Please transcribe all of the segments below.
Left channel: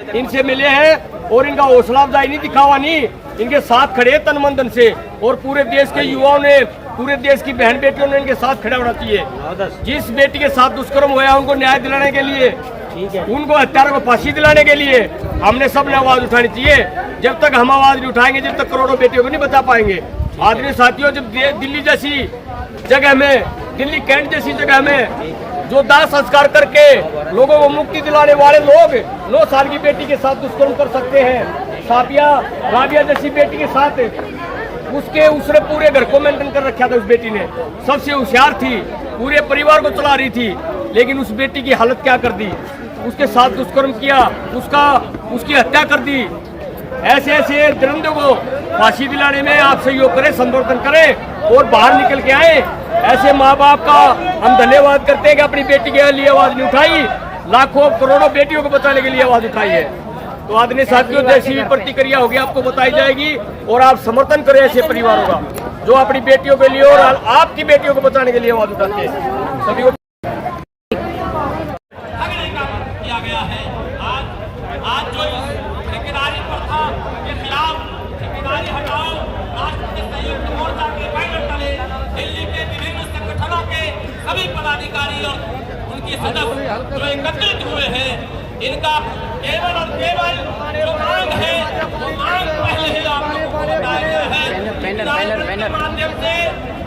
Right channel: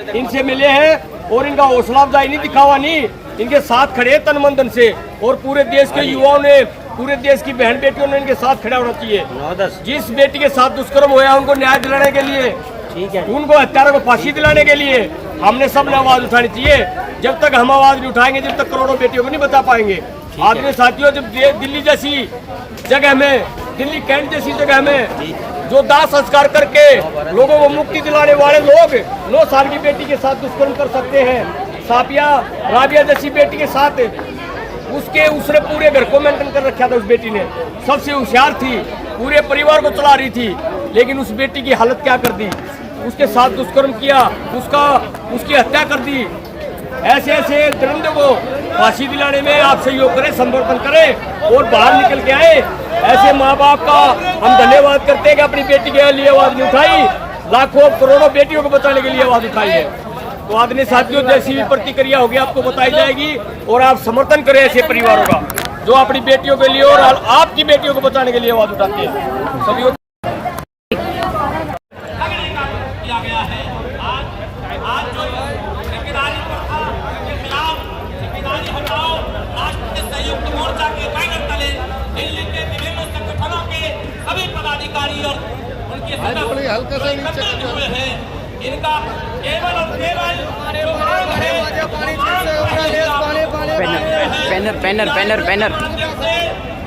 इनसे मिले हैं और इनका हौसला अफजाई नहीं दिखा हुआ, नहीं इनके साथ खड़े तन मन धन से। और पूरे देश के युवाओं ने, पूरे देश की बहन बेटियों ने इनके साथ खड़ा होना चाहिए। जिस बेटी के साथ दुष्कर्म हुआ उनको न्याय दिलाने के लिए, उनको हत्यारों को फांसी दिलाने के लिए हमने सबने आवाज उठानी चाहिए। जब तक हम आवाज नहीं उठाएंगे, जब तक करोड़ों बेटियों को नहीं बचा पाएंगे। आदरणीय साथियों, जब दिल्ली जैसी जगह में, दिल्ली कैंट जैसी जगह में जो दाह संस्कार करके लोगों को मुक्ति दिलाने वाले लोग 9 साल की बेटी के साथ दुष्कर्म कर सकते हैं, साफिया राबिया जैसी बेटी के साथ उसने पूरे घर को मेंटेन कर रखा था। उस बेटी ने सबसे होशियार थी, पूरे परिवार को चला रही थी, लेकिन उस बेटी की हालत क्या कर दी, उसके साथ दुष्कर्म किया, उसकी हत्या कर दी। ऐसे ऐसे दरिंदों को फांसी दिलाने में आप सहयोग करें, संवर्धन करें और बाहर निकल के आए। ऐसे माँ बाप का हम धन्यवाद करते हैं कि अपनी बेटी के लिए आवाज नहीं उठाई, लाखों करोड़ों बेटियों को बचाने के लिए आवाज उठाई है। तो आदरणीय साथियों, जैसी भी प्रतिक्रिया होगी आपको बताई जाएगी और आप समर्थन करें ऐसे परिवारों का जो अपनी बेटियों के लिए और आपकी बेटियों को बचाने के लिए आवाज उठाते हैं। सभी को सभी पदाधिकारी और उनके सदस्य एकत्रित हुए हैं। इनका केवल और केवल जो मांग है, बैनर माध्यम से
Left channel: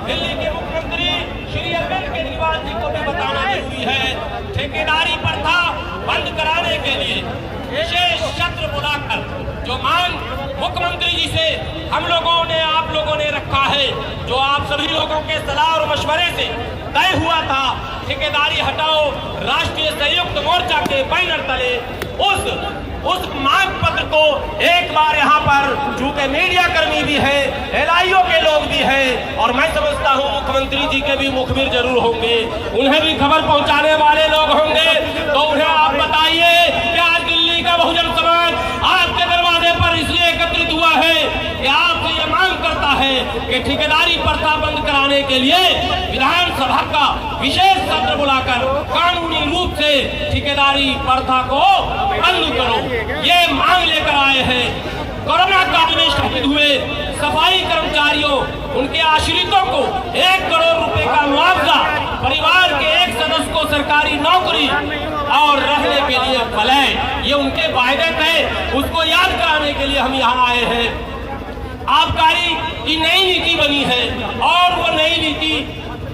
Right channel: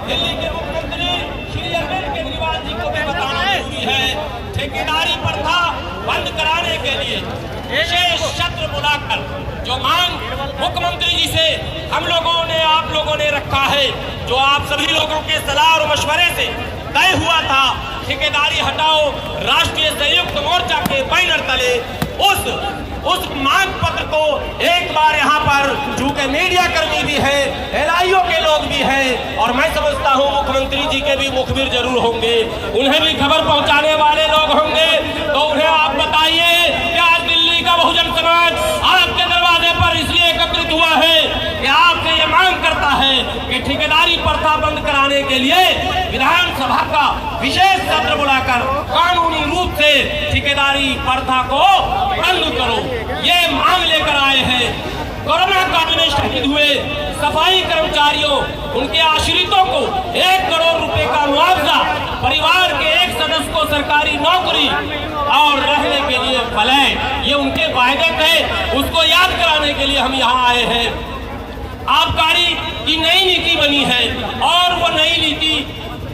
दिल्ली के मुख्यमंत्री श्री अरविंद केजरीवाल जी को भी बताना जरूरी है। ठेकेदारी प्रथा बंद कराने के लिए विशेष सत्र बुलाकर जो मांग मुख्यमंत्री जी से हम लोगों ने, आप लोगों ने रखा है, जो आप सभी लोगों के सलाह और मशवरे से तय हुआ था, ठेकेदारी हटाओ राष्ट्रीय संयुक्त मोर्चा के बैनर तले, उस मांग पत्र को एक बार यहाँ पर चूंकि मीडिया कर्मी भी है, LIO के लोग भी हैं और मैं समझता हूँ मुख्यमंत्री जी के भी मुखबिर जरूर होंगे, उन्हें भी खबर पहुँचाने वाले लोग होंगे। तो उन्हें आप बताइए कि आज दिल्ली का बहुजन समाज आपके दरवाजे पर इसलिए एकत्रित हुआ है कि आपसे ये मांग करता है कि ठेकेदारी प्रथा बंद कराने के लिए विधानसभा का विशेष सत्र बुलाकर कानूनी रूप से ठेकेदारी प्रथा को बंद करो, ये मांग लेकर आए हैं। कोरोना काल में शहीद हुए सफाई कर्मचारियों, उनके आश्रितों को 1 करोड़ रुपए का मुआवजा, परिवार के एक सदस्य को सरकारी नौकरी और रहने के लिए फलय, ये उनके वायदे थे, उसको याद कराने के लिए हम यहाँ आए हैं। आबकारी की नई नीति बनी है और वो नई नीति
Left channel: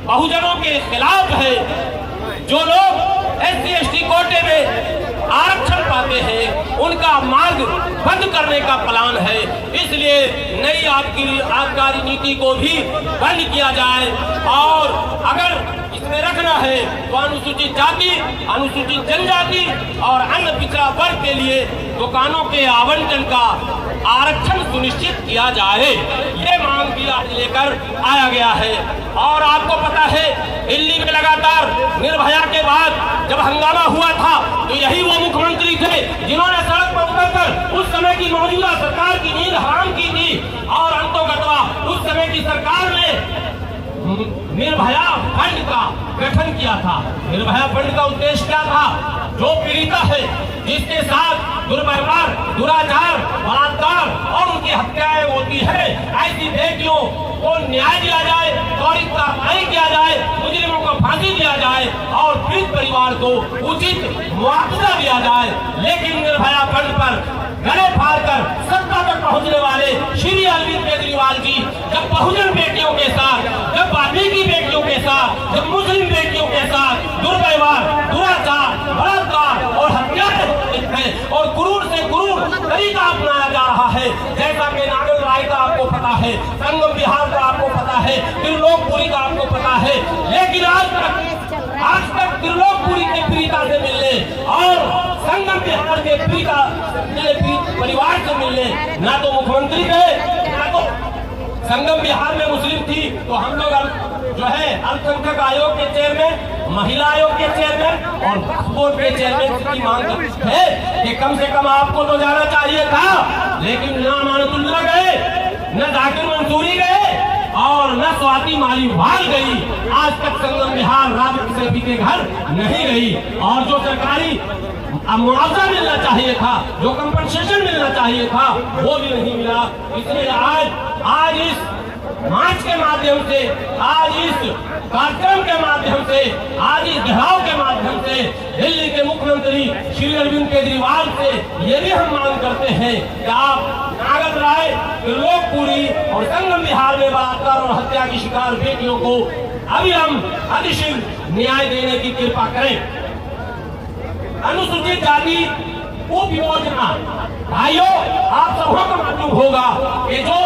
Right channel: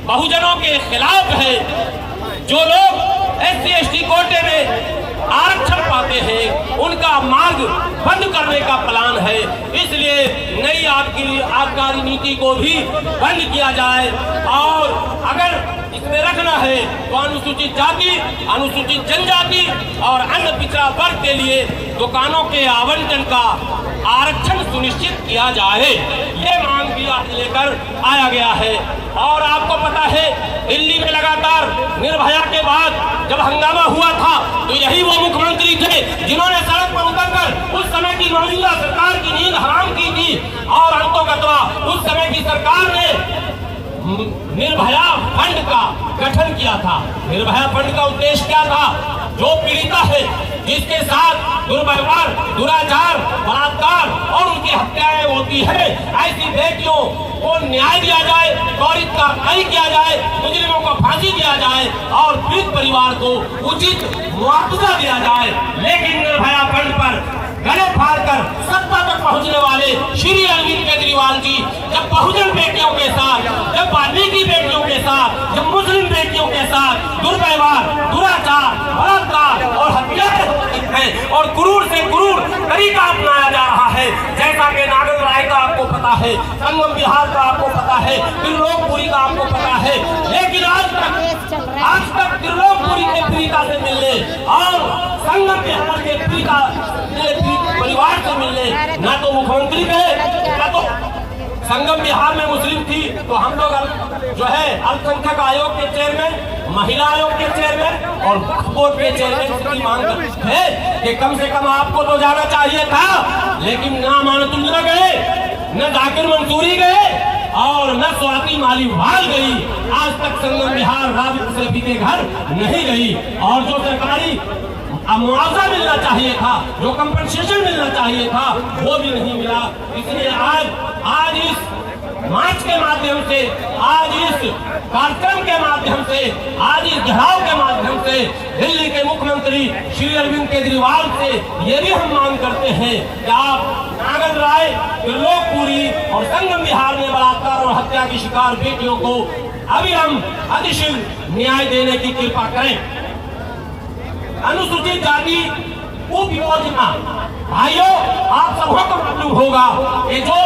बहुजनों के खिलाफ है। जो लोग SC ST कोटे में आरक्षण पाते हैं उनका मार्ग बंद करने का प्लान है, इसलिए नई आबकारी नीति को भी बंद किया जाए। और अगर इसमें रखना है तो अनुसूचित जाति, अनुसूचित जनजाति और अन्य पिछड़ा वर्ग के लिए दुकानों के आवंटन का आरक्षण सुनिश्चित किया जाए, ये मांग भी आज लेकर आया गया है। और आपको पता है दिल्ली में लगातार निर्भया के बाद जब हंगामा हुआ था तो यही वो मुख्यमंत्री थे जिन्होंने सड़क पर उतरकर उस समय की मौजूदा सरकार की नींद हराम की थी। और अंतोगत्वा उस समय की सरकार ने निर्भया फंड का गठन किया था। निर्भया फंड का उद्देश्य क्या था? जो पीड़िता है, जिसके साथ दुर्व्यवहार, दुराचार, बलात्कार और उनकी हत्याएं होती है, ऐसी बेटियों को न्याय दिया जाए, त्वरित कार्रवाई किया जाए, मुजरिमों को फांसी दिया जाए और पीड़ित परिवार को उचित मुआवजा दिया जाए। लेकिन निर्भया फंड पर गले फाड़कर सत्ता तक पहुंचने वाले श्री अरविंद केजरीवाल जी जब बहुजन बेटियों के साथ, जब वाल्मीकि बेटियों के साथ, जब मुस्लिम बेटियों के साथ दुर्व्यवहार, दुराचार, बलात्कार और हत्याएं होती हैं और क्रूर से क्रूर तरीका अपनाया जा रहा है, जैसा कि नागल राय का आपको पता है, संगम बिहार का आपको पता है, त्रिलोकपुरी का आपको पता है, लेकिन आज तक त्रिलोकपुरी के पीड़िता से मिलने और संगम बिहार के पीड़िता परिवार से मिलने ना तो मुख्यमंत्री गए, ना तो संगम बिहार में मुस्लिम थी तो हम लोग जो है अल्पसंख्यक आयोग के चेयरमैन, महिला आयोग के चेयरमैन और बोर्ड के चेयरमैन की मांग करते हैं कि कम से कम आपको तो जाना चाहिए था, लेकिन ना मानतुल्ला गए, न जाकिर मंसूरी गए और न स्वाति मालीवाल गई। आज तक संगम बिहार राजद से बीते घर नहीं गई। और जो सरकारी मुआवजा मिलना चाहिए था, जो कंपनसेशन मिलना चाहिए था, वो भी नहीं मिला। इसलिए आज इस मार्च के माध्यम से, आज इस कार्यक्रम के माध्यम से, आज इस घेराव के माध्यम से दिल्ली के मुख्यमंत्री श्री अरविंद केजरीवाल से ये भी हम मांग करते हैं कि आप नागर राय, त्रिलोकपुरी और संगम विहार में बलात्कार और हत्या की शिकार बेटियों को अविलंब अधिशीघ्र न्याय देने की कृपा करें। अनुसूचित जाति उप योजना, भाइयों आप सबको को मालूम होगा कि जो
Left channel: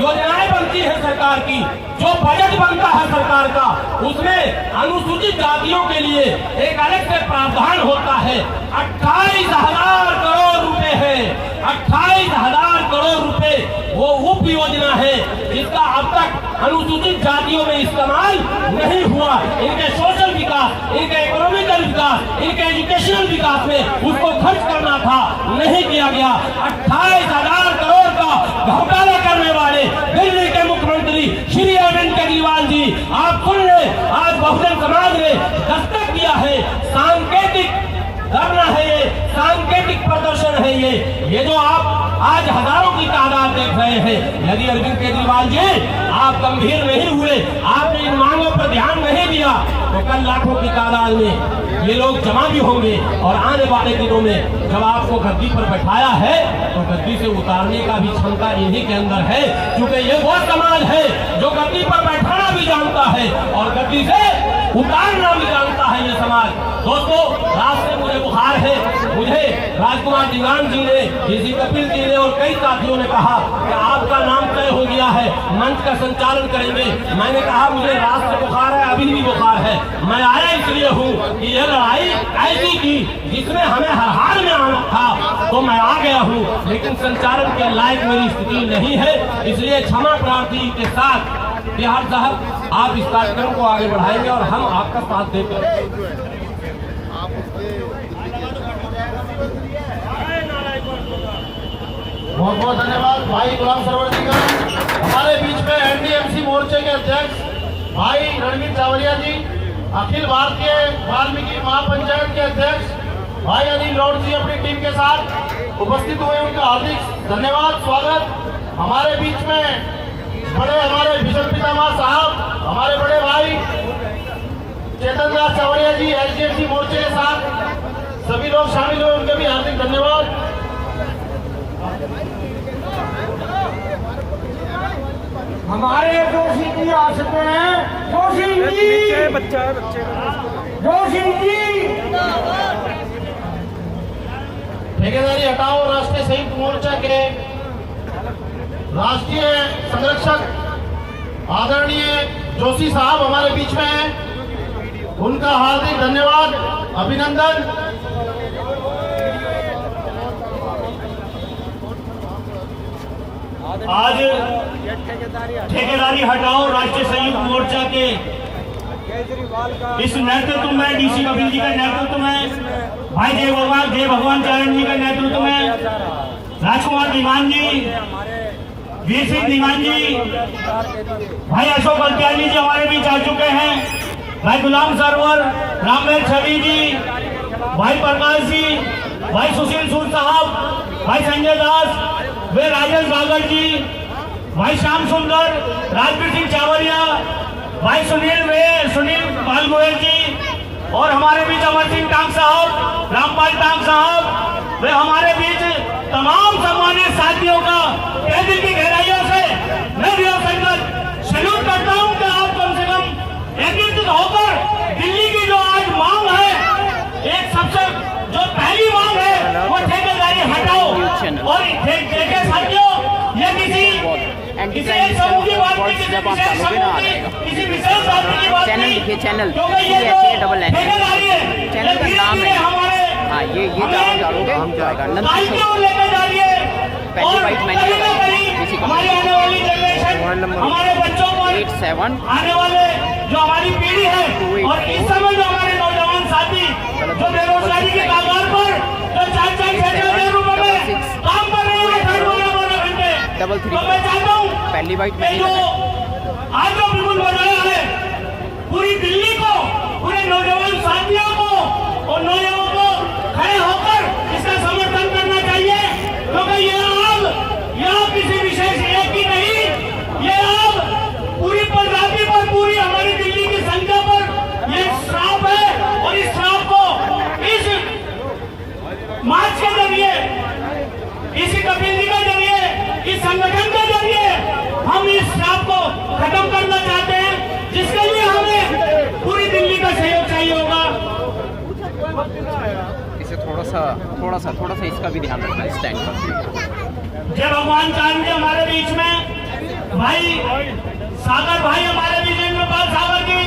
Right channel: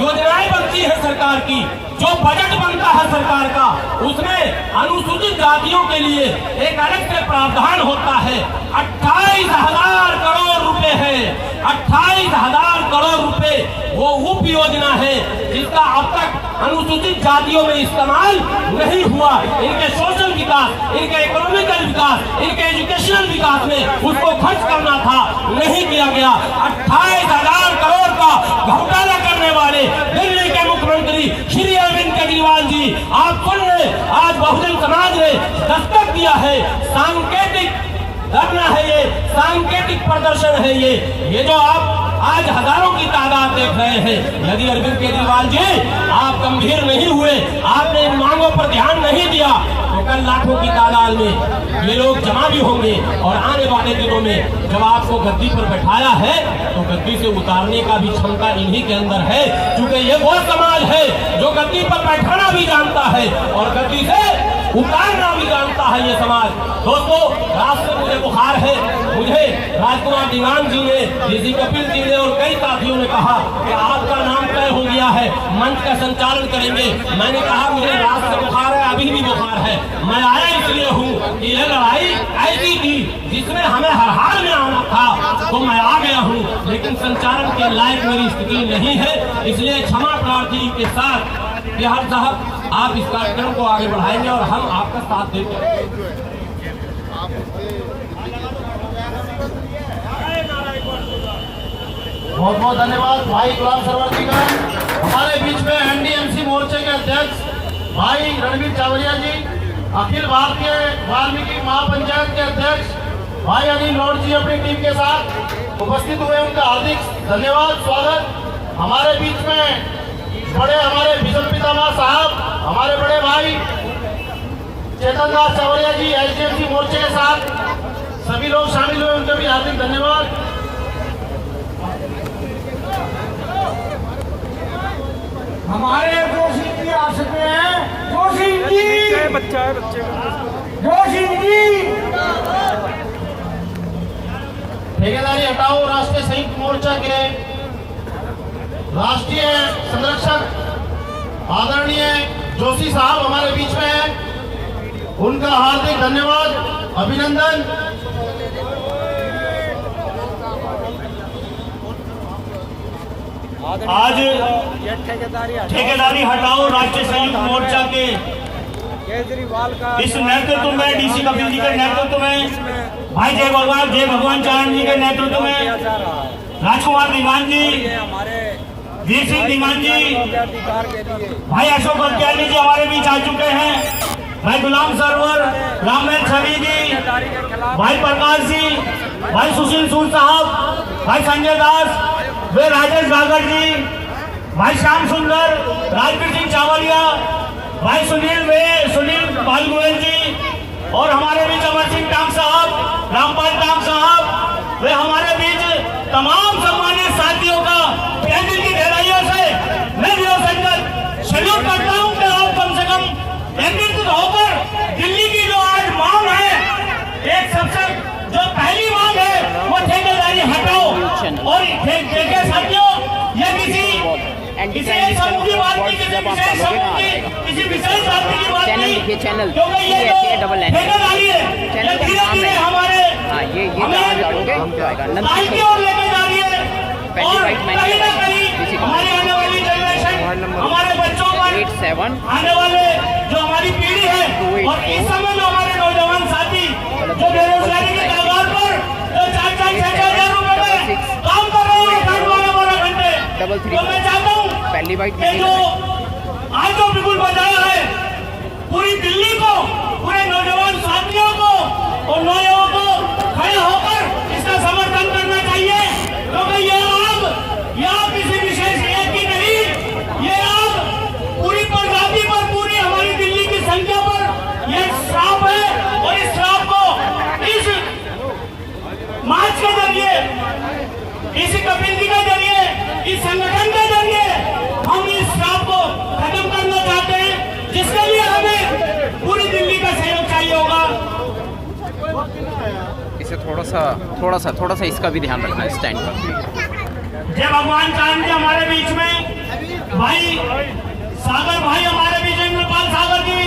योजनाएं बनती है सरकार की, जो बजट बनता है सरकार का, उसमें अनुसूचित जातियों के लिए एक अलग से प्रावधान होता है। 28,000 करोड़ रुपए है, 28,000 करोड़ रुपए वो उप योजना है जिसका अब तक अनुसूचित जातियों में इस्तेमाल नहीं हुआ। इनके सोशल विकास, इनके इकोनॉमिकल विकास, इनके एजुकेशनल विकास में उसको खर्च करना था, नहीं किया गया। 28,000 करोड़ का घोटाला करने वाले दिल्ली के मुख्यमंत्री श्री अरविंद केजरीवाल जी, आप सुन ले, आज बहुजन समाज ने दस्तक दिया है। सांकेतिक धरना है ये, सांकेतिक प्रदर्शन है ये जो आप आज हजारों की तादाद देख रहे हैं। यदि अरविंद केजरीवाल जी आप गंभीर नहीं हुए, आपने इन मांगों पर ध्यान नहीं दिया, तो कल लाखों की तादाद में ये लोग जमा भी होंगे और आने वाले दिनों में जब आपको गद्दी पर बैठाया है तो गद्दी से उतारने का भी क्षमता इन्हीं के अंदर है, क्योंकि ये वो समाज है जो गद्दी पर बैठाना भी जानता है और गद्दी से उतारना भी जानता है ये समाज। दोस्तों, रात से मुझे बुखार है। मुझे राजकुमार दीवान जी ने, डीसी कपिल जी ने और कई साथियों ने कहा कि आपका नाम तय हो गया है, मंच का संचालन करेंगे। मैंने कहा मुझे रात से बुखार है, अभी भी बुखार है। मैं आया इसलिए हूँ कि यह लड़ाई ऐसी थी जिसमें हमें हर हाल में आना था, तो मैं आ गया हूँ, लेकिन संचालन के लायक मेरी स्थिति नहीं है। इसलिए क्षमा प्रार्थी के साथ बिहार साहब आप इस कार्यक्रम को आगे बढ़ाएंगे और हम आपका साथ देंगे। बहुत बहुत धन्यवाद भाई गुलाम सरवर जी का। हमारे बीच में एनडीएमसी मोर्चे के अध्यक्ष भाई रणवीर चावरिया जी, अखिल भारतीय वाल्मीकि महापंचायत के अध्यक्ष भाई अनिल लौट जी अपनी टीम के साथ उपस्थित हुए, उनका हार्दिक धन्यवाद, स्वागत। हमारे बीच में बड़े हमारे भीषण पितामह साहब, हमारे बड़े भाई चेतन दास चावरिया जी एचडीएफसी मोर्चे के साथ सभी लोग शामिल हुए, उनका भी हार्दिक धन्यवाद। हमारे जोशी जी आ सकते हैं, जोशी जी बच्चा है, बच्चे का जोशी जी। ठेकेदारी हटाओ राष्ट्रीय संयुक्त मोर्चा के राष्ट्रीय संरक्षक आदरणीय जोशी साहब हमारे बीच में हैं, उनका हार्दिक धन्यवाद, अभिनंदन। आज ठेकेदारी हटाओ राष्ट्रीय संयुक्त मोर्चा के इस नेतृत्व में, डीसी कपिल जी के नेतृत्व में, भाई जय भगवान चारण जी के नेतृत्व में, राजकुमार दीवान जी, वीर सिंह दीवान जी, भाई अशोक बलत्यागी जी हमारे बीच आ चुके हैं, भाई गुलाम सरवर, रामेश छवि जी, भाई प्रकाश जी, भाई सुशील सूद साहब, भाई संजय दास, वे राजेश गागर जी, भाई श्याम सुंदर, राजवीर सिंह चावलिया, भाई सुनील पाल गोयल जी और हमारे बीच अमर सिंह टांग साहब, रामपाल टांग साहब, वे हमारे बीच तमाम सम्मानित साथियों का तहे दिल की गहराइयों से मैं विरोध सैल्यूट करता हूं कि आप कम से कम एकत्रित होकर दिल्ली की जो आज मांग है, एक सबसे जो पहली मांग है वो ठेकेदारी हटाओ। और देखिए साथियों, ये किसी एंटी क्राइम वर्ड जब आप डालोगे ना आ जाएगा। चैनल लिखिए, चैनल CHANNEL, चैनल का नाम है, हाँ ये चैनल डालोगे तो आएगा। नंदकिशोर पहली वाइट मैंने लगाई किसी को, मोबाइल नंबर 87 आने वाले जो हमारी पीढ़ी है और इस समय जो हमारे नौजवान साथी जो बेरोजगारी के कारोबार पर जो 4-4 रुपए काम कर रहे हैं 12 घंटे, 33 तो मैं चाहता हूँ पहली वाइट मैंने लगाई। आज जो बिल्कुल बनाया है पूरी दिल्ली को, पूरे नौजवान साथियों को और नौजवानों को खड़े होकर जरिए, इस कमेटी के जरिए, इस संगठन के जरिए हम इस श्राप को खत्म करना चाहते हैं, जिसके लिए हमें पूरी दिल्ली का सहयोग चाहिए होगा। इसे थोड़ा सा इसका भी ध्यान रखना है स्टैंड पर। जय भगवान चाहेंगे हमारे बीच में भाई सागर भाई हमारे बीच में, इंद्रपाल सागर जी,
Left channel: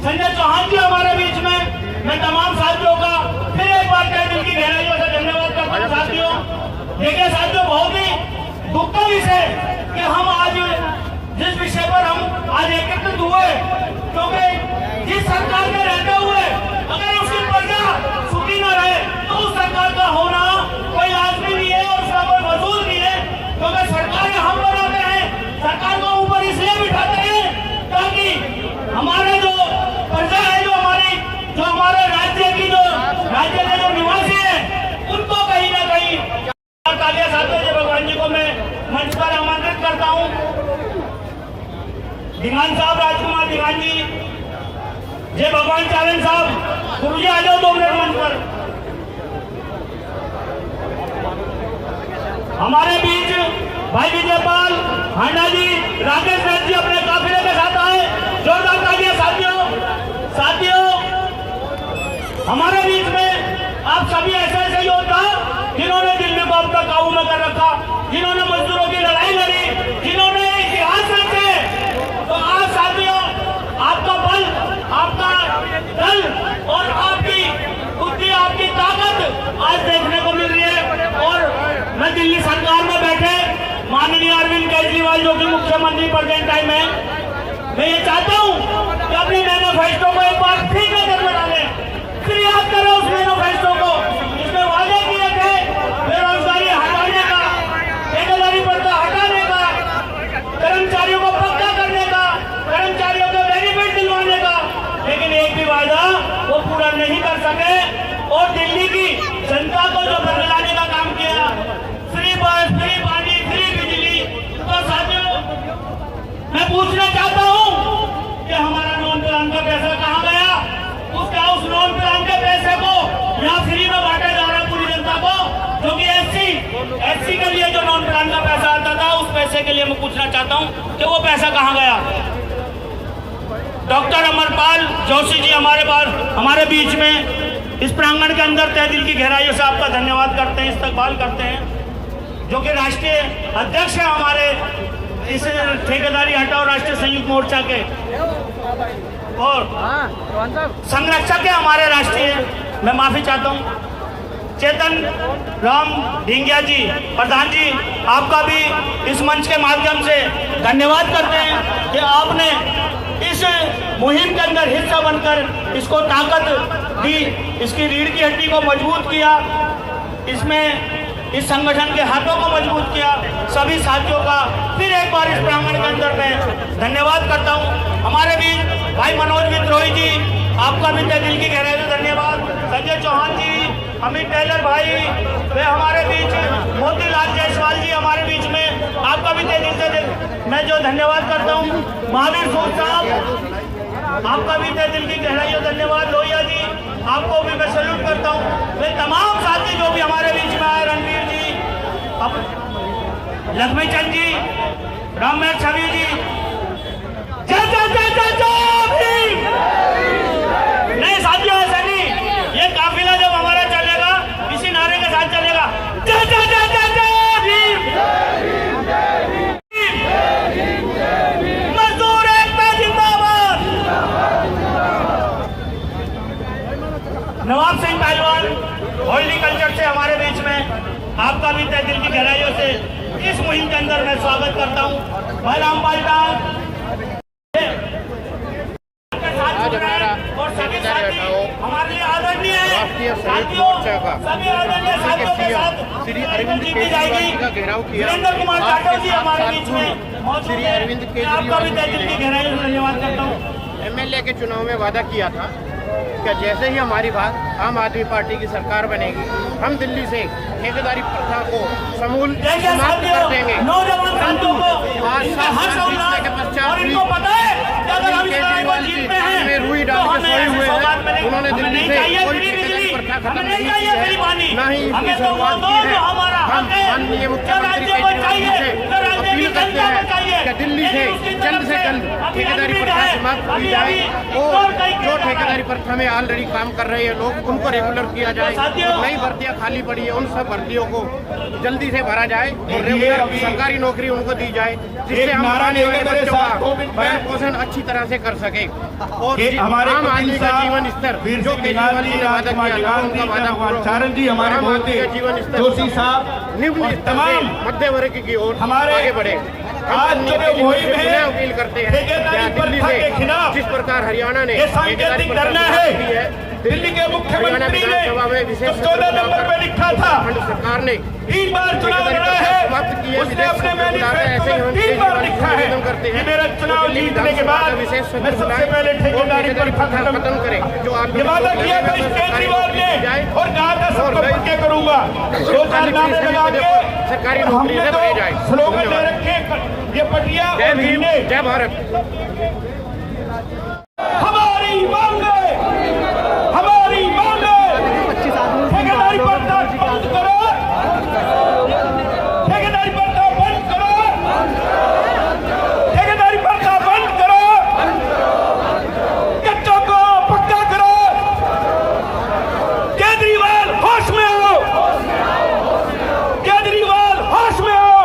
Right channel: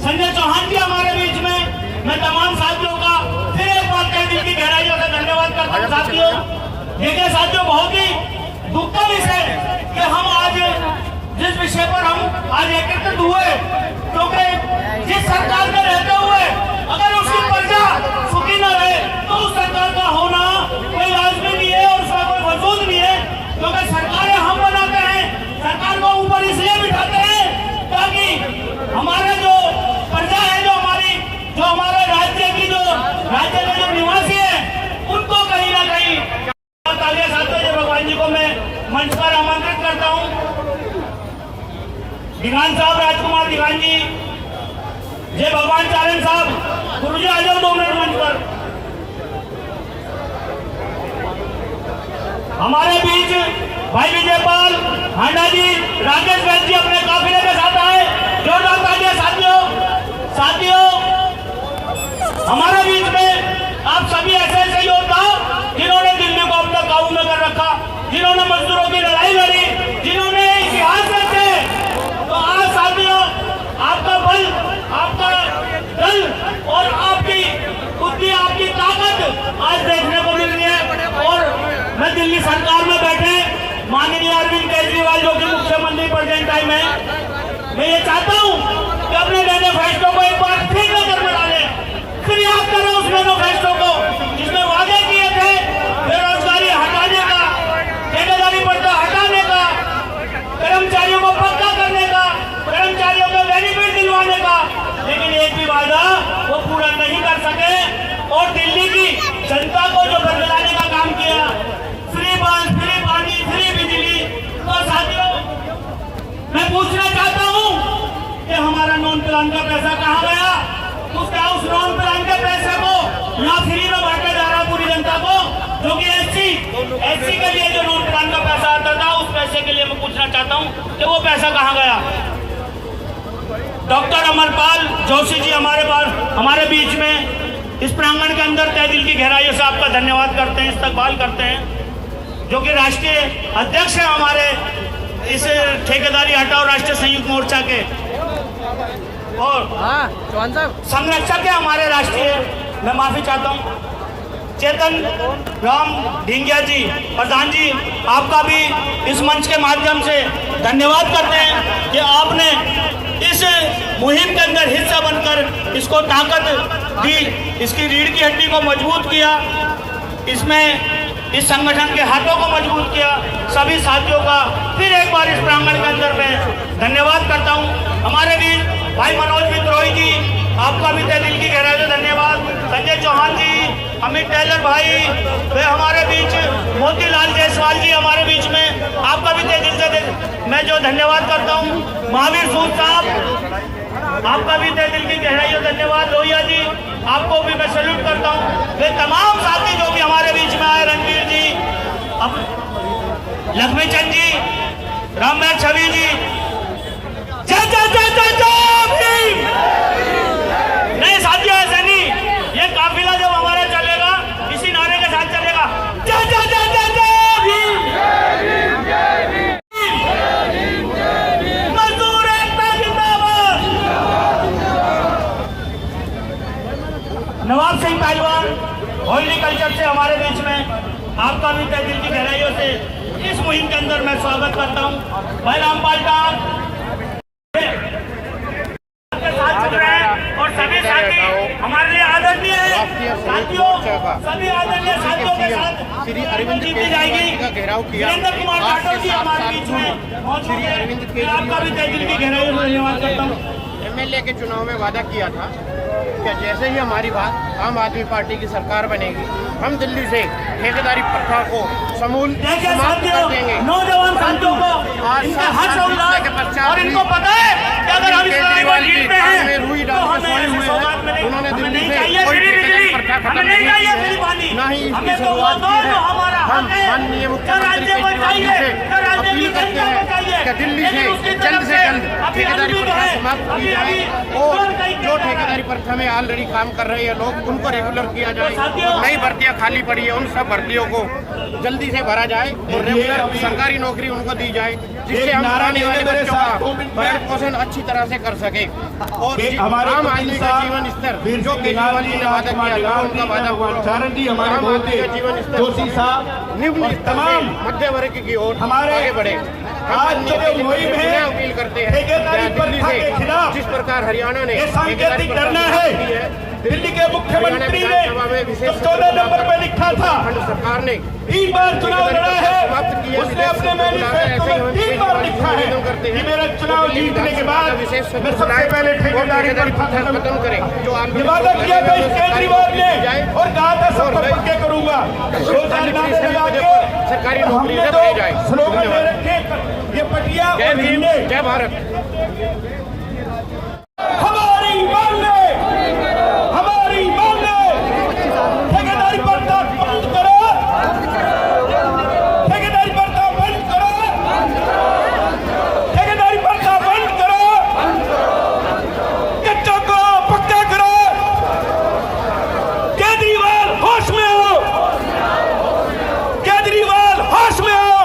संजय चौहान जी हमारे बीच में। मैं तमाम साथियों का फिर एक बार तहे दिल की गहराइयों से धन्यवाद करता हूं। साथियों देखिए साथियों, बहुत ही दुख का विषय कि हम आज जिस विषय पर हम आज एकत्रित हुए, क्योंकि जिस सरकार में रहते हुए अगर उसकी प्रजा सुखी न रहे तो उस सरकार का होना कोई लाजमी नहीं है और उसका कोई वजूद नहीं है, क्योंकि सरकारें हम बनाते हैं। सरकार को ऊपर इसलिए बिठाते हैं ताकि हमारे जो प्रजा है, जो हमारे राज्य की जो निवासी है, उनको कहीं ना कहीं साथियों भगवान जी को मैं मंच पर आमंत्रित करता हूँ। दीवान साहब, राजकुमार दीवान जी, जय भगवान चारण साहब, गुरु जी आ जाओ 2 मिनट मंच पर। हमारे बीच भाई विजयपाल हांडा जी, राकेश राज जी अपने काफिले के साथ आए, जोरदार तालियां साथियों। हमारे बीच में आप सभी ऐसे योद्धा जिन्होंने दिल्ली को अपना काबू में कर रखा, जिन्होंने मजदूरों की लड़ाई लड़ी, जिन्होंने इतिहास रचे, तो आज साथियों आपका बल, आपका दल और आपकी बुद्धि, आपकी ताकत आज देखने को मिल रही है। और मैं दिल्ली सरकार में बैठे माननीय अरविंद केजरीवाल जो कि मुख्यमंत्री प्रेजेंट टाइम है, मैं ये चाहता हूँ कि अपने मैनिफेस्टो को एक बार फिर नजर में डालें, फिर याद करो उस मैनिफेस्टो को जिसने वादे किए थे बेरोजगारी हटाने का, ठेकेदारी प्रथा हटाने का, कर्मचारियों को पक्का करने का, कर्मचारियों को बेनिफिट दिलवाने का, लेकिन एक भी वादा वो पूरा नहीं कर सके और दिल्ली की जनता को जो बदलाने का काम किया, फ्री बस, फ्री पानी, फ्री बिजली। तो साथियों मैं पूछना चाहता हूं कि हमारा नॉन प्लान का पैसा कहां गया? उस नॉन प्लान के पैसे को यहाँ फ्री में बांटा जा रहा पूरी जनता को, जो कि एससी के लिए जो नॉन प्लान का पैसा आता था, उस पैसे के लिए मैं पूछना चाहता हूं कि वो पैसा कहां गया? डॉक्टर अमरपाल जोशी जी हमारे बीच में इस प्रांगण के अंदर तहे दिल की गहराइयों से आपका धन्यवाद करते हैं, इस्तकबाल करते हैं, जो कि राष्ट्रीय अध्यक्ष है हमारे इस ठेकेदारी हटाओ राष्ट्रीय संयुक्त मोर्चा के, और संरक्षक है हमारे राष्ट्रीय, मैं माफी चाहता हूं, चेतन राम ढींगिया जी, प्रधान जी, आपका भी इस मंच के माध्यम से धन्यवाद करते हैं कि आपने इस मुहिम के अंदर हिस्सा बनकर इसको ताकत दी, इसकी रीढ़ की हड्डी को मजबूत किया, इसमें इस संगठन के हाथों को मजबूत किया। सभी साथियों का फिर एक बार इस प्रांगण के अंदर मैं धन्यवाद करता हूं। हमारे बीच भाई मनोज विद्रोही जी, आपका भी तहे दिल की गहराई से धन्यवाद। संजय चौहान जी, अमित टेलर भाई, वे हमारे बीच, मोतीलाल जायसवाल जी हमारे बीच में, आपका भी तहे दिल से मैं जो धन्यवाद करता हूँ। महावीर सूद साहब, आपका भी तहे दिल की गहराई से धन्यवाद। लोहिया जी, आपको भी मैं सैल्यूट करता हूँ। वे तमाम साथी जो भी हमारे बीच में आए, रणवीर जी, लक्ष्मी चंद जी, रामनाथ छवि जी, नहीं साथियों ऐसे नहीं, ये काफिला जब हमारा चलेगा इसी नारे के साथ चलेगा, जय जय जय जय जय भीम, मजदूर एकता जिंदाबाद। नवाब सिंह पहलवान हॉर्टिकल्चर से हमारे बीच में, आपका भी तहे दिल की गहराइयों से इस मुहिम के अंदर मैं स्वागत करता हूँ। भाई रामपाल का और सभी साथी हमारे लिए आदरणीय राष्ट्रीय संयुक्त मोर्चा का के पीएम श्री अरविंद केजरीवाल का घेराव किया। आपके साथ श्री अरविंद केजरीवाल ने एमएलए के चुनाव में वादा किया था कि जैसे ही हमारी बात आम आदमी पार्टी की सरकार बनेगी, हम दिल्ली से ठेकेदारी प्रथा को समूल समाप्त कर देंगे। परंतु आज 7 साल बीतने के पश्चात भी अरविंद केजरीवाल जी कान में रुई डाल के सोए हुए हैं। उन्होंने दिल्ली से कोई ठेकेदारी प्रथा खत्म नहीं की है, ना ही इसकी शुरुआत की है। हम माननीय मुख्यमंत्री केजरीवाल जी से अपील करते हैं कि दिल्ली से जल्द ठेकेदारी प्रथा समाप्त की जाए और जो ठेकेदारी प्रथा में ऑलरेडी काम कर रहे हैं लोग उनको रेगुलर किया जाए और नई भर्तियां खाली पड़ी है उन सब भर्तियों को जल्दी से भरा जाए और रेगुलर सरकारी नौकरी उनको दी जाए, जिससे हम आने वाले बच्चों का भरण पोषण अच्छी तरह से कर सके और आम आदमी का जीवन स्तर जो केजरीवाल जी ने वादा किया था उनका वादा पूरा हो और आम आदमी का जीवन स्तर निम्न स्तर से मध्य वर्ग की ओर आगे बढ़े। हम माननीय केजरीवाल से पुनः अपील करते हैं क्या दिल्ली से जिस प्रकार हरियाणा ने ठेकेदारी प्रथा समाप्त की है, हरियाणा विधानसभा में विशेष सत्र बुलाकर उत्तराखंड सरकार ने ठेकेदारी प्रथा समाप्त की है, विशेष सत्र बुलाकर ऐसे ही हम केजरीवाल जी से निवेदन करते हैं तो दिल्ली विधानसभा का विशेष सत्र बुलाए और ठेकेदारी प्रथा खत्म करें। जो ऑलरेडी लोग लगे हुए हैं सरकारी नौकरी दी जाए और खाली पड़ी सभी पदों पर सरकारी नौकरी से भरे जाए। धन्यवाद। जय भीम, जय भारत। हमारी मांगे ठेकेदारी प्रथा बंद करो, ठेकेदारी प्रथा बंद करो, ठेकेदारी प्रथा बंद करो, कच्चों को पक्का करो। केजरीवाल होश में हो, केजरीवाल होश में हो,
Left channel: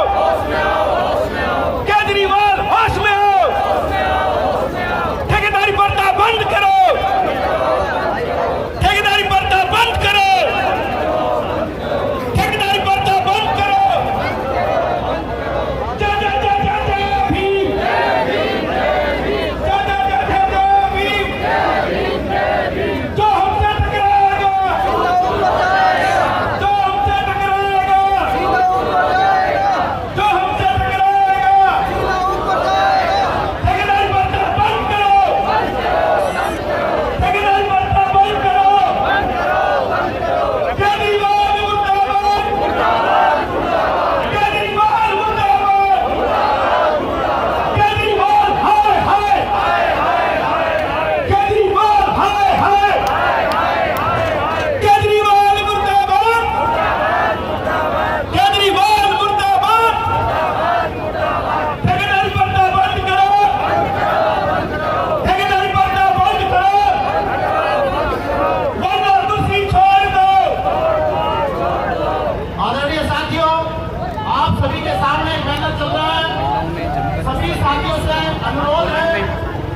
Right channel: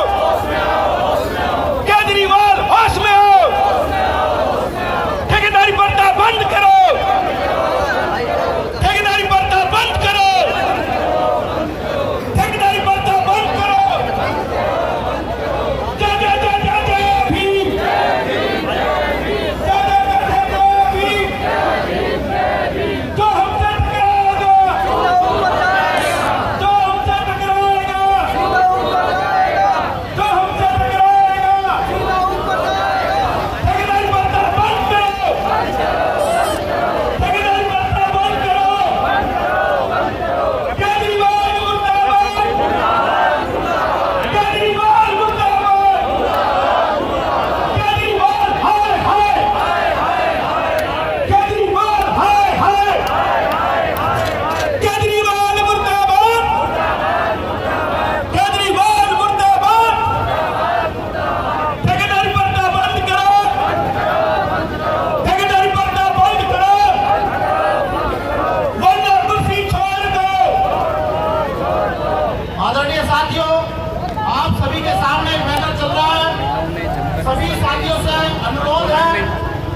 केजरीवाल होश में हो। ठेकेदारी प्रथा बंद करो, ठेकेदारी प्रथा बंद करो, ठेकेदारी प्रथा बंद करो। जय जय जय जय जय भीम, जय जय जय जय भीम। जो हमसे टकराएगा, जो हमसे टकराएगा, जो हमसे टकराएगा, ठेकेदारी प्रथा बंद करो, ठेकेदारी प्रथा बंद करो। केजरीवाल मुर्दाबाद, केजरीवाल मुर्दाबाद, केजरीवाल हाय हाय, केजरीवाल हाय हाय, केजरीवाल मुर्दाबाद, केजरीवाल मुर्दाबाद। ठेकेदारी प्रथा बंद करो, ठेकेदारी प्रथा बंद करो, वरना कुर्सी छोड़ दो। आदरणीय साथियों, आप सभी के सामने एक बैनर चल रहा है। सभी साथियों से अनुरोध है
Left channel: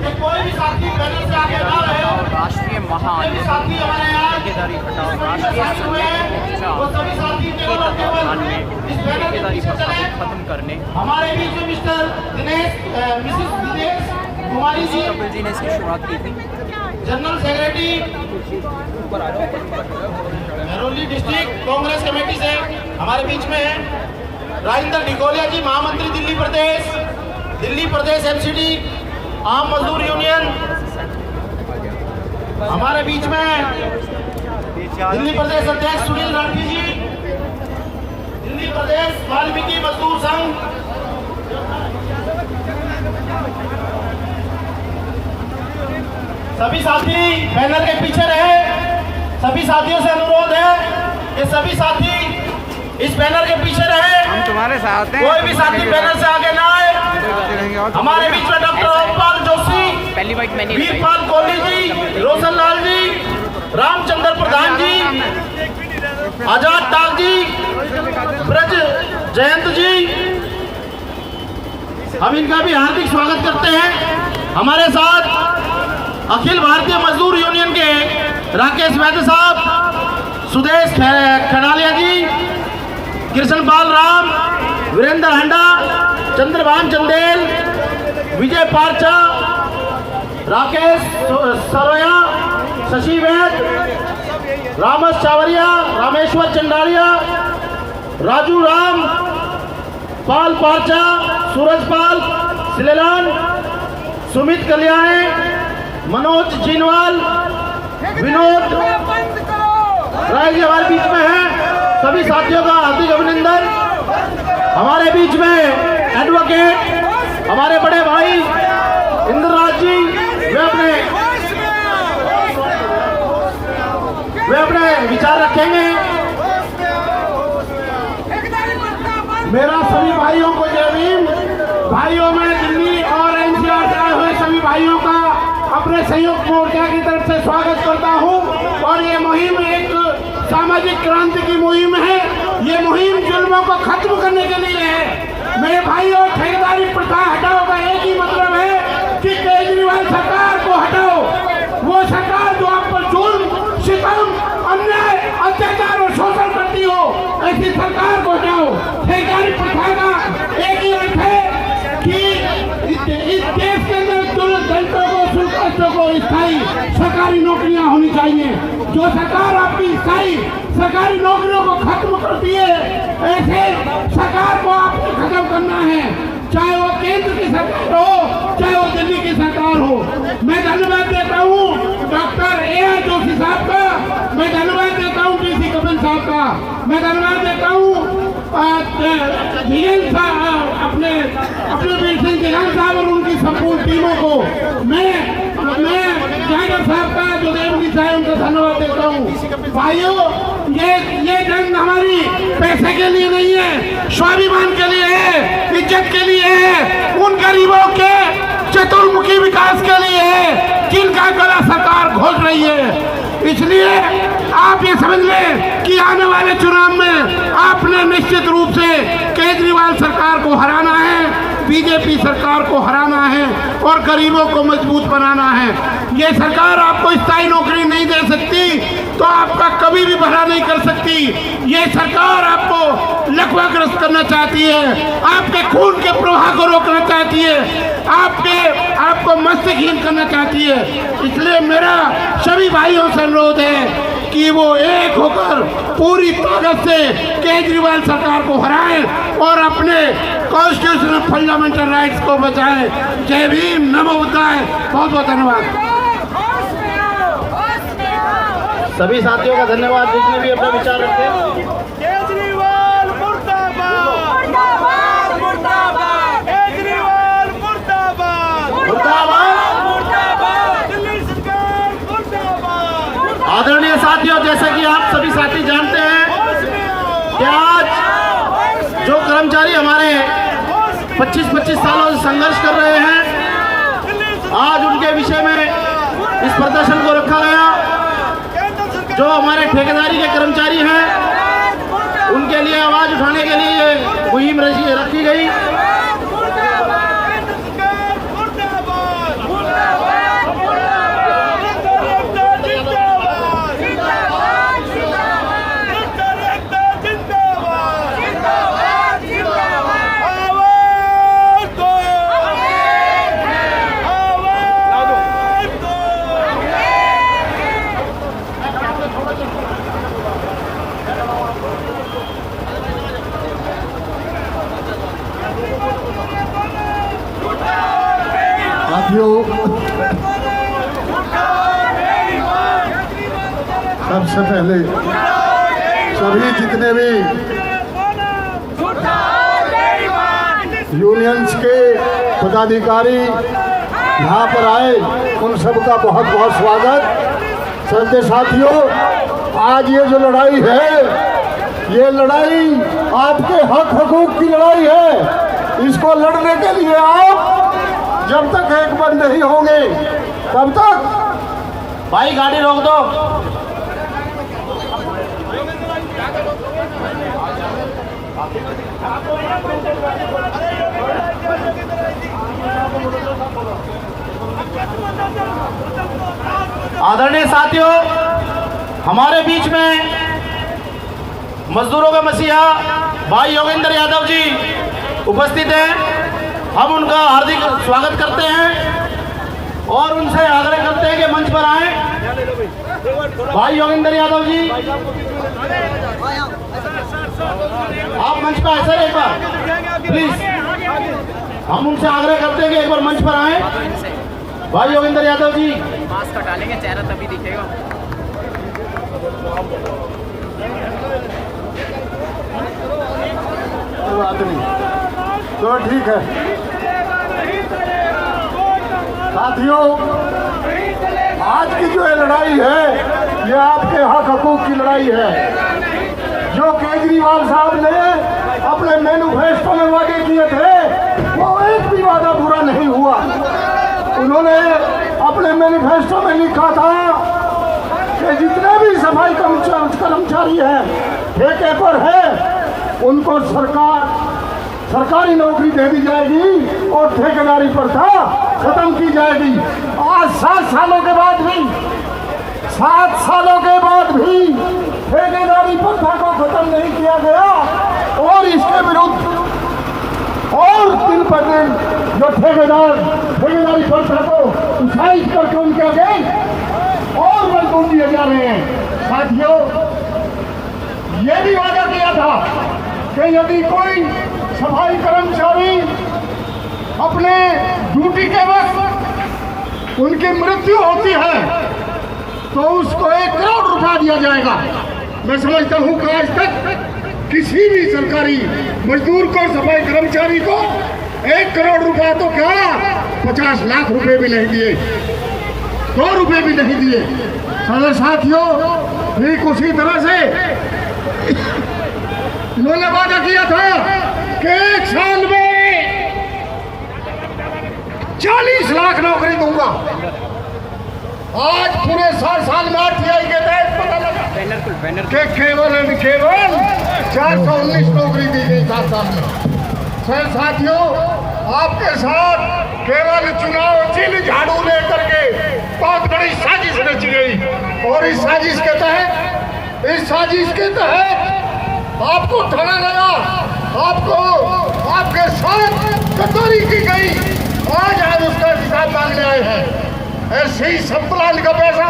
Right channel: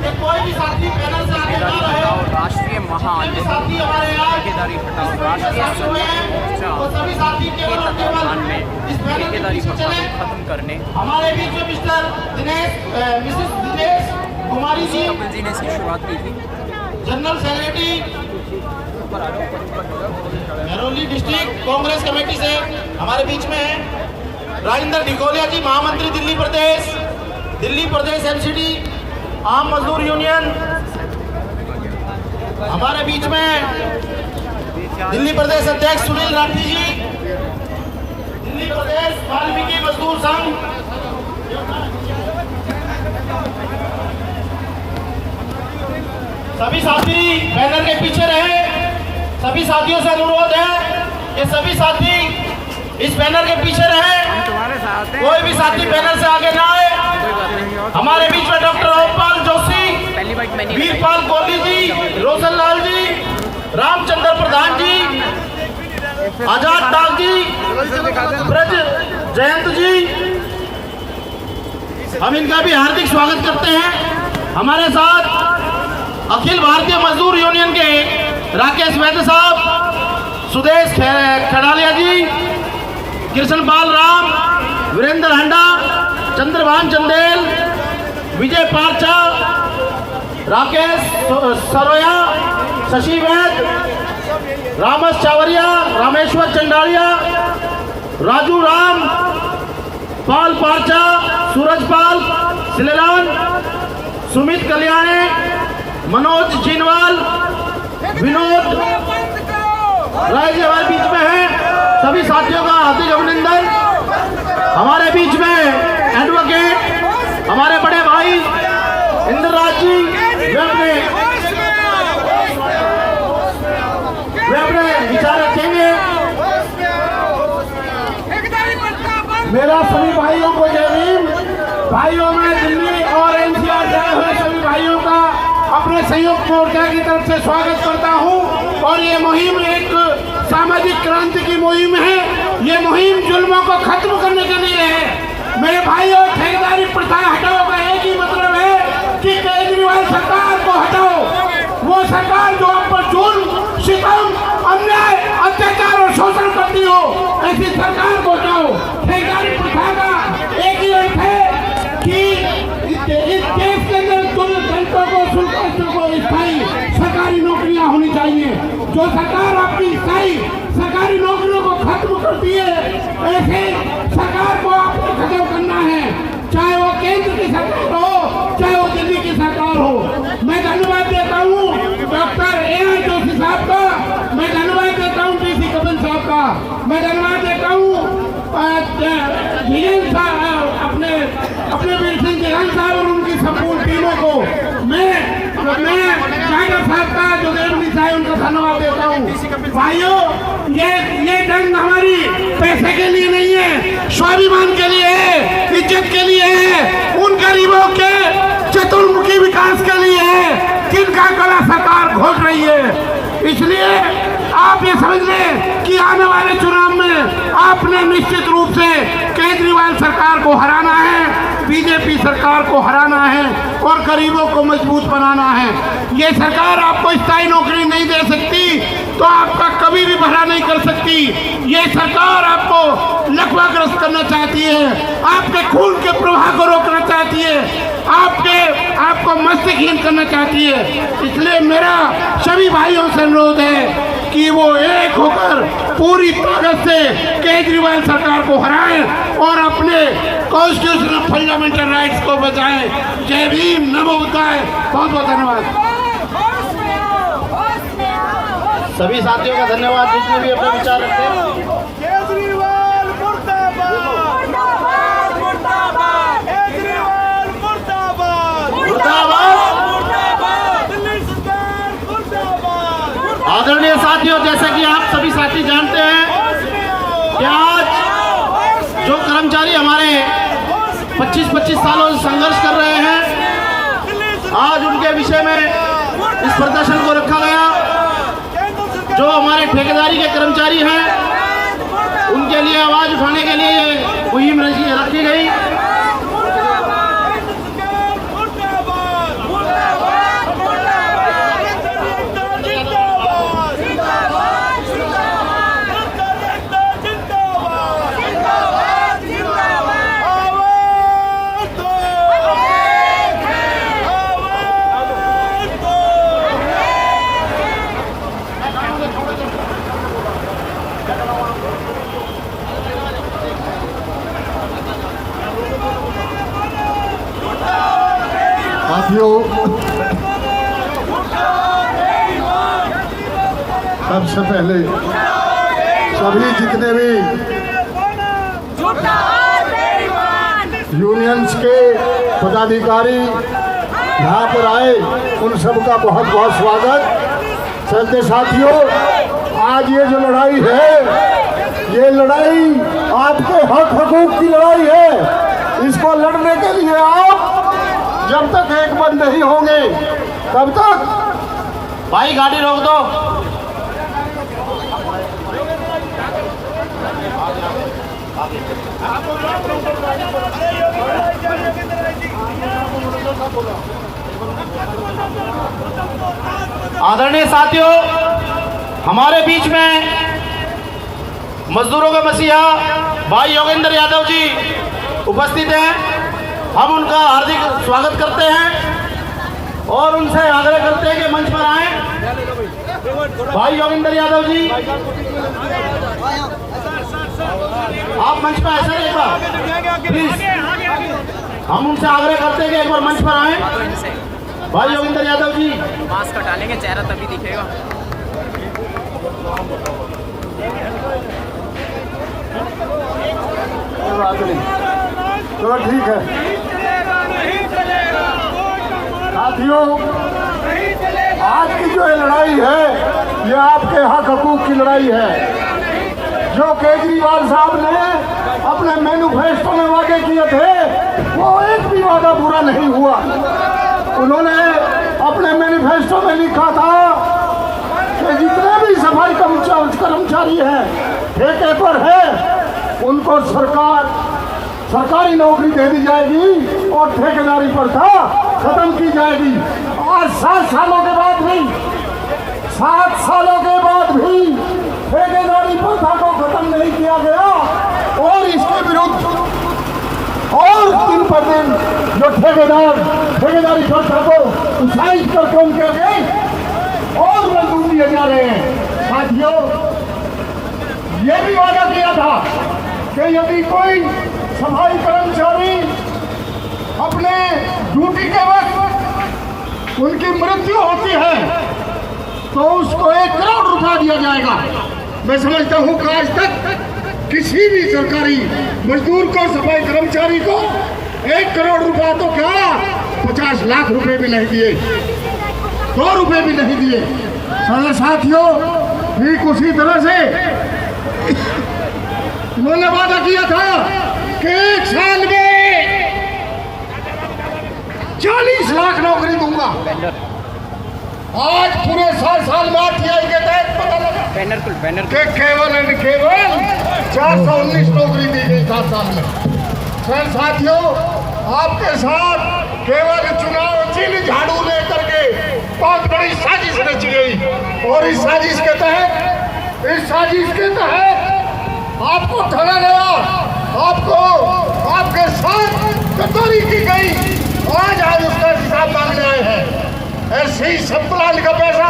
कि कोई भी साथी बैनर से आगे ना रहे। हटाओ राष्ट्रीय कोई भी महाआंदोलन साथी हमारे यहाँ ठेकेदारी हटाओ राष्ट्रीय संयुक्त मोर्चा वो सभी साथी के केवल तत्वाधान में इस बैनर के ठेकेदारी पीछे प्रथा को चले। खत्म करने हमारे बीच में मिसिस दिनेश कुमारी जी, कपिल जी ने इसकी शुरुआत की थी। General secretary Mehrauli district Congress committee से हमारे बीच में है। राजेंद्र डिकोलिया जी, महामंत्री दिल्ली प्रदेश एमसीडी आम मजदूर यूनियन। हमारे बीच में दिल्ली प्रदेश अध्यक्ष सुनील राठी जी, दिल्ली प्रदेश वाल्मीकि मजदूर संघ। सभी साथी बैनर के पीछे रहे। सभी साथियों से अनुरोध है कि सभी साथी इस बैनर के पीछे रहे। कोई भी साथी बैनर से आगे ना आए। कोई बात नहीं। हमारे बीच में डॉक्टर ओमपाल जोशी, पहली बात मैंने वीरपाल कोहली जी, रोशन लाल जी, रामचंद्र प्रधान जी, आजाद डाल जी, ब्रज जयंत जी, हम इनका भी हार्दिक स्वागत करते हैं। हमारे साथ अखिल भारतीय मजदूर यूनियन के राकेश वैद्य साहब, सुदेश खड़ालिया जी, कृष्णपाल राम, वीरेंद्र हंडा, चंद्रभान चंदेल, विजय पारचा, राकेश सरोया, शशि वैद, रामस चावरिया, रामेश्वर चंडालिया, राजू राम, पाल पारचा, सूरज पाल, सिलेलान, सुमित कल्याणे, मनोज जिनवाल, विनोद राय जी हमारे बीच में है। सभी साथियों का हार्दिक अभिनंदन। हमारे बीच में एडवोकेट हमारे बड़े भाई इंद्रराज जी, मेरा सभी भाइयों को जय भीम। भाइयों में दिल्ली और एनसीआर जाए हुए सभी भाइयों का अपने संयुक्त मोर्चा की तरफ से स्वागत करता हूं। और ये मुहिम एक सामाजिक क्रांति की मुहिम है। ये मुहिम जुल्मों को खत्म करने के लिए है। मेरे भाइयों, ठेकेदारी प्रथा हटाओ का एक ही मतलब है कि केजरीवाल सरकार को हटाओ। वो सरकार जो आप पर जुल्म, सितम, अन्याय, अत्याचार और शोषण करती हो, ऐसी सरकार को हटाओ। ठेकेदारी प्रथा का एक ही अर्थ है कि इस देश के अंदर दलितों को, शुल्कस्तों को स्थायी सरकारी नौकरियां होनी चाहिए। जो सरकार आपकी स्थायी सरकारी नौकरियों को खत्म करती है, ऐसे सरकार को आपको खत्म करना है, चाहे वो केंद्र की सरकार हो, चाहे वो दिल्ली की सरकार हो। मैं धन्यवाद देता हूँ डॉक्टर ए जोशी साहब का, मैं धन्यवाद देता हूँ डीसी कपिल साहब का, मैं धन्यवाद देता हूँ धीरेन्द्र साहब, अपने वीर सिंह जलाल साहब और उनकी संपूर्ण टीमों को। मैं जागर साहब का, जो देवनी साहब, उनका धन्यवाद देता हूँ। भाइयों, ये जंग हमारी पैसे के लिए नहीं है, स्वाभिमान के लिए है, इज्जत के लिए है, उन गरीबों के चतुर्मुखी विकास के लिए है जिनका गला सरकार घोट रही है। इसलिए आप ये समझ लें कि आने वाले चुनाव में आपने निश्चित रूप से केजरीवाल सरकार को हराना है, बीजेपी सरकार को हराना है और गरीबों को मजबूत बनाना है। ये सरकार आपको स्थायी नौकरी नहीं दे सकती तो आपका कभी भी भला नहीं कर सकती। ये सरकार आपको लकवाग्रस्त करना चाहती है, आपके खून के प्रवाह को रोकना चाहती है, आपको मस्तकहीन करना चाहती है। इसलिए मेरा सभी भाइयों से अनुरोध है कि वो एक होकर पूरी ताकत से केजरीवाल सरकार को हराएं और अपने कॉन्स्टिट्यूशनल फंडामेंटल राइट्स को बचाएं। जय भीम, नमो बुद्धाय। बहुत बहुत धन्यवाद। सभी साथियों का धन्यवाद जितने भी अपने विचार रखते हैं। केजरीवाल मुर्दाबाद, केजरीवाल मुर्दाबाद, दिल्ली सरकार मुर्दाबाद। आदरणीय साथियों, जैसा कि आप सभी साथी जानते हैं कि आज जो कर्मचारी हमारे 25-25 सालों से संघर्ष कर रहे हैं, आज उनके विषय में इस प्रदर्शन को रखा गया। जो हमारे ठेकेदारी के कर्मचारी हैं, उनके लिए आवाज उठाने के लिए ये मुहिम रखी गई। साथियों, सबसे पहले सभी जितने भी यूनियंस के पदाधिकारी यहाँ पर आए, उन सबका बहुत बहुत स्वागत। श्रद्धेय साथियों, आज ये जो लड़ाई है, ये लड़ाई आपके हक हकूक की लड़ाई है। इसको लड़ने के लिए आप जब तक एक मन नहीं होंगे, तब तक भाई गाड़ी रोक दो। आदरणीय साथियों, हमारे बीच में मजदूरों का मसीहा भाई योगेंद्र यादव जी उपस्थित हैं। हम उनका हार्दिक स्वागत करते हैं और उनसे आग्रह करते हैं कि मंच पर आए। भाई योगेंद्र यादव जी, आप मंच पर ऐसे एक बार प्लीज, हम उनसे आग्रह करते हैं कि एक बार मंच पर आए। भाई योगेंद्र यादव जी, मास्क हटा लेंगे, चेहरा तभी दिखेगा। तो ठीक है साथियों, आज की जो लड़ाई है, ये आपके हक हकूक की लड़ाई है। जो केजरीवाल साहब ने अपने मैनिफेस्टो में वादे किए थे वो एक भी वादा पूरा नहीं हुआ। उन्होंने अपने मैनिफेस्टो में लिखा था कि जितने भी सफाई कर्मचारी हैं ठेके पर है उनको सरकारी नौकरी दे दी जाएगी और ठेकेदारी प्रथा खत्म की जाएगी। आज 7 सालों के बाद भी ठेकेदारी प्रथा को खत्म नहीं किया गया और इसके विरुद्ध और दिन पर दिन जो ठेकेदारी प्रथा को उत्साहित कर कम कर गए और मजदूर दिए जा रहे हैं। साथियों, ये भी वादा किया था कि यदि कोई सफाई कर्मचारी अपने ड्यूटी के वक्त उनकी मृत्यु होती है तो उसको 1 करोड़ रुपया दिया जाएगा। मैं समझता हूं कि आज तक किसी भी सरकारी मजदूर को, सफाई कर्मचारी को 1 करोड़ रुपया तो क्या 50 लाख रुपए भी नहीं दिए, 2 रुपए भी नहीं दिए। मेरे साथियों, ठीक उसी तरह से उन्होंने वादा किया था कि 1 साल में 40 लाख नौकरी दूंगा। आज पूरे 7 साल में RTI के तहत पता लगा कि केवल 419 नौकरी दी गई 7 साल में। फिर साथियों, आपके साथ केवल चुनाव चिन्ह झाड़ू लेकर के बहुत बड़ी साजिश रची गई और इस साजिश के तहत आपको ठगा गया, आपके साथ गद्दारी की गई। आज उसका हिसाब मांगने आए हैं। ऐसे ही सब प्लान का पैसा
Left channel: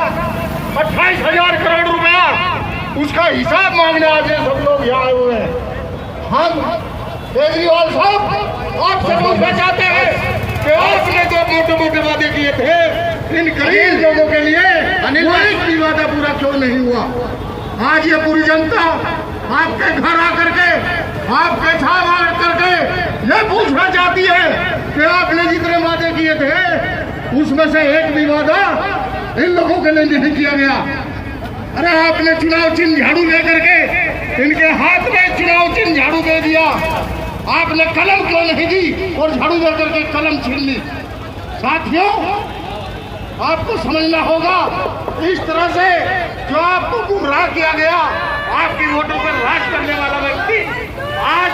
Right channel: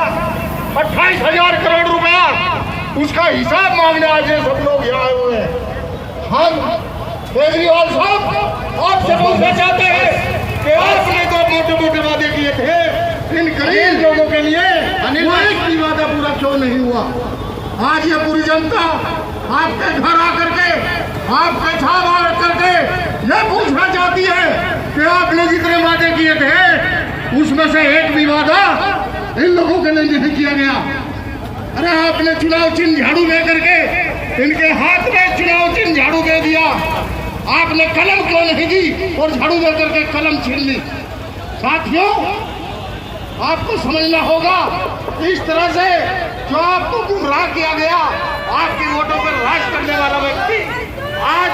28,000 करोड़ रुपया उसका हिसाब मांगने आज ये सब लोग यहाँ आए हुए हैं। हम केजरीवाल साहब आपसे पूछना चाहते हैं कि आपने जो मोटे वादे किए थे इन गरीब लोगों के लिए वो एक भी वादा पूरा क्यों नहीं हुआ? आज ये पूरी जनता आपके घर आकर के, आपके छाव आकर के ये पूछना चाहती है कि आपने जितने वादे किए थे उसमें से एक भी वादा इन लोगों के लिए नहीं किया गया। अरे आपने चुनाव चिन्ह झाड़ू लेकर के इनके हाथ में चुनाव चिन्ह झाड़ू दे दिया, आपने कलम क्यों नहीं दी और झाड़ू लेकर के कलम छीन ली? साथियों, आपको समझना होगा इस तरह से जो आपको गुमराह किया गया, आपकी वोटों पर राज करने वाला व्यक्ति आज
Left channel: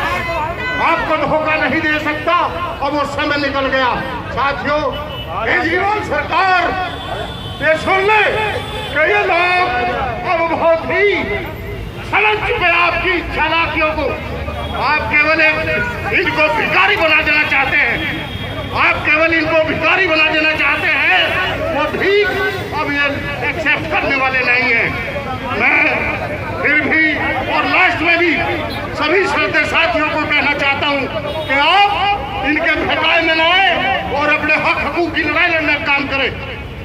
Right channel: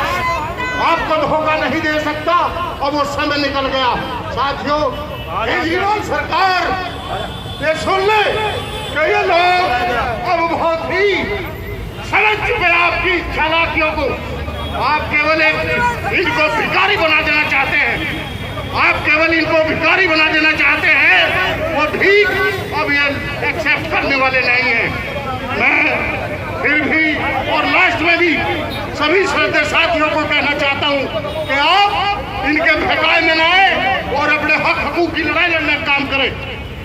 आपको धोखा नहीं दे सकता और वो समय निकल गया। साथियों, केजरीवाल सरकार ये सुन ले कि ये लोग अब बहुत ही समझ चुके आपकी चालाकियों को। आप केवल इनको भिखारी बना देना चाहते हैं, वो भी अब ये एक्सेप्ट करने वाले नहीं है। मैं फिर भी और लास्ट में भी सभी श्रद्धेय साथियों को कहना चाहता हूं कि आप इनके भड़काए में न आए और अपने हकूक की लड़ाई लड़ने का काम करें।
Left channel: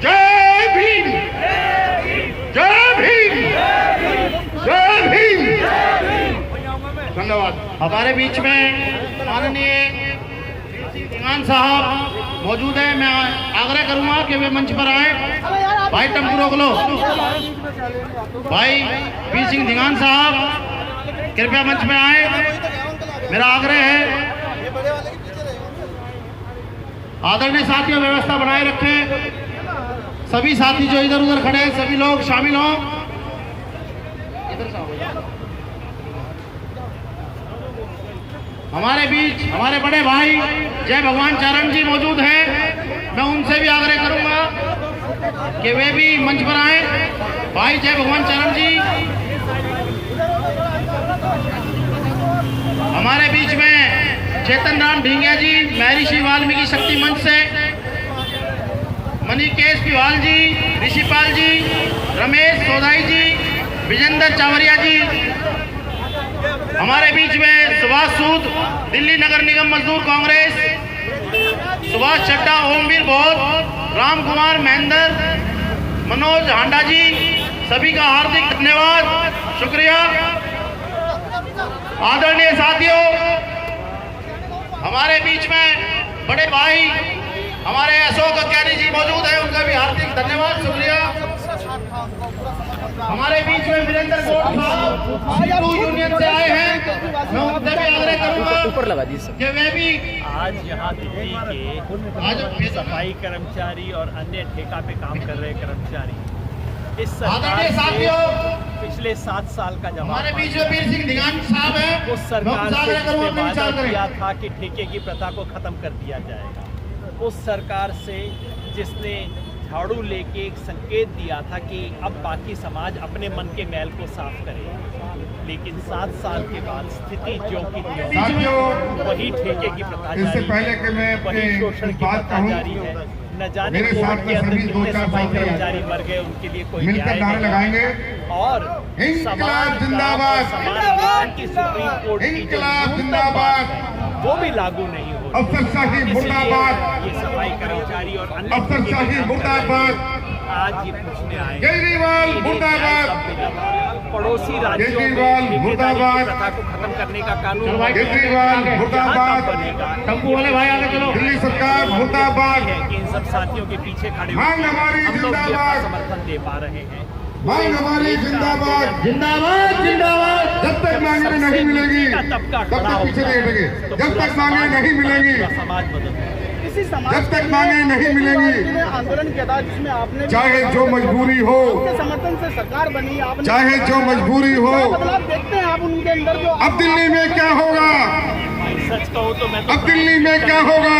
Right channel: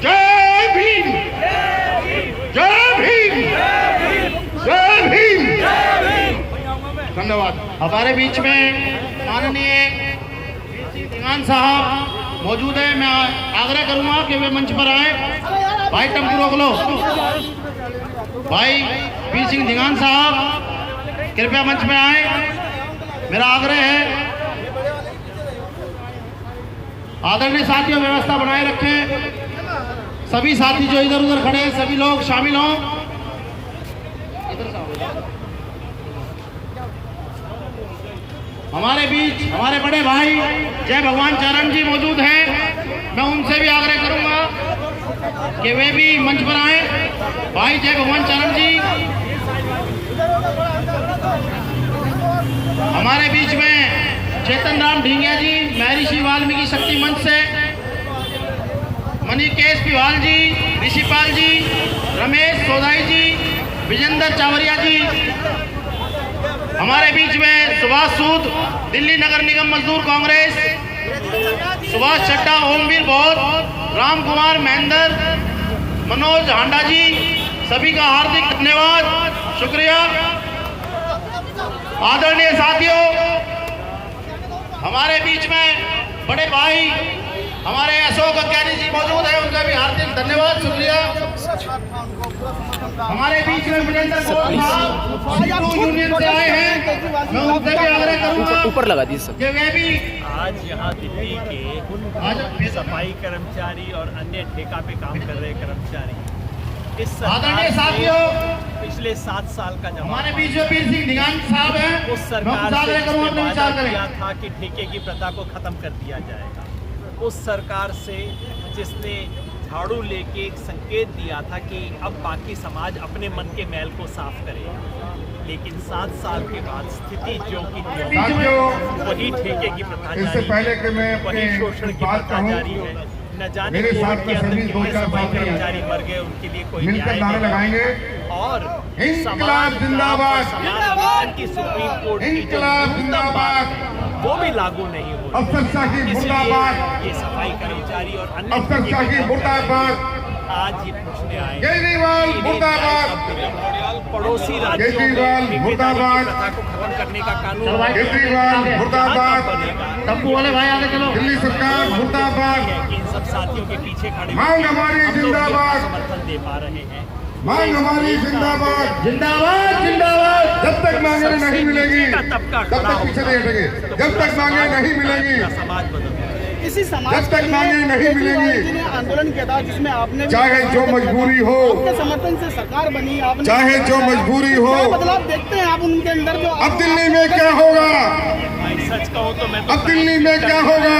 जय भीम, जय भीम, जय भीम। धन्यवाद। हमारे बीच में माननीय धीमान साहब मौजूद है। मैं आग्रह करूंगा कि वे मंच पर आए। भाई टम्पू रोक लो। भाई पी सिंह धीमान साहब कृपया मंच में आए। मेरा आग्रह है, आदरणीय साथियों, व्यवस्था बनाए रखें। सभी साथी जो इधर उधर खड़े हैं सभी लोग शामिल हों। इधर से हमारे बीच हमारे बड़े भाई जय भगवान चरण जी मौजूद हैं। मैं उनसे भी आग्रह करूंगा कि वे भी मंच पर आए। भाई जय भगवान चरण जी हमारे बीच में, चेतन राम ढींगिया जी महर्षि वाल्मीकि शक्ति मंच से, मणिकेश तिवाल जी, ऋषिपाल जी, रमेश सोधाई जी, विजेंद्र चावरिया जी। हमारे बीच में सुभाष सूद दिल्ली नगर निगम मजदूर कांग्रेस, सुभाष चड्डा, ओमवीर बौद्ध, राम कुमार महेंद्र, मनोज हांडा जी, सभी का हार्दिक धन्यवाद, शुक्रिया। आदरणीय साथियों, हमारे बीच में बड़े भाई हमारे अशोक अज्ञानी जी मौजूद है, उनका भी हार्दिक धन्यवाद, शुक्रिया। हमारे बीच में वीरेंद्र साहब यूनियन से आए हैं, मैं उनसे भी आग्रह करूंगा ऊपर लगा दी सर। कि वे भी आज यहाँ दिल्ली के सफाई कर्मचारी और अन्य ठेका पे काम कर रहे कर्मचारी इस सरकार से पिछले 7 साल का जवाब हमारे बीच में वीर सिंह दिगान साहब हैं। उस सरकार से जिसने वादा किया था कि ठेके की प्रथा को खत्म कर दिया जाएगा, उस सरकार से जिसने झाड़ू लेके एक संकेत दिया था कि अब बाकी समाज अपने मन के मैल को साफ करेगा, लेकिन 7 साल के बाद स्थिति ज्यों की त्यों, वही ठेके की प्रथा जारी है, वही शोषण की प्रथा जारी है। न जाने कोविड के अंदर कितने सफाई कर्मचारी मर गए, उनके लिए कोई न्याय नहीं। और समान काम और समान वेतन की सुप्रीम कोर्ट की जो न्यूनतम बात है वो भी लागू नहीं हो रही। इसलिए ये सफाई कर्मचारी और अन्य आज ये पूछने आए कि इन्हें न्याय कब मिलेगा। पड़ोसी राज्यों में ठेकेदारी की प्रथा को खत्म करने का कानून यहाँ कब बनेगा। दिल्ली सरकार मुर्दाबाद है कि इन सब साथियों के पीछे खड़े होकर हम लोग भी अपना समर्थन दे पा रहे हैं। मांग हमारी जिंदाबाद जिंदाबाद जिंदाबाद। जब तक मांगे नहीं मिलेगी तबका तब तक पीछे नहीं हटेंगे। जब तक मांगे नहीं मिलेगी समाज बदल इसी समाज जब तक मांगे नहीं मिलेगी, आंदोलन किया था जिसमें आपने चाहे जो मजबूरी हो, आपके समर्थन से सरकार बनी, आपने चाहे जो मजबूरी हो। क्या बदलाव देखते हैं आप उनके अंदर जो अब दिल्ली में क्या होगा, भाई सच कहूँ तो मैं तो अब दिल्ली में क्या होगा,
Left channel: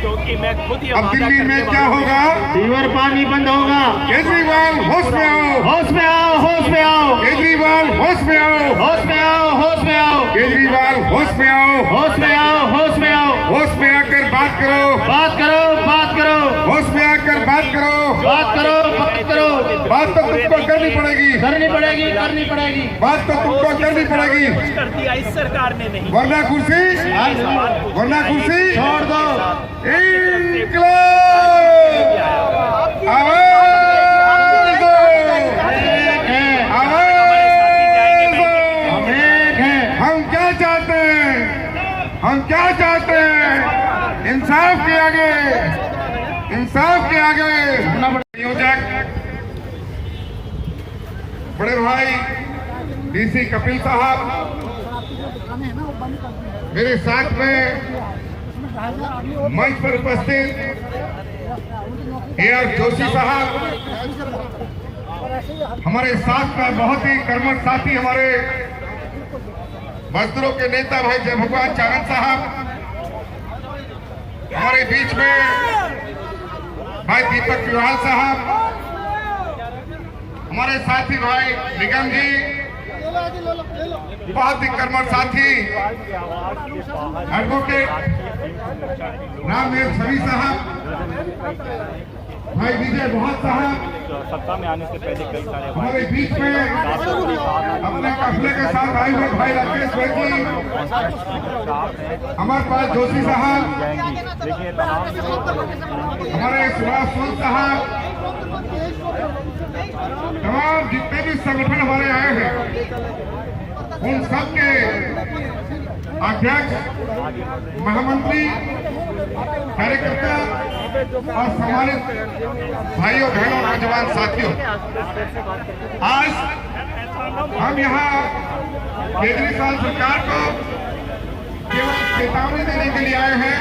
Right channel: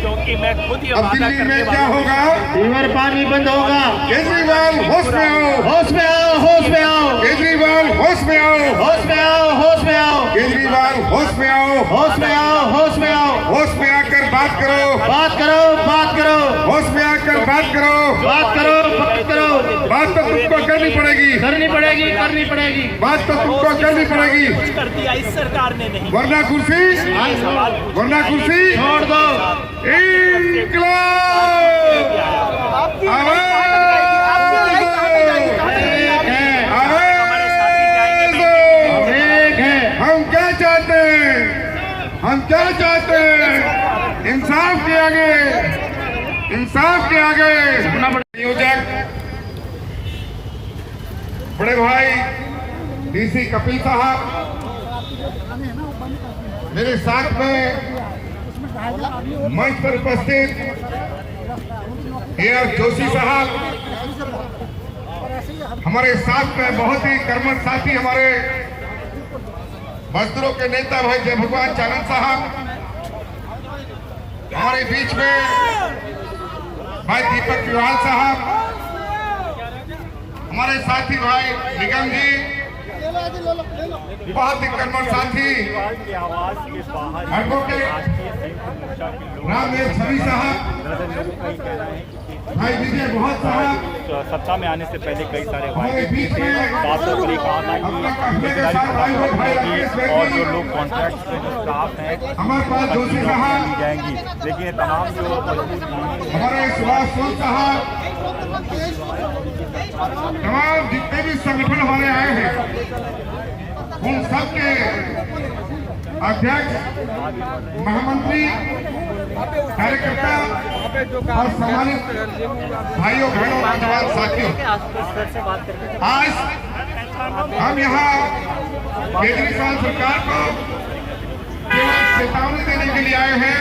क्योंकि मैं खुद ये अब वादा दिल्ली करने में क्या वाला होगा। रिवर पानी बंद होगा। केजरीवाल होश में आओ, होश में आओ, होश में आओ, केजरीवाल होश में आओ, होश में आओ, होश में आओ, केजरीवाल होश में आओ, होश में आओ, होश में आओ, होश में आकर बात करो, बात करो, बात करो, होश में आकर बात करो, बात करो, बात करो। बात तो तुमको करनी पड़ेगी, करनी पड़ेगी, करनी पड़ेगी। बात तो तुमको करनी पड़ेगी, कुछ कर दिया इस सरकार ने नहीं। वरना कुर्सी, ये सवाल पूछने वरना आए कुर्सी हैं छोड़ सबके दो। साथ। अपनी तरफ से इंकलाब भी आया हुआ है। आवाज दो, हमारे साथी जाएंगे बैंक हम क्या चाहते हैं, हम क्या चाहते हैं, इंसाफ के आगे, इंसाफ के आगे। नियोजक बड़े भाई डीसी कपिल साहब, मेरे साथ में मंच पर उपस्थित AR जोशी साहब, हमारे साथ में बहुत ही कर्मठ साथी हमारे मजदूरों के नेता भाई जय भगवान चारण साहब, हमारे बीच में भाई दीपक तिवारी साहब, हमारे साथी भाई निगम जी, बहुत ही कर्मठ साथी एडवोकेट रामदेव छवि साहब, भाई विजय बहुत साहब, सत्ता में आने से पहले कई सारे हमारे बीच में अपने काफिले के साथ आए हुए भाई राकेश बेदी, हमारे पास जोशी साहब, हमारे सुभाष सोन साहब, तमाम जितने भी संगठन हमारे आए हैं उन सबके अध्यक्ष, महामंत्री, कार्यकर्ता और सम्मानित भाइयों बहनों नौजवान साथियों, आज हम यहाँ केजरीवाल सरकार को केवल चेतावनी देने के लिए आए हैं।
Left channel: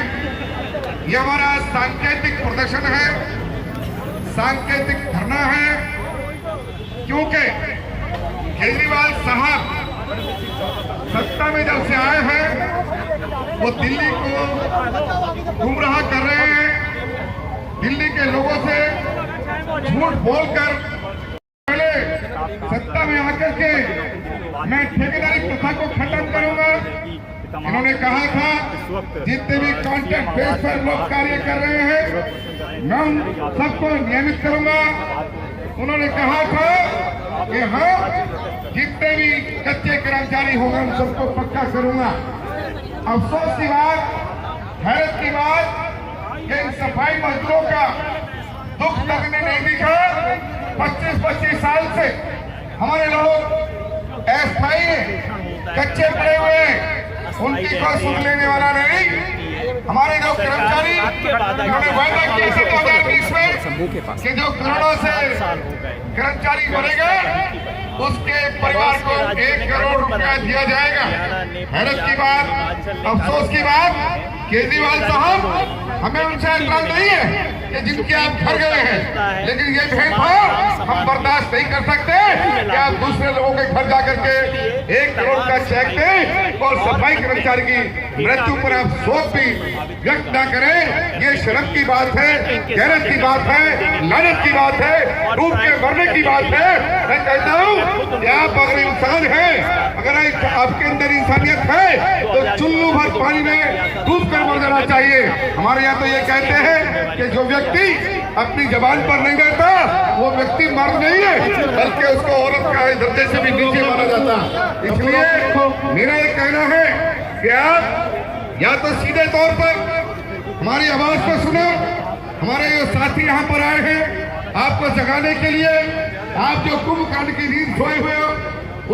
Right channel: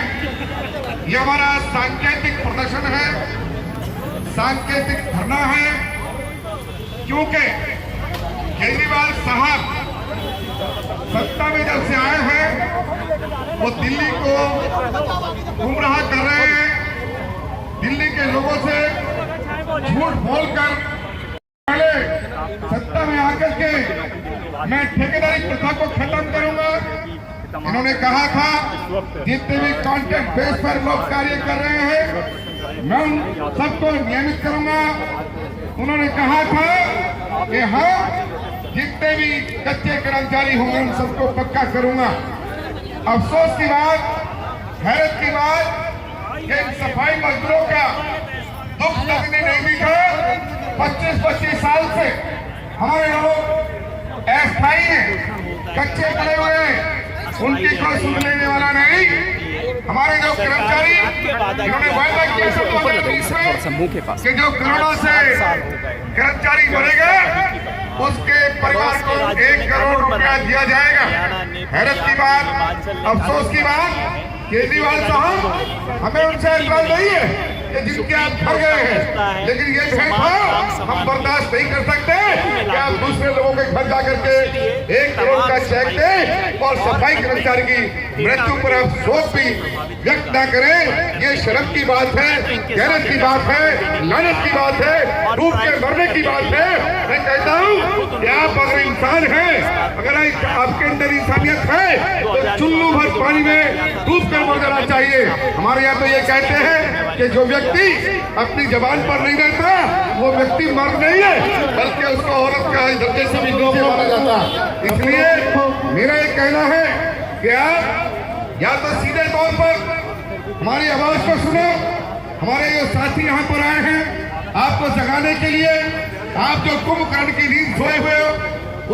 ये हमारा सांकेतिक प्रदर्शन है, सांकेतिक धरना है, क्योंकि केजरीवाल साहब सत्ता में जब से आए हैं वो दिल्ली को गुमराह कर रहे हैं। दिल्ली के लोगों से झूठ बोलकर पहले सत्ता में आकर के मैं ठेकेदारी प्रथा को खत्म करूंगा। इन्होंने कहा था जितने भी कॉन्ट्रैक्ट बेस पर लोग कार्य कर रहे हैं मैं उन सबको नियमित करूंगा। उन्होंने कहा था कि हाँ जितने भी कच्चे कर्मचारी होंगे उन सबको पक्का करूंगा। अफसोस की बात, हैरत की बात कि इन सफाई मजदूरों का दुख लगने नहीं दिखा। 25-25 साल से हमारे लोग अस्थायी हैं, कच्चे पड़े हुए हैं, उनकी कोई सुन लेने वाला नहीं। हमारे जो सरकार ने कर्मचारी आपके वादा किया था समूह के पास कि जो करोड़ों से 7 साल हो गए कर्मचारी बढ़ेगा उसके परिवार पड़ोस के को राज्यों 1 ने करोड़ कानून बना रुपया दिया जाएगा। हरियाणा ने हैरत की बात, हिमाचल ने अफसोस की बात, केजरीवाल कानून साहब हमें उनसे इतराज नहीं है कि जिनके आप घर गए हैं, लेकिन ये भेदभाव हम बर्दाश्त नहीं कर सकते कि आप दूसरे लोगों के घर जाकर के 1 करोड़ का चेक दें और सफाई कर्मचारी की मृत्यु पर आप शोक भी व्यक्त न करें। ये शर्म की बात है, गैरत की बात है, लानत की बात है, डूब के मरने की बात है। मैं कहता हूँ कि आप अगर इंसान हैं, अगर आपके अंदर इंसानियत है तो चुल्लू भर पानी में डूब कर मर जाना चाहिए। हमारे यहाँ तो ये कहते हैं कि जो व्यक्ति अपनी जबान पर नहीं रहता वो व्यक्ति मर्द नहीं है, बल्कि उसको औरत का दर्जे से भी नीचे माना जाता। इसलिए मेरा ये कहना है कि आप या तो सीधे तौर पर हमारी आवाज को सुनो। हमारे जो साथी यहाँ पर आए हैं आपको जगाने के लिए, आप जो कुंभकर्ण की नींद सोए हुए हो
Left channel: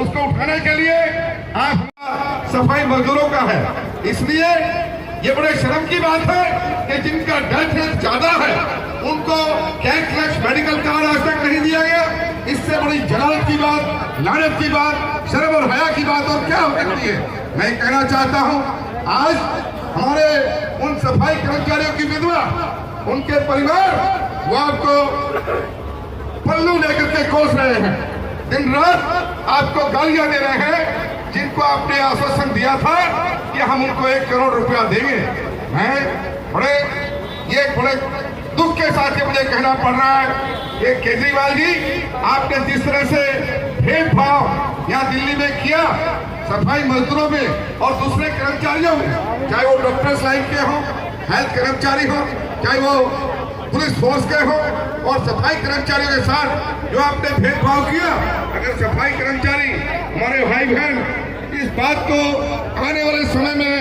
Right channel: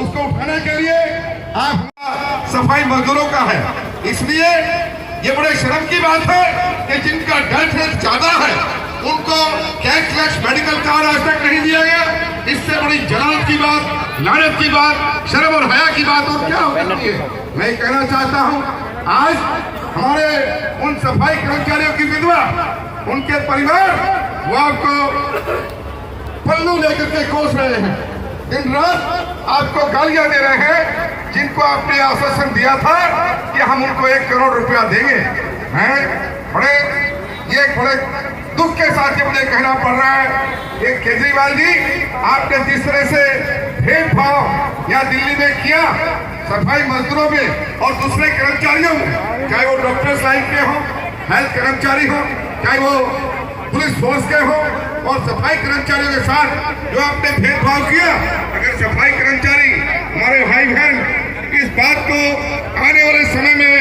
उसको उठाने के लिए आप सफाई मजदूरों का है। इसलिए ये बड़े शर्म की बात है कि जिनका डेथ रेट ज्यादा है उनको कैशलेस मेडिकल कार्ड आज तक नहीं दिया गया। इससे बड़ी जलालत की बात, लानत की बात, शर्म और हया की बात और क्या हो सकती है। मैं कहना चाहता हूँ आज हमारे उन सफाई कर्मचारियों की विधवा, उनके परिवार वो आपको पल्लू लेकर के कोस रहे हैं, दिन रात आपको गालियां दे रहे हैं, जिनको आपने आश्वासन दिया था कि हम उनको 1 करोड़ रुपया देंगे। हैं बड़े दुख के साथ ये मुझे कहना पड़ रहा है कि केजरीवाल जी आपने जिस तरह से भेदभाव यहाँ दिल्ली में किया सफाई मजदूरों में और दूसरे कर्मचारियों में, चाहे वो डॉक्टर्स लाइन के हों, हेल्थ कर्मचारी हों, चाहे वो पुलिस फोर्स के हों, और सफाई कर्मचारियों के साथ जो आपने भेदभाव किया, अगर सफाई कर्मचारी हमारे भाई बहन इस बात को आने वाले समय में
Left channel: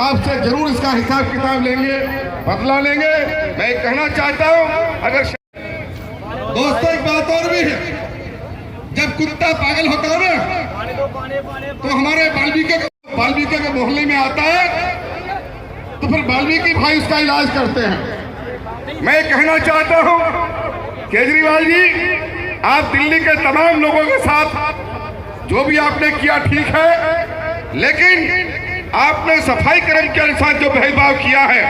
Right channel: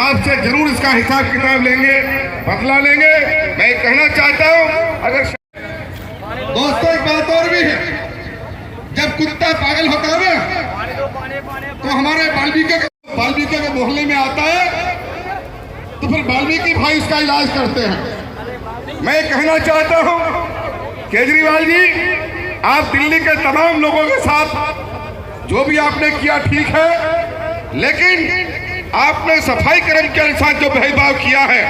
आपसे जरूर इसका हिसाब किताब लेंगे, बदला लेंगे। मैं कहना चाहता हूं अगर दोस्तों एक बात और भी है, जब कुत्ता पागल होता है ना तो हमारे वाल्मीकि के मोहल्ले में आता है तो फिर वाल्मीकि भाई उसका इलाज करते हैं। मैं कहना चाहता हूं केजरीवाल जी आप दिल्ली के तमाम लोगों के साथ जो भी आपने किया ठीक है, लेकिन आपने सफाई कर्मचारी के साथ जो भेदभाव किया है,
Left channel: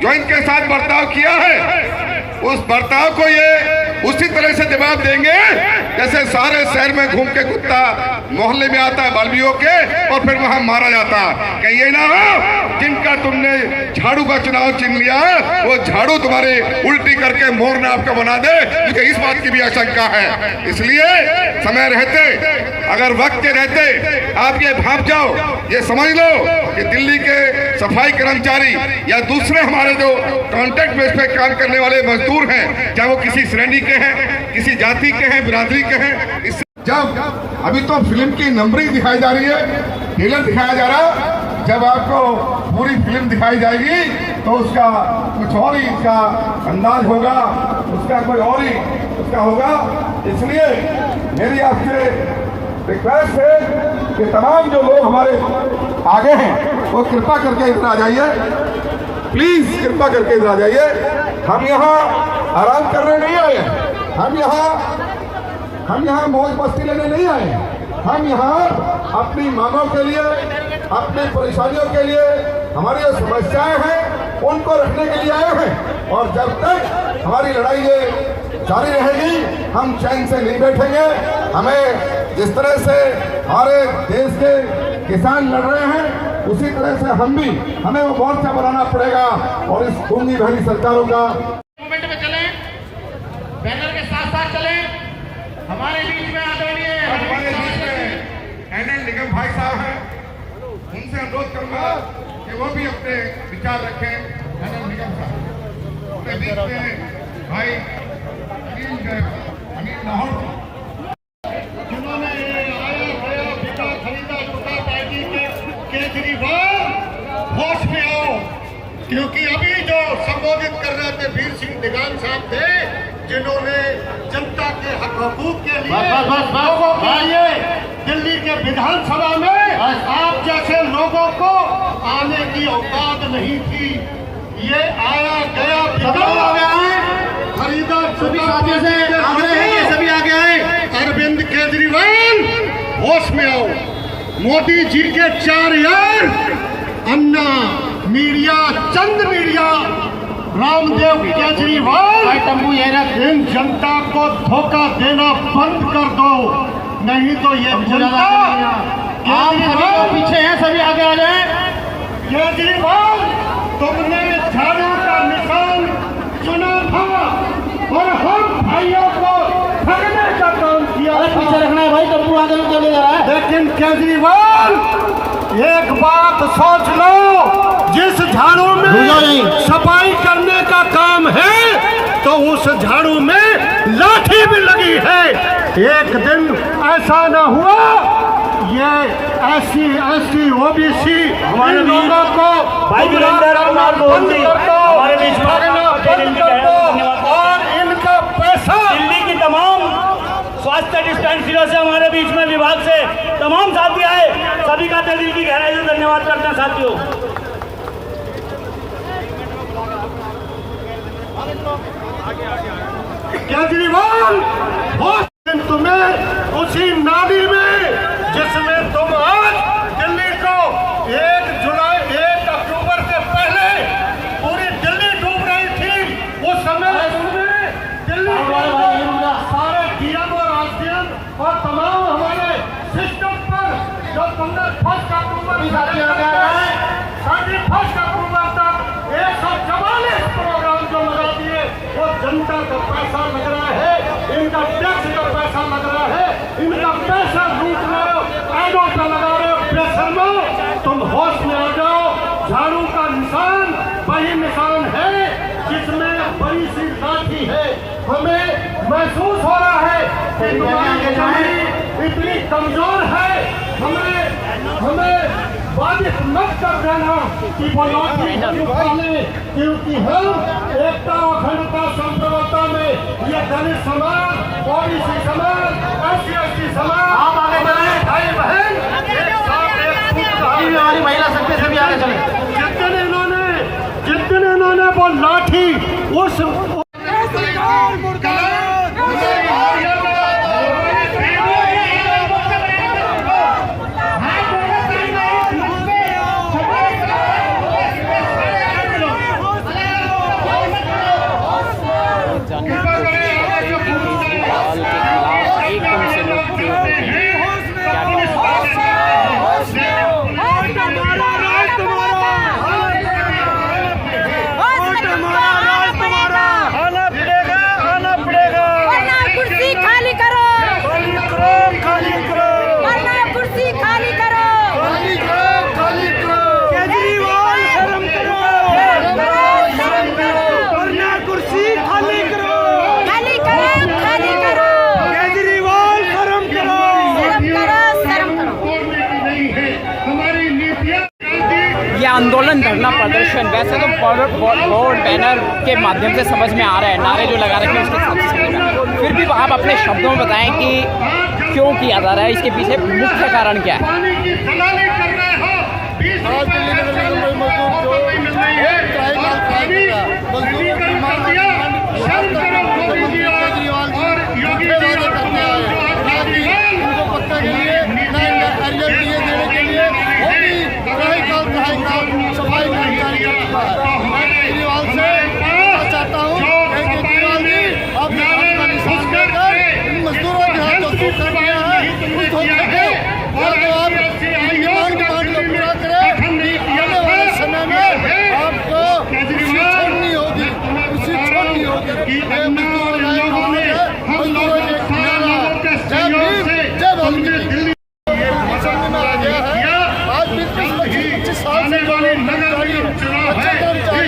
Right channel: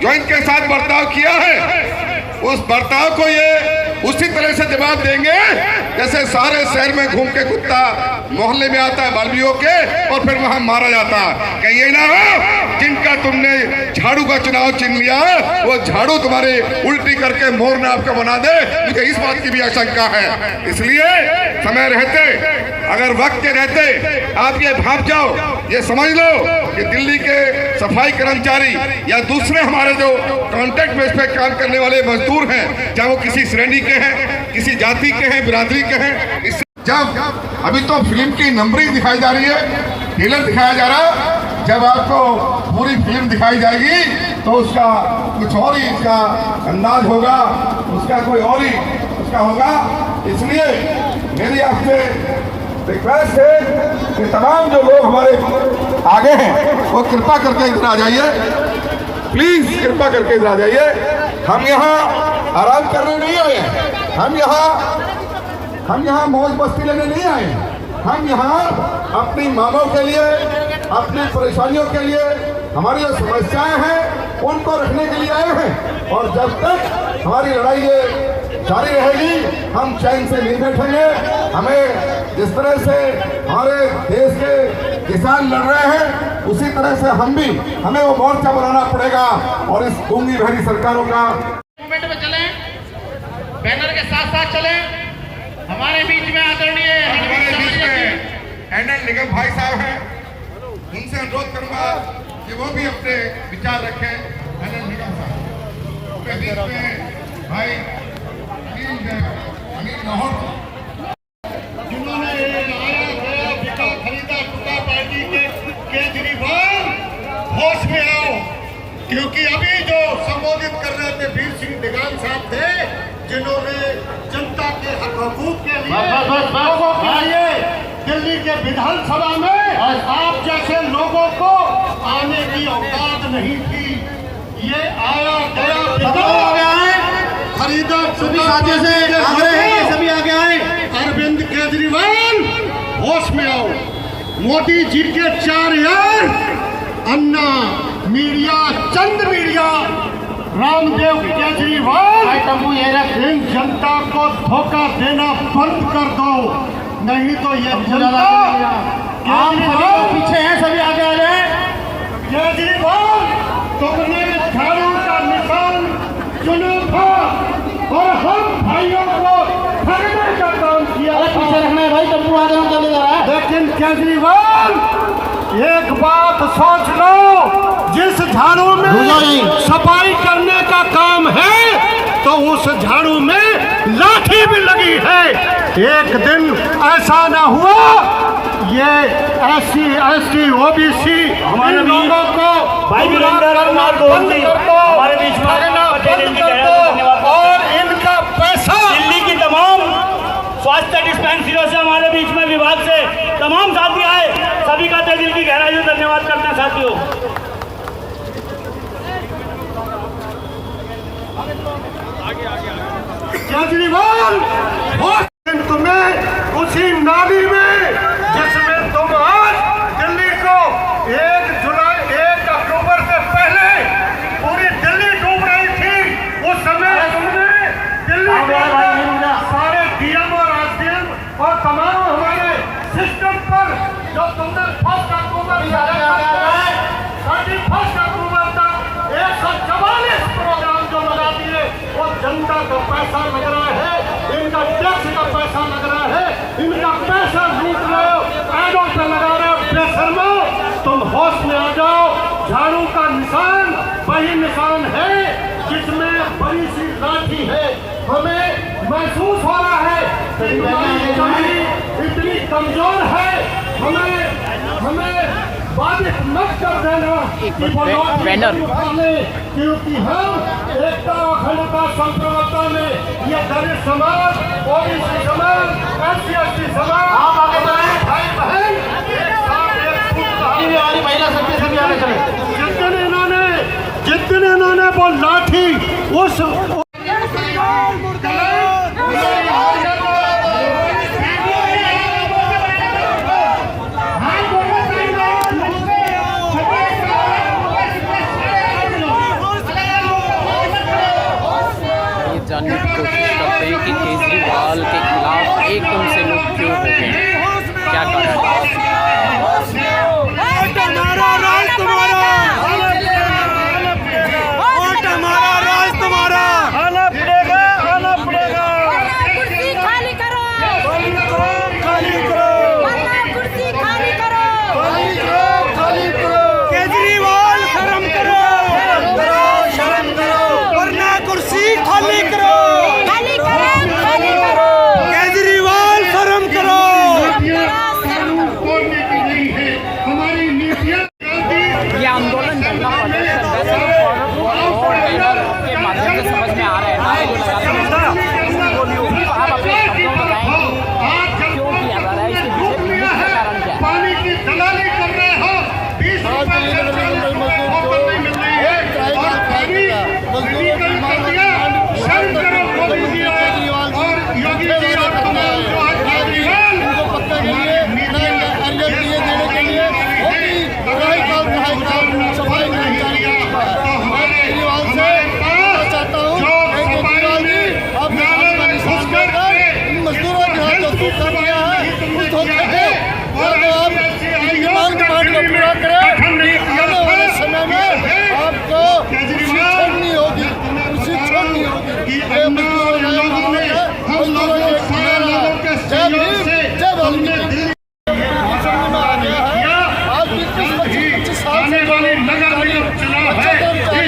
जो इनके साथ बर्ताव किया है, उस बर्ताव को ये उसी तरह से जवाब देंगे जैसे सारे शहर में घूम के कुत्ता मोहल्ले में आता है वाल्मीकियों के और फिर वहां मारा जाता है। कहीं ये ना हो जिनका तुमने झाड़ू का चुनाव चिन्ह लिया वो झाड़ू तुम्हारे उल्टी करके मोर ने आपको बना दे, मुझे इस बात की भी आशंका है। इसलिए समय रहते, अगर वक्त के रहते आप ये भाप जाओ, ये समझ लो कि दिल्ली के सफाई कर्मचारी या दूसरे हमारे जो कॉन्ट्रैक्ट बेस पे काम करने वाले मजदूर हैं, चाहे वो किसी श्रेणी के हैं, किसी जाति के हैं, बिरादरी के हैं, जब अभी तो फिल्म की नंबरिंग दिखाई जा रही है, ट्रेलर दिखाया जा रहा है, जब आपको पूरी फिल्म दिखाई जाएगी तो उसका कुछ और ही इसका अंदाज होगा, उसका कोई और ही उसका होगा। इसलिए मेरी आपसे रिक्वेस्ट है कि तमाम जो लोग हमारे आगे हैं वो कृपा करके इधर आ जाइए, प्लीज कृपा करके इधर आ जाइए। हम यहाँ आराम करने नहीं आए, हम यहाँ मौज मस्ती लेने नहीं आए, हम यहाँ अपनी मांगों के लिए, अपनी परेशानियों के लिए, हमारी जो समस्याएं हैं उनको रखने के लिए आए हैं। और जब तक हमारी लड़ाई ये जारी रहेगी हम चैन से नहीं बैठेंगे। हमें जिस तरह से हमारे देश के किसान लड़ रहे हैं उसी तरह से हमें वो मोर्चा बनाना पड़ेगा और इस गूंगी भरी सरकारों का मूवमेंट में चले, बैनर के साथ साथ चले। हमारे बीच में आदरणीय हमारे बीच में एनएल निगम भाई साहब हैं, उनसे अनुरोध करूंगा कि वो भी अपने विचार रखें। एनएल निगम साहब अपने बीच में भाई अनिल लाहौर, जिन्होंने लाया गया बिका खरीदा टुका पार्टी के केजरीवाल होश में आओ, क्योंकि अभी जो संबोधित कर रहे थे वीर सिंह दिगान साहब थे, जिन्होंने जनता के हक हकूक के लिए दिल्ली के विधानसभा में आप जैसे लोगों को आने की औकात नहीं थी। ये आया गया खरीदा सभी साथी से सभी आगे आए। अरविंद केजरीवाल होश में आओ। मोदी जी के 4 यार अन्ना मीडिया, चंद मीडिया, रामदेव केजरीवाल, इन जनता को धोखा देना बंद कर दो, नहीं तो ये जनता केजरीवाल पीछे है, सभी आगे आ जाए। केजरीवाल तुमने झाड़ू का निशान चुना था और हम भाइयों को ठगने का काम किया। पीछे रखना है भाई, तब आगे चले जा रहा है। लेकिन केजरीवाल एक बात सोच लो, जिस झाड़ू में सफाई करने का काम है तो उस झाड़ू में लाठी भी लगी है। एक दिन ऐसा न हुआ ये SC OBC हमारे लोगों को भाई और इनका पैसा दिल्ली की तमाम स्वास्थ्य डिस्पेंसरियों से, हमारे बीच में विभाग से तमाम साथी आए, सभी का दिल की गहराई से धन्यवाद करते हैं साथियों। केजरीवाल तुम्हें उसी नाली में जिसमें तुम आज दिल्ली को 1 अक्टूबर से पहले पूरी दिल्ली डूब रही थी, उस समय तुमने दिल्ली के सारे DM और SDM और तमाम हमारे सिस्टम पर जो तुमने 1 अक्टूबर 31 अक्टूबर तक 144 प्रोग्राम जो लगा दिए, वो जनता का पैसा लग रहा है, इनका टैक्स का पैसा लग रहा है, इनका पैसा लूट रहे हो, ऐडों पे लगा रहे हो। बेशर्मो, तुम होश में आ जाओ। झाड़ू का निशान वही निशान है जिसमें बड़ी सी लाठी है। हमें महसूस हो रहा है इतनी कमजोर है, हमें बाधित मत कर देना कि वो क्योंकि हम एकता अखंडता संप्रभुता में ये दलित समाज, OBC समाज, SC ST समाज, आप आगे जाए भाई बहन, एक साथ एक महिला सबके सभी आगे चले। जितने इन्होंने वो लाठी उस जानने की कोशिश करते हैं कि केजरीवाल के खिलाफ एकदम से लोग क्यों होते हैं, क्या आना पड़ेगा। कुर्सी खाली करो, खाली करो, कुर्सी खाली करो, केजरीवाल शर्म करो, वरना कुर्सी खाली करो, खाली करो, केजरीवाल शर्म करो। हमारी नीतियाँ ये आंदोलन, धरना प्रदर्शन वैसे तो बैनर के माध्यम से समझ में आ रहा है, नारे जो लगा रहे हैं, फिर भी आप अपने शब्दों में बताएं कि क्यों किया जा रहा है, इसके पीछे मुख्य कारण क्या है। पानी की दलाली कर रहे हो, 20 उनको पक्का के लिए अर्जन देने के लिए सफाई कर्मचारी कर चुका है। मैं केजरीवाल से चाहता हूँ केजरीवाल जी, आप का निशान देकर इन मजदूरों के हाथ जो धोखा दिया है उस धोखे को आप ईमान के मांग को पूरा करें। आने वाले समय में आपको खुशी छोड़नी होगी, खुशी छोड़नी होगी। ये मजदूरों के जय भीम, जय वाल्मीकि में आ गया है। आज 25 साल से अच्छे कर्मचारी है,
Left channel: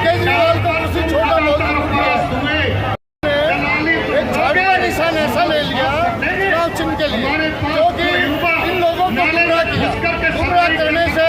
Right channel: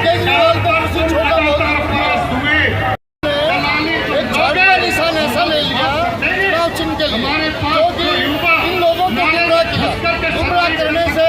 केजरीवाल को कुछ छोटा बहुत एक झाड़ू का निशान ऐसा ले लिया, चुनाव चिन्ह के लिए, जो कि इन लोगों को गुमराह किया। गुमराह करने से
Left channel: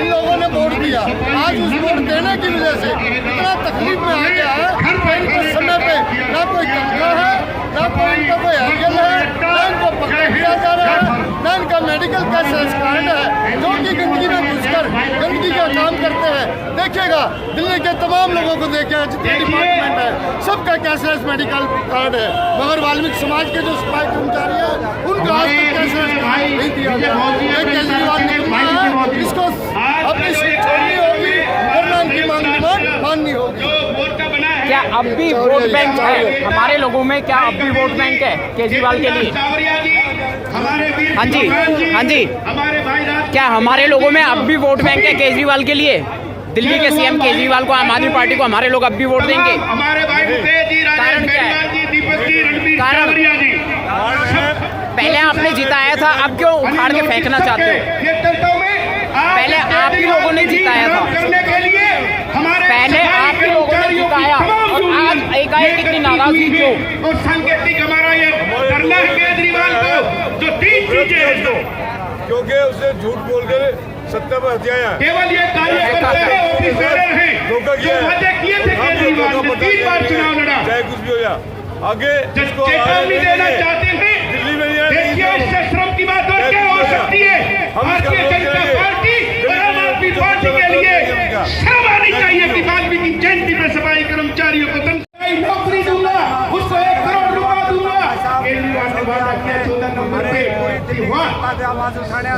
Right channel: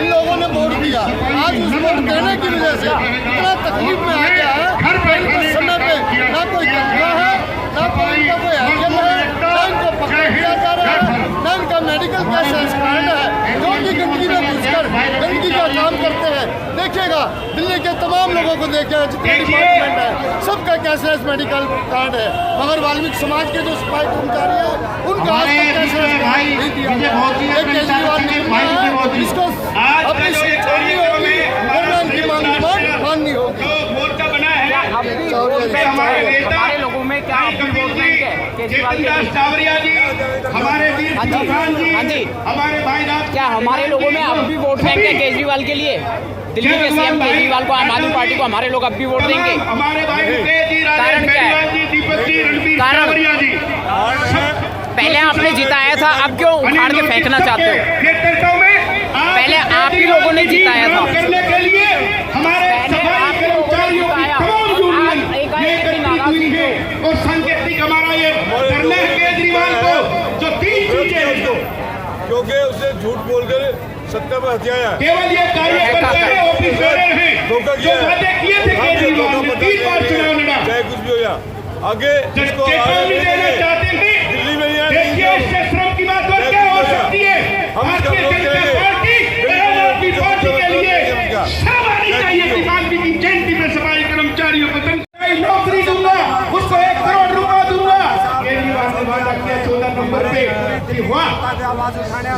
इन लोगों ने वोट दिया। आज उस वोट देने की वजह से इतना तकलीफ में आ गया है कि इनको समय पे ना कोई तनख्वाह है, ना कोई इनका कोई हरिजन है, ना इनको पकड़ दिया जा रहा है, ना इनका मेडिकल का कार्ड है, जो कि गंदगी में घुसकर गंदगी का काम करते हैं। देखिएगा दिल्ली के तमाम लोगों को देखिएगा, जितने डिपार्टमेंट है सबका कैशलेस मेडिकल कार्ड है, मगर वाल्मीकि समाज के जो सफाई कर्मचारी है उनका आज तक कैशलेस कार्ड नहीं दिया गया। केजरीवाल ने कहा इसको अपनी सीट छोड़नी होगी वरना इनकी डिमांड माननी होगी। क्या अब भी वोट बैंक है हमारे लोगों में? क्या अब भी वोट बैंक है केजरीवाल के लिए? हाँ जी, हाँ जी, हमारे भाई क्या हमारे लोगों में अब भी वोट बैंक है केजरीवाल के लिए? दिल्ली के सीएम केजरीवाल को, आम आदमी पार्टी को हमारे लोग अब भी वोट देंगे? कारण क्या है? कारण पहले आपने जिताया था, अब क्यों उखाड़ के फेंकना चाहते हो? पहले आप ही लोगों ने जिताया था, पहले आप ही लोगों ने जिताया, एकाएक कितनी नाराजगी क्यों? और सांकेतिक हमारा ये करना है केजरीवाल को, जो 3 चीजें हैं क्योंकि उसने झूठ बोलकर सत्ता पर हथियाया, केवल ये कार्यकर्ता है, ऑफिसर हैं, धोखा किया है, वादे किए थे केजरीवाल ने, 3 बार चुनाव लड़ा, चाहे कुछ भी हो जा आगे चेतावनी देना चाहते हैं। दिल्ली में देखिए इससे श्रम की बात और क्या हो सकती है? भारतीय जनता पार्टी और आम आदमी पार्टी के लिए शर्म आनी चाहिए कि वाल्मीकि जयंती में सफाई कर्मचारियों को तनख्वाही नौकरी दूंगा, उसको 1 करोड़ रुपया दूंगा। केजरीवाल ने वादा किया 14 नंबर पे कि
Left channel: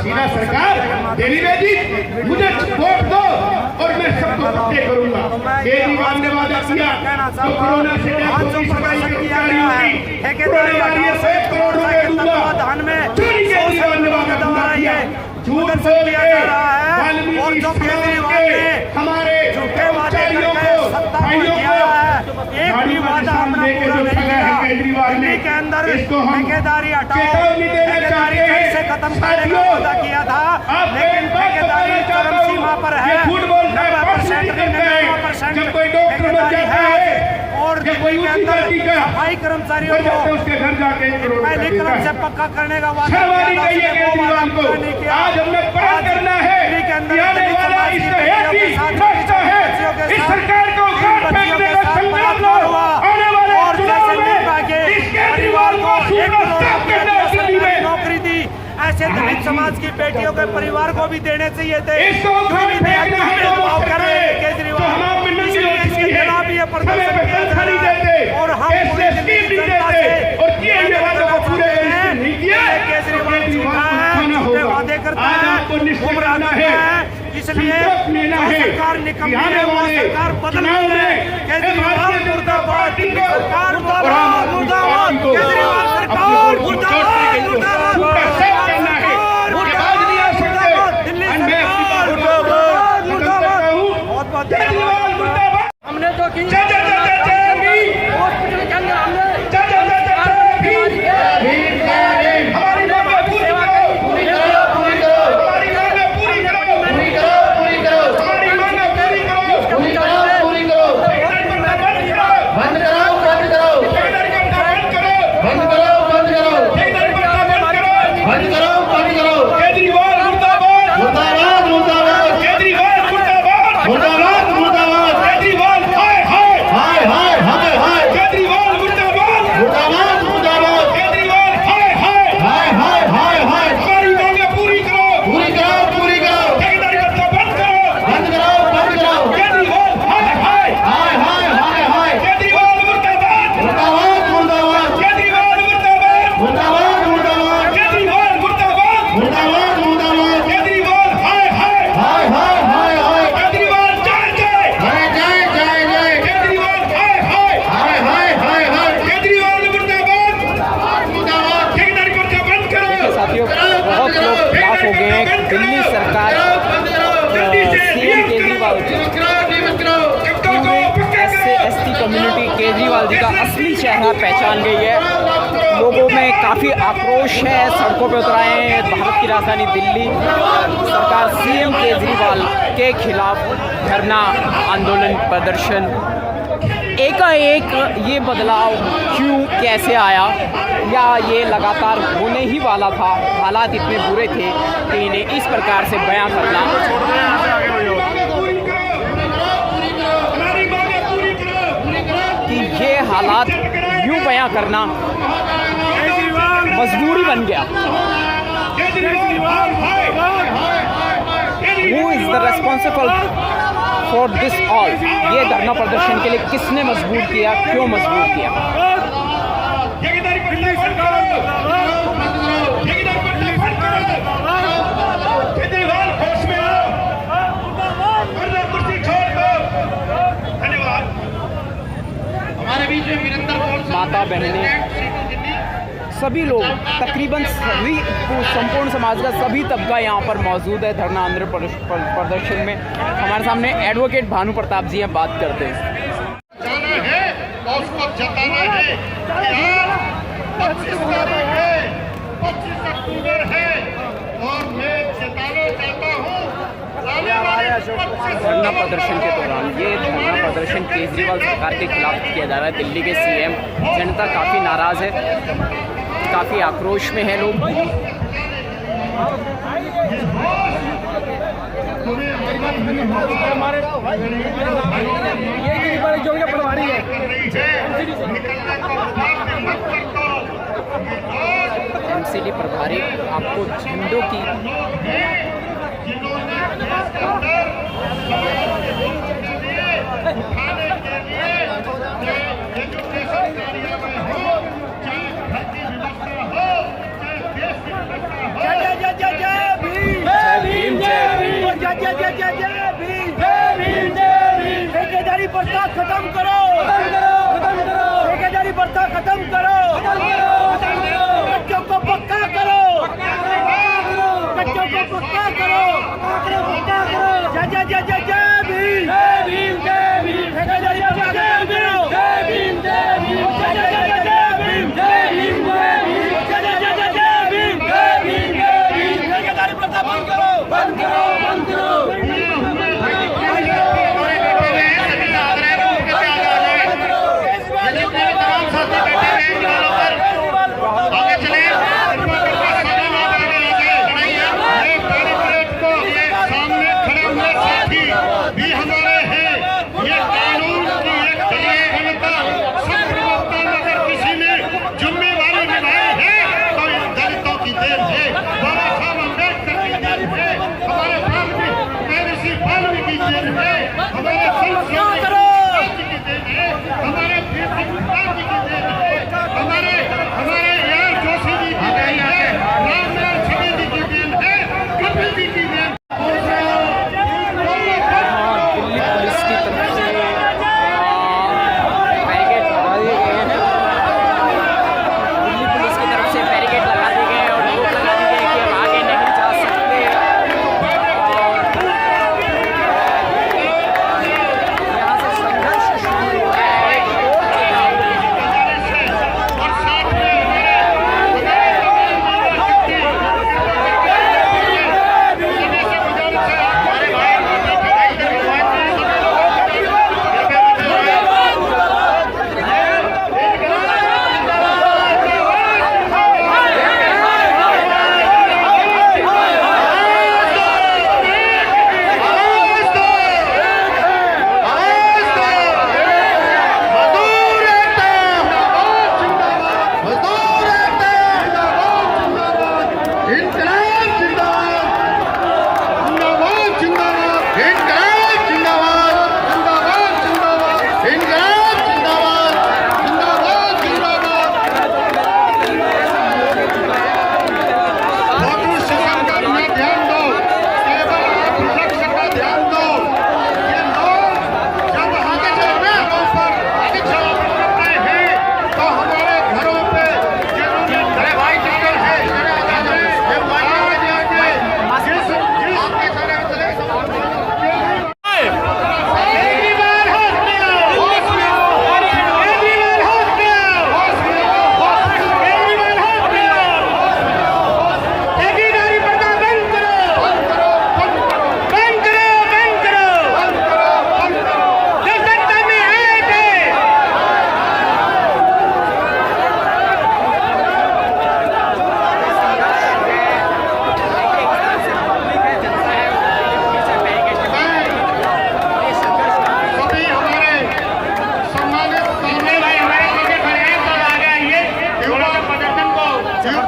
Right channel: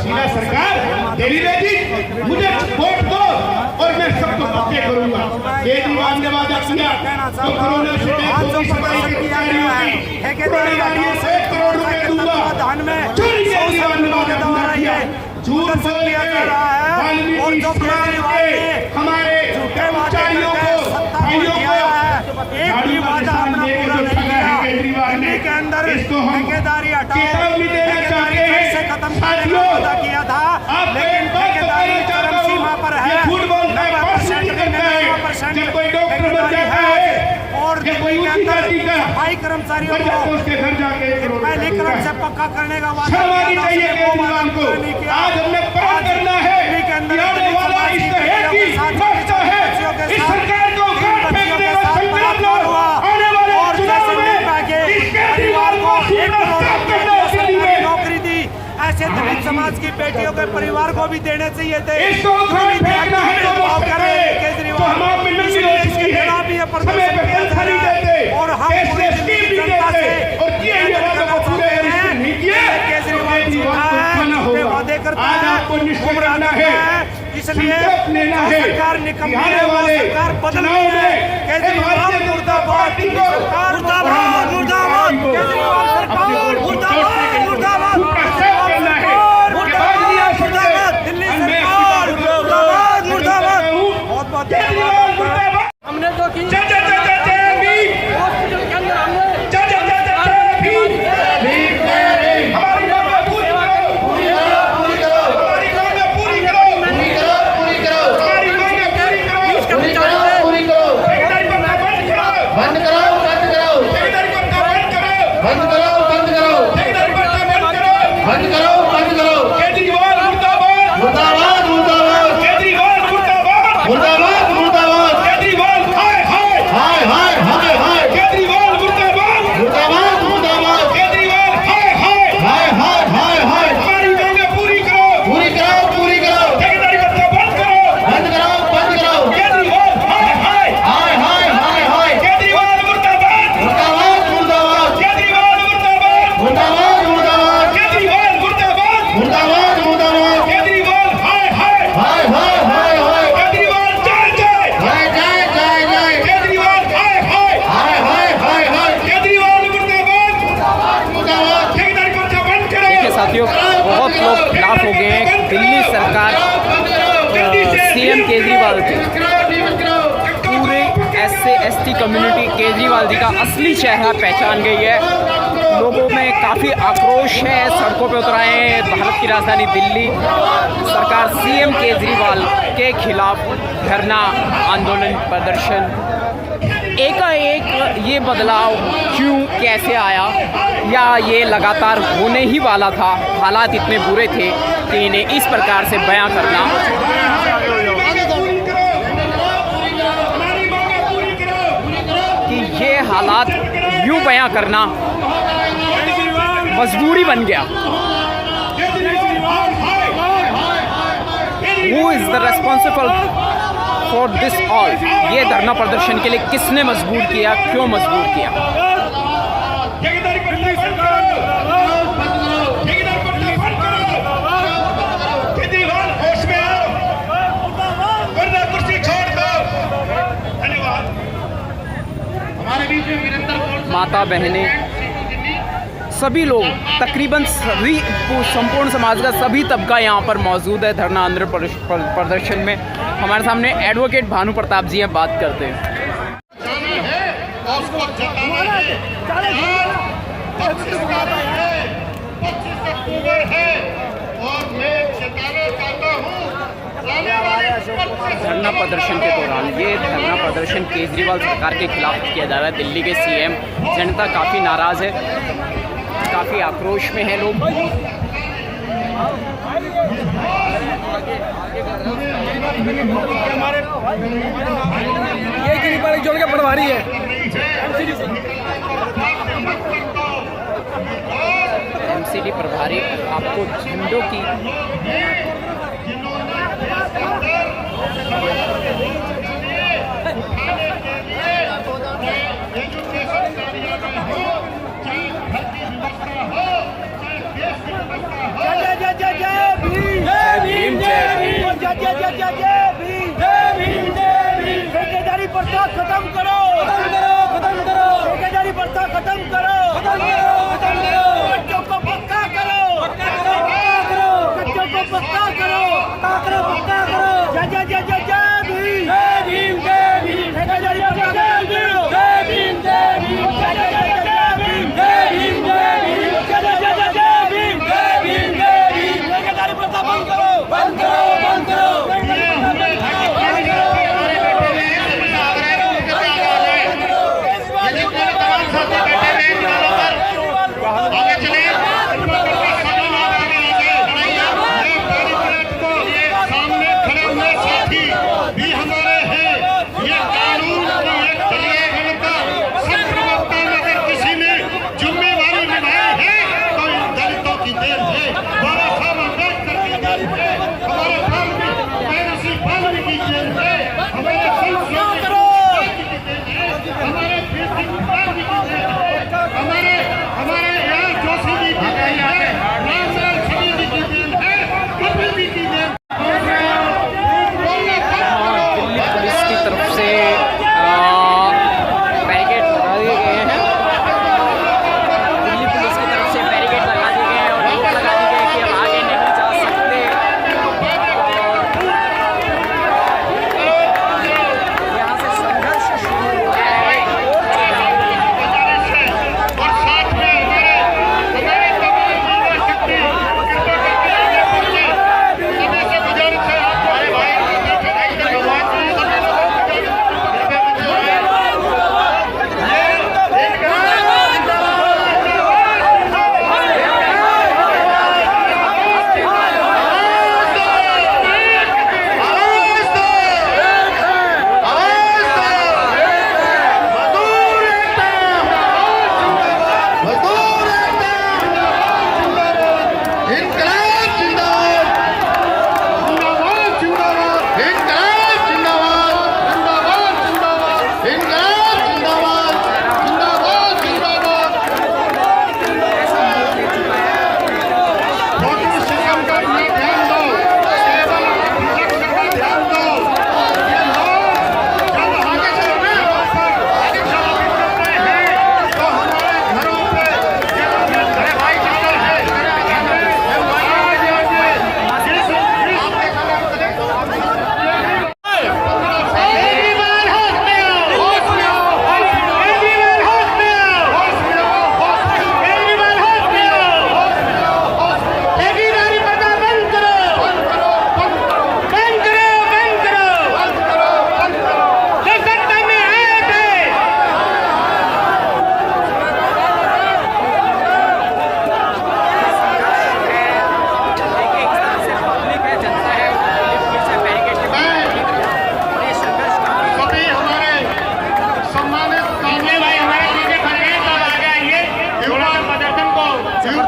सीधा सरकार देरी बेटी मुझे वोट दो और मैं सबको सत्य करूंगा। केजरीवाल ने वादा किया तो कोरोना से ठेकेदारी 1 करोड़ रुपए दूंगा, चोरी केजरीवाल ने वादा किया, झूठ बोल दिया जा रहा है। और जो केजरीवाल ने हमारे कर्मचारियों को भाइयों को एक भी वादा अपना पूरा नहीं किया। दिल्ली के अंदर ठेकेदारी हटाओ, ठेकेदारी से खत्म करने का वादा किया था, लेकिन ठेकेदारी चरम सीमा पर है। 90% ठेकेदारी है और दिल्ली के अंदर सफाई कर्मचारियों को पहले क्रम से पक्का करने का वादा नहीं किया। आज हमने पता करना है दिल्ली के अंदर इस सरकार को और जैसे परिवार को 1 करोड़ नौकरी दी, ऐसे दलित समाज की बेटियों के परिवार को भी देने चाहिए थे। केजरीवाल इसके खिलाफ ये प्रदर्शन और हम पूरी दिल्ली जनता से केजरीवाल वादे करता है, गुमराह है, इसलिए सरकार निकम्मी है, वो सरकार बदलनी है। केजरीवाल मुर्दाबाद, सरकार मुर्दाबाद, केजरीवाल सरकार मुर्दाबाद, मुर्दाबाद, दिल्ली सरकार मुर्दाबाद, बहुत बहुत धन्यवाद। हमने जो की हॉस्पिटल के अंदर हमने बहुत लोग खिलाफ हो गए हैं दिल्ली सरकार सीएम केजरीवाल के। पूरे SC/ST कम्युनिटी केजरीवाल जी का असली चेहरा पहचान गई है। लोगों में काफ़ी आक्रोश है, सड़कों पे उतर आए हैं। भारत की राजधानी दिल्ली सरकार सीएम केजरीवाल के खिलाफ धरना, आंदोलन, प्रदर्शन। एकाएक ये बदलाव क्यों, कैसे आया? या ये लगातार होने ही वाला था। हालात इतने बुरे थे कि इन्हें इस प्रकार से बयां करना, कि ये हालात यूं बयां करना मजबूरी बन गया। Who is the responsible for this all? ये धरना प्रदर्शन के लिए किसने मजबूर किया, क्यों मजबूर किया? माता बहनें सभी लोग, तकरीबन सभी संपूर्ण समाज का सभी तबका यहाँ पर मौजूद है धरना आंदोलन प्रदर्शन में। हमारे सामने एडवोकेट भानु प्रताप जी हैं, बात करते हैं। उसको जताना है कि आज 25 तारीख है, 25 अक्टूबर है और मैं जताना चाहता हूँ आने वाले 25 धरना प्रदर्शन के दौरान ये धरना प्रदर्शन केजरीवाल सरकार के खिलाफ किया जा रहा है। दिल्ली के सीएम, जनता काफ़ी नाराज़ है, काफ़ी आक्रोश में है लोग। जोड़ के पढ़वा रही है। एमसीडी प्रभारी आपको झंडों की जिन्होंने देश के अंदर उठाने के लिए चाहे एजुकेशन कार्यालय हो, चाहे घर की व्यवस्था हो, चाहे देश की व्यवस्था हो। जय भीम, जय भीम। ठेकेदारी प्रथा खत्म करो, ठेकेदारी प्रथा खत्म करो, बच्चों को पक्का करो, बच्चों को पक्का करो। जय भीम, ठेकेदारी प्रथा खत्म करो। ठेकेदारी प्रथा बंद करो, बंद करो, बंद करो। सामने खड़े हुए साथी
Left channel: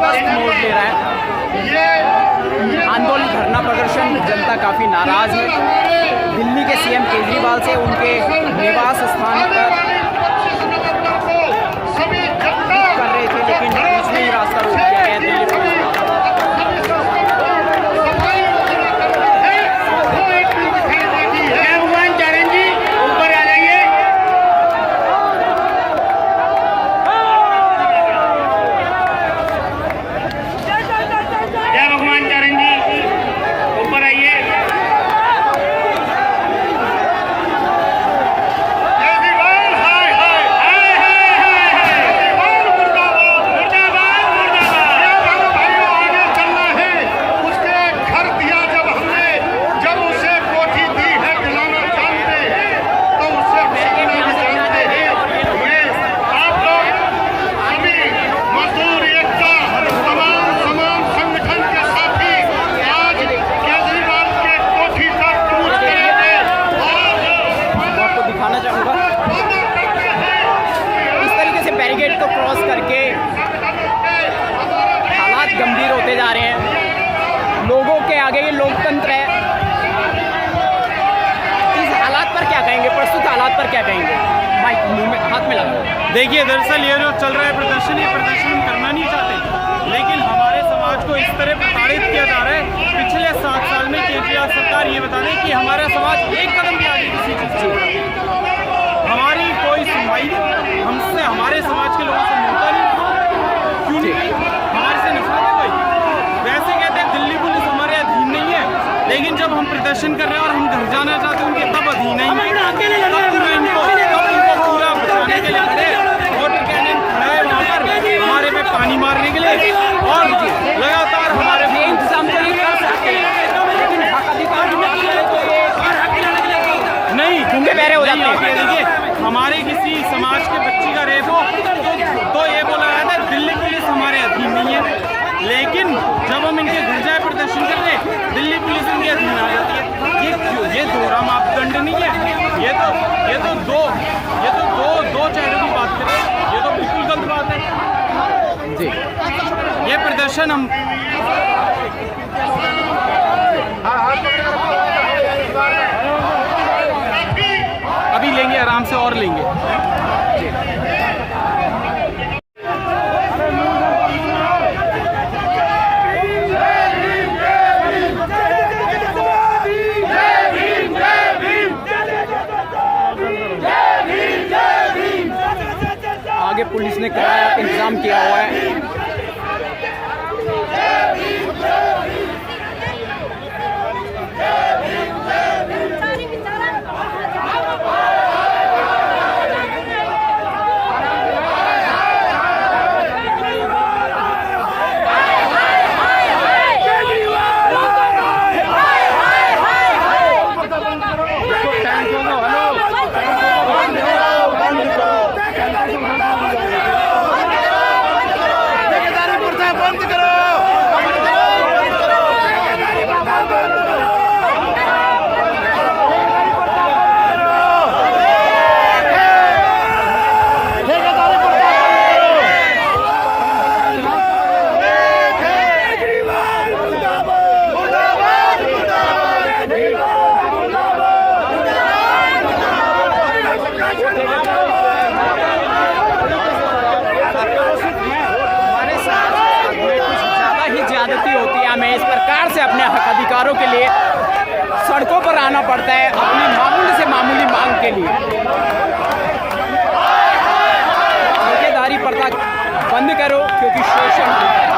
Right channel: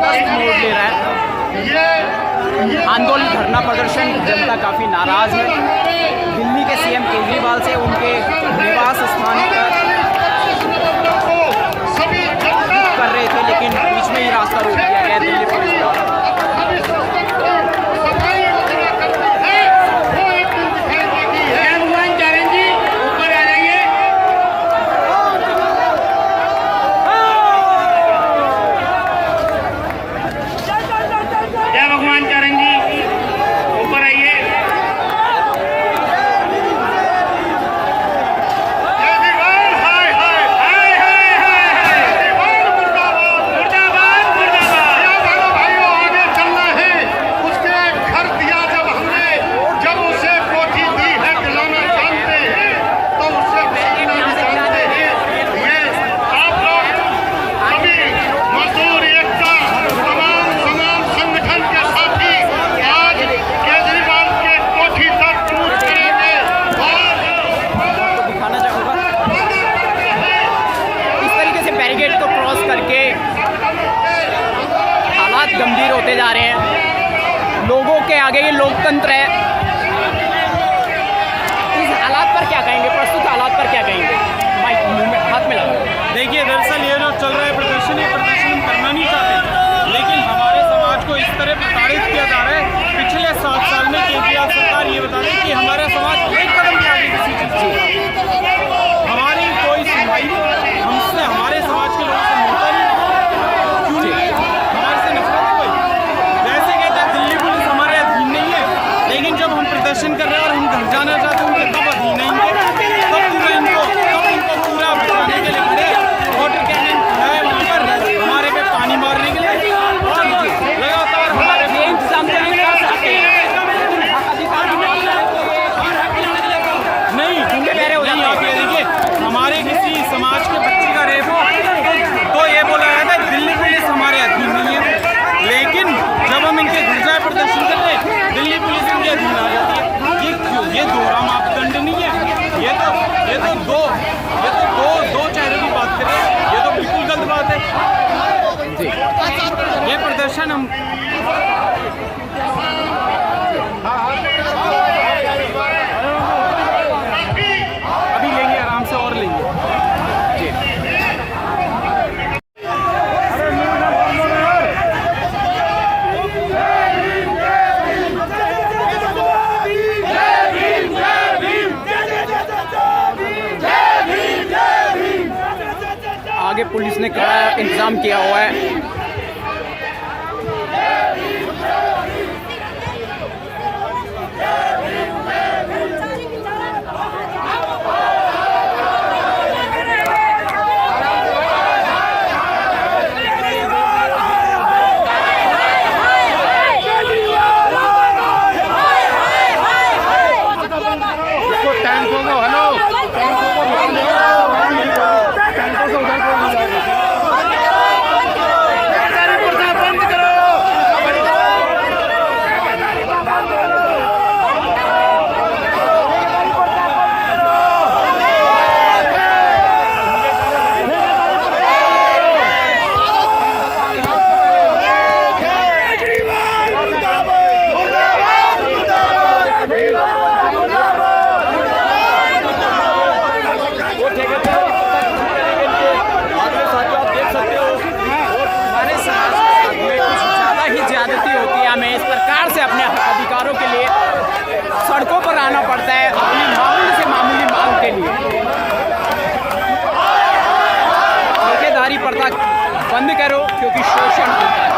ज़बरदस्त मोड़ ले रहा है। आंदोलन, धरना प्रदर्शन, जनता काफ़ी नाराज़ है। दिल्ली के सीएम केजरीवाल से उनके निवास स्थान पर कर रहे थे, लेकिन बीच में ही रास्ता रोक दिया गया दिल्ली पुलिस द्वारा। बैरिकेड को क्रॉस करके हालात गंभीर होते जा रहे हैं। लोगों के आगे ये लोकतंत्र है। इस हालात पर क्या कहेंगे, प्रस्तुत हालात पर क्या कहेंगे? माइक मुंह में, हाथ में लगा। देखिए, दरअसल ये जो चल रहा है प्रदर्शन, ये प्रदर्शन हम करना नहीं चाहते, लेकिन हमारे समाज को इस तरह प्रताड़ित किया जा रहा है। पिछले 7 साल में केजरीवाल सरकार ये बता दें कि हमारा समाज एक कदम भी आगे किसी चीज़ से, हमारी कोई सुनवाई नहीं, हमसे, हमारे समाज के लोगों से मिलता नहीं। क्यों नहीं? हमारे से नफरत है कोई? वैसे कहते हैं दिल्ली पुलिस हमारे अधीन नहीं है, लेकिन जब हम प्रदर्शन कर रहे हैं और हम घर जाना चाहते हैं उनके, तब अधीन है इनके, तब इनको पूरा बचाने के लिए खड़े। वाटर कैनन खड़ा है वहाँ पर हमारे पे पानी मारने के लिए, और लगातार ये इंतजाम तो नहीं कर सकते, लेकिन हक अधिकार की बात नहीं। आप ये देखिए, हमारे किसी समाज के बच्चे का रेप हो तो ये बोला जाता है दिल्ली पुलिस हमारे अधीन नहीं है, लेकिन जब हम इनके घर जाए प्रदर्शन कर रहे, दिल्ली पुलिस इनके अधीन आ जाती है। ये क्यों? ये दोहरा मापदंड नहीं है। ये तो दो चेहरों की बात करें, ये तो बिल्कुल गलत बात है। ये प्रदर्शन हम अभी लेंगे, आराम से और लेंगे। आगे पुलिस ने कड़ा इंतजाम किया हुआ है। ज्यादती होती है, हमें इस प्रकार से अपने अधिकारों के लिए सड़कों पर आना पड़ता है, अपनी मामूली से मामूली मांग के लिए। ठेकेदारी प्रथा बंद करो, क्योंकि शोषण होता है।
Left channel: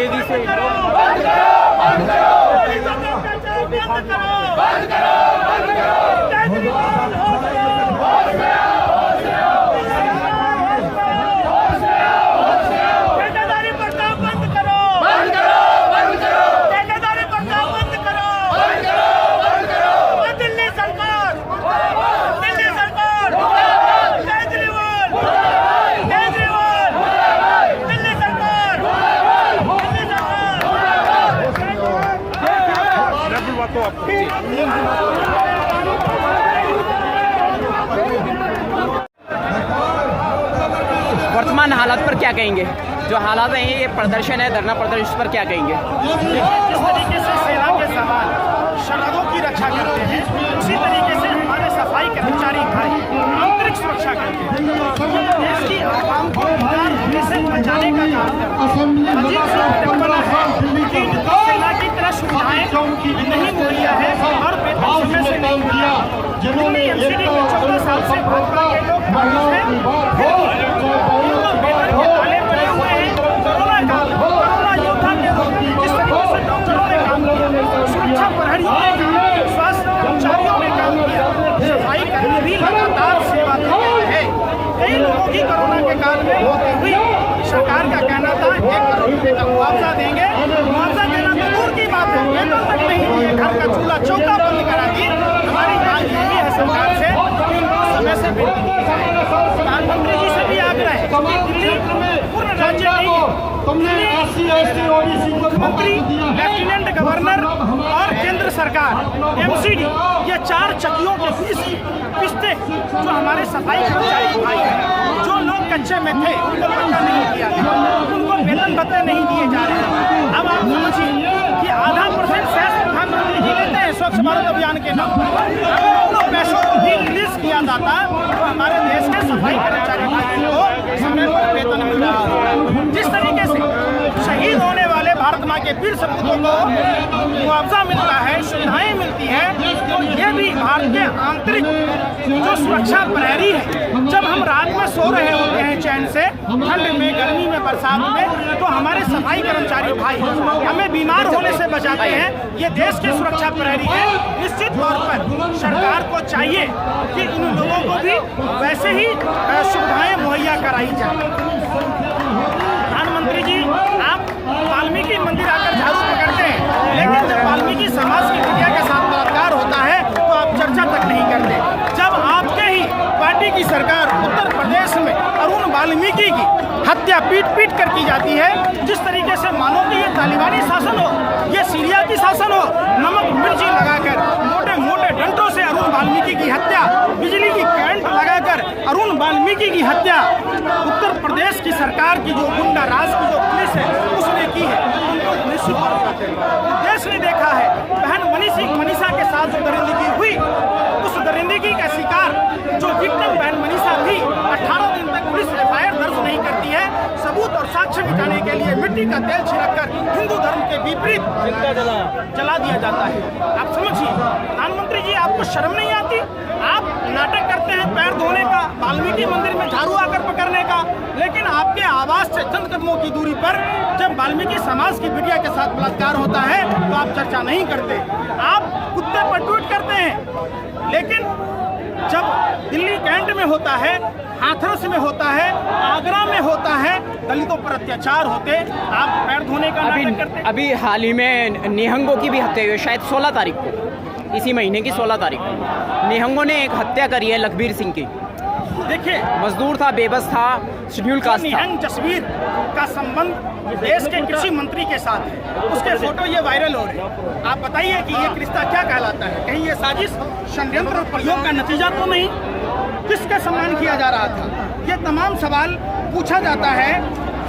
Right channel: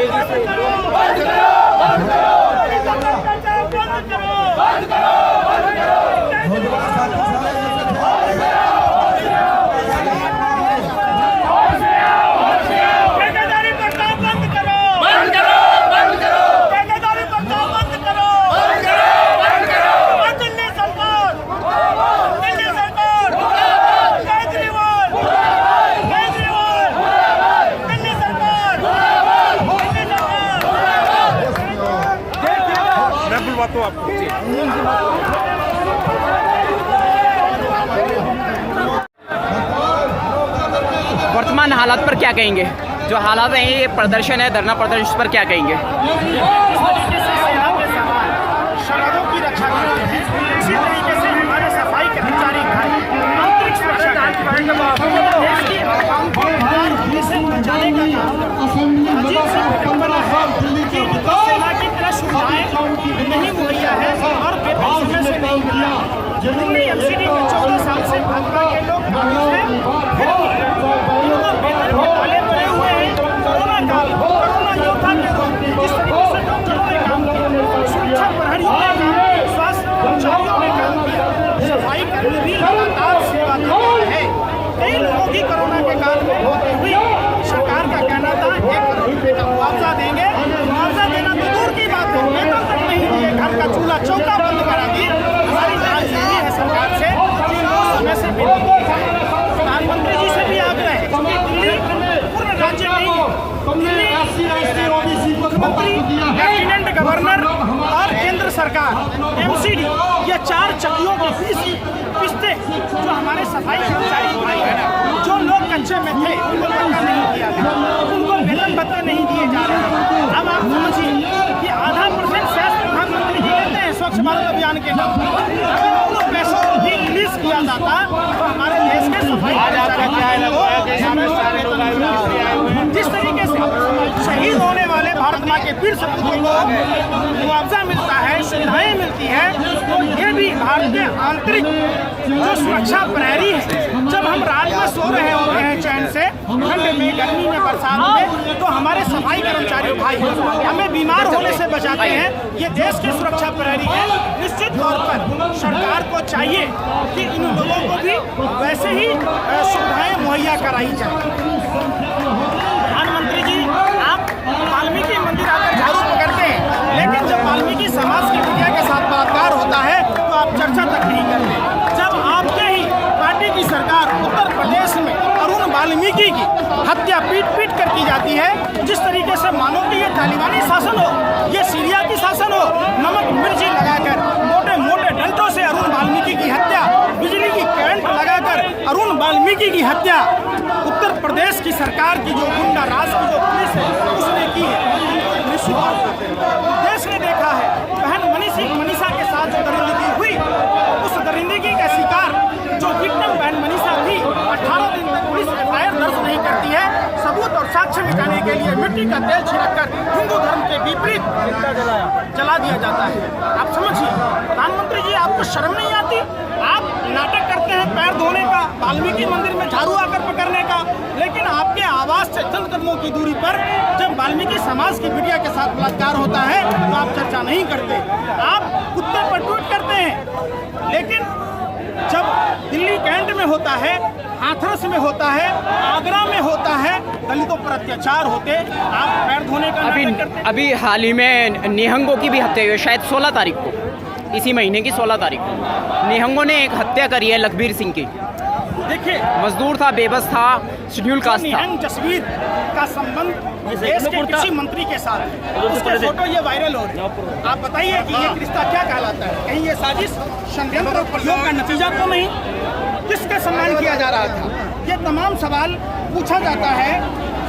तेजी से वर्तमान हालात पर क्या कहेंगे? जो हालात हैं, ये प्रदर्शन है, धरना प्रदर्शन, इस पर क्या कहेंगे? जिस तरीके से सेना के जवान सरहदों की रक्षा करते हैं, उसी तरीके से हमारे सफाई कर्मचारी भाई आंतरिक सुरक्षा करते हैं। देश की आवाम को बीमार होने से बचाने का काम करते हैं। अजीब सी विडंबना है कि इनको सेना की तरह सुविधाएं नहीं मुहैया है और वेतन समय से नहीं मिल रहा। दिल्ली एमसीडी में 14 साल से भाजपा के लोग काबिज हैं, फिर भी इनको वेतन के ताले पड़े हुए हैं। कोरोना काल, कोरोना योद्धा के रूप में जिस तरीके से डॉक्टरों ने काम किया, सुरक्षा प्रहरियों ने काम किया, स्वास्थ्य कर्मचारियों ने काम किया, सफाई कर्मी भी लगातार सेवा देते रहे। कई लोगों की कोरोना के काल में मौत हुई। सरकार का कहना था 1 करोड़ रुपए का मुआवजा देंगे। मुआवजा देना तो दूर की बात है, वेतन तक नहीं दिए, घर का चूल्हा चौका बंद करा दी। हमारी मांग यही है सरकार से कि इनको समय से वेतन दिए जाए। प्रधानमंत्री जी से भी आग्रह है, क्योंकि दिल्ली पूर्ण राज्य नहीं है। दिल्ली मुख्यमंत्री, लेफ्टिनेंट गवर्नर और केंद्र सरकार एमसीडी, ये 4 चक्कियों के पिस्ते जो हमारे सफाई कर्मचारी भाई हैं, जो लोग कच्चे में थे उनको पक्का नहीं किया गया, उनको वेतन भत्ते नहीं दिए जा रहे हैं। अब आप समझिए कि आधा % सेस प्रधानमंत्री जी लेते हैं स्वच्छ भारत अभियान के नाम पर। अगर उन पैसों को भी रिलीज किया जाता तो हमारे देश के सफाई कर्मचारी भाइयों को समय पर वेतन मिल रहा होगा। जिस तरीके से शहीद होने वाले भारत माँ के वीर सपूतों को मुआवजा मिलता है, सुविधाएं मिलती है, तो ये भी भारत के आंतरिक जो सुरक्षा प्रहरी है, जब हम रात में सो रहे होते हैं चैन से, ठंड में, गर्मी में, बरसात में, तो हमारे सफाई कर्मचारी भाई हमें बीमार होने से बचाते हैं। ये देश के सुरक्षा प्रहरी है। निश्चित तौर पर सरकार को चाहिए कि इन लोगों को भी वैसे ही सुविधाएं मुहैया कराई जाए। प्रधानमंत्री जी, आप वाल्मीकि मंदिर आकर झाड़ू पकड़ते हैं, लेकिन जब वाल्मीकि समाज की बिटिया के साथ बलात्कार होता है तो आप चर्चा तक नहीं करते। जब आपके ही पार्टी की सरकार उत्तर प्रदेश में अरुण वाल्मीकि की हत्या पीट कर की जाती है, जिस तरीके से मानो कि ये तालिबानी शासन हो, ये सीरिया की शासन हो, नमक मिर्ची लगाकर मोटे मोटे डंडों से अरुण वाल्मीकि की हत्या, बिजली की करंट लगाकर अरुण वाल्मीकि की हत्या, उत्तर प्रदेश की सरकार की जो गुंडा राज की जो पुलिस है उसने की है। निश्चित तौर पर देश ने देखा है बहन मनीषा के साथ जो दरिंदगी हुई, उस दरिंदगी का शिकार जो विक्टिम बहन मनीषा थी, 18 दिन तक पुलिस FIR दर्ज नहीं करती है। सबूत और साक्ष्य मिटाने के लिए मिट्टी का तेल छिड़ककर हिंदू धर्म के विपरीत जला दिया जाता है। आप समझिए प्रधानमंत्री जी, आपको शर्म नहीं आती? आप नाटक करते हैं पैर धोने का, वाल्मीकि मंदिर में झाड़ू आकर पकड़ने का, लेकिन आपके आवास से चंद कदमों की दूरी पर जब वाल्मीकि समाज की बिटिया के साथ बलात्कार होता है तो आप चर्चा नहीं करते। आप कुत्ते पर ट्वीट करते हैं, लेकिन जब दिल्ली कैंट में होता है, हाथरस में होता है, आगरा में होता है, दलितों पर अत्याचार होते, आप पैर धोने का नाटक करते। अभी हाल ही में निहंगों की भी हत्या हुई है, शायद 16 तारीख को, इसी महीने की 16 तारीख को निहंगों ने एक हत्या करी है लखबीर सिंह की। देखिए, मजदूर था, बेबस था, शेड्यूल कास्ट था। निहंग जसवीर का संबंध देश के कृषि मंत्री के साथ है, उसके फोटो ये वायरल हो रहे हैं। आप बताइए कि ये रिश्ता क्या कहलाता है? कहीं ये साजिश, षड्यंत्र और प्रयोग का नतीजा तो नहीं? किसका सम्मान किया जा रहा था? ये तमाम सवाल पूछा जाता है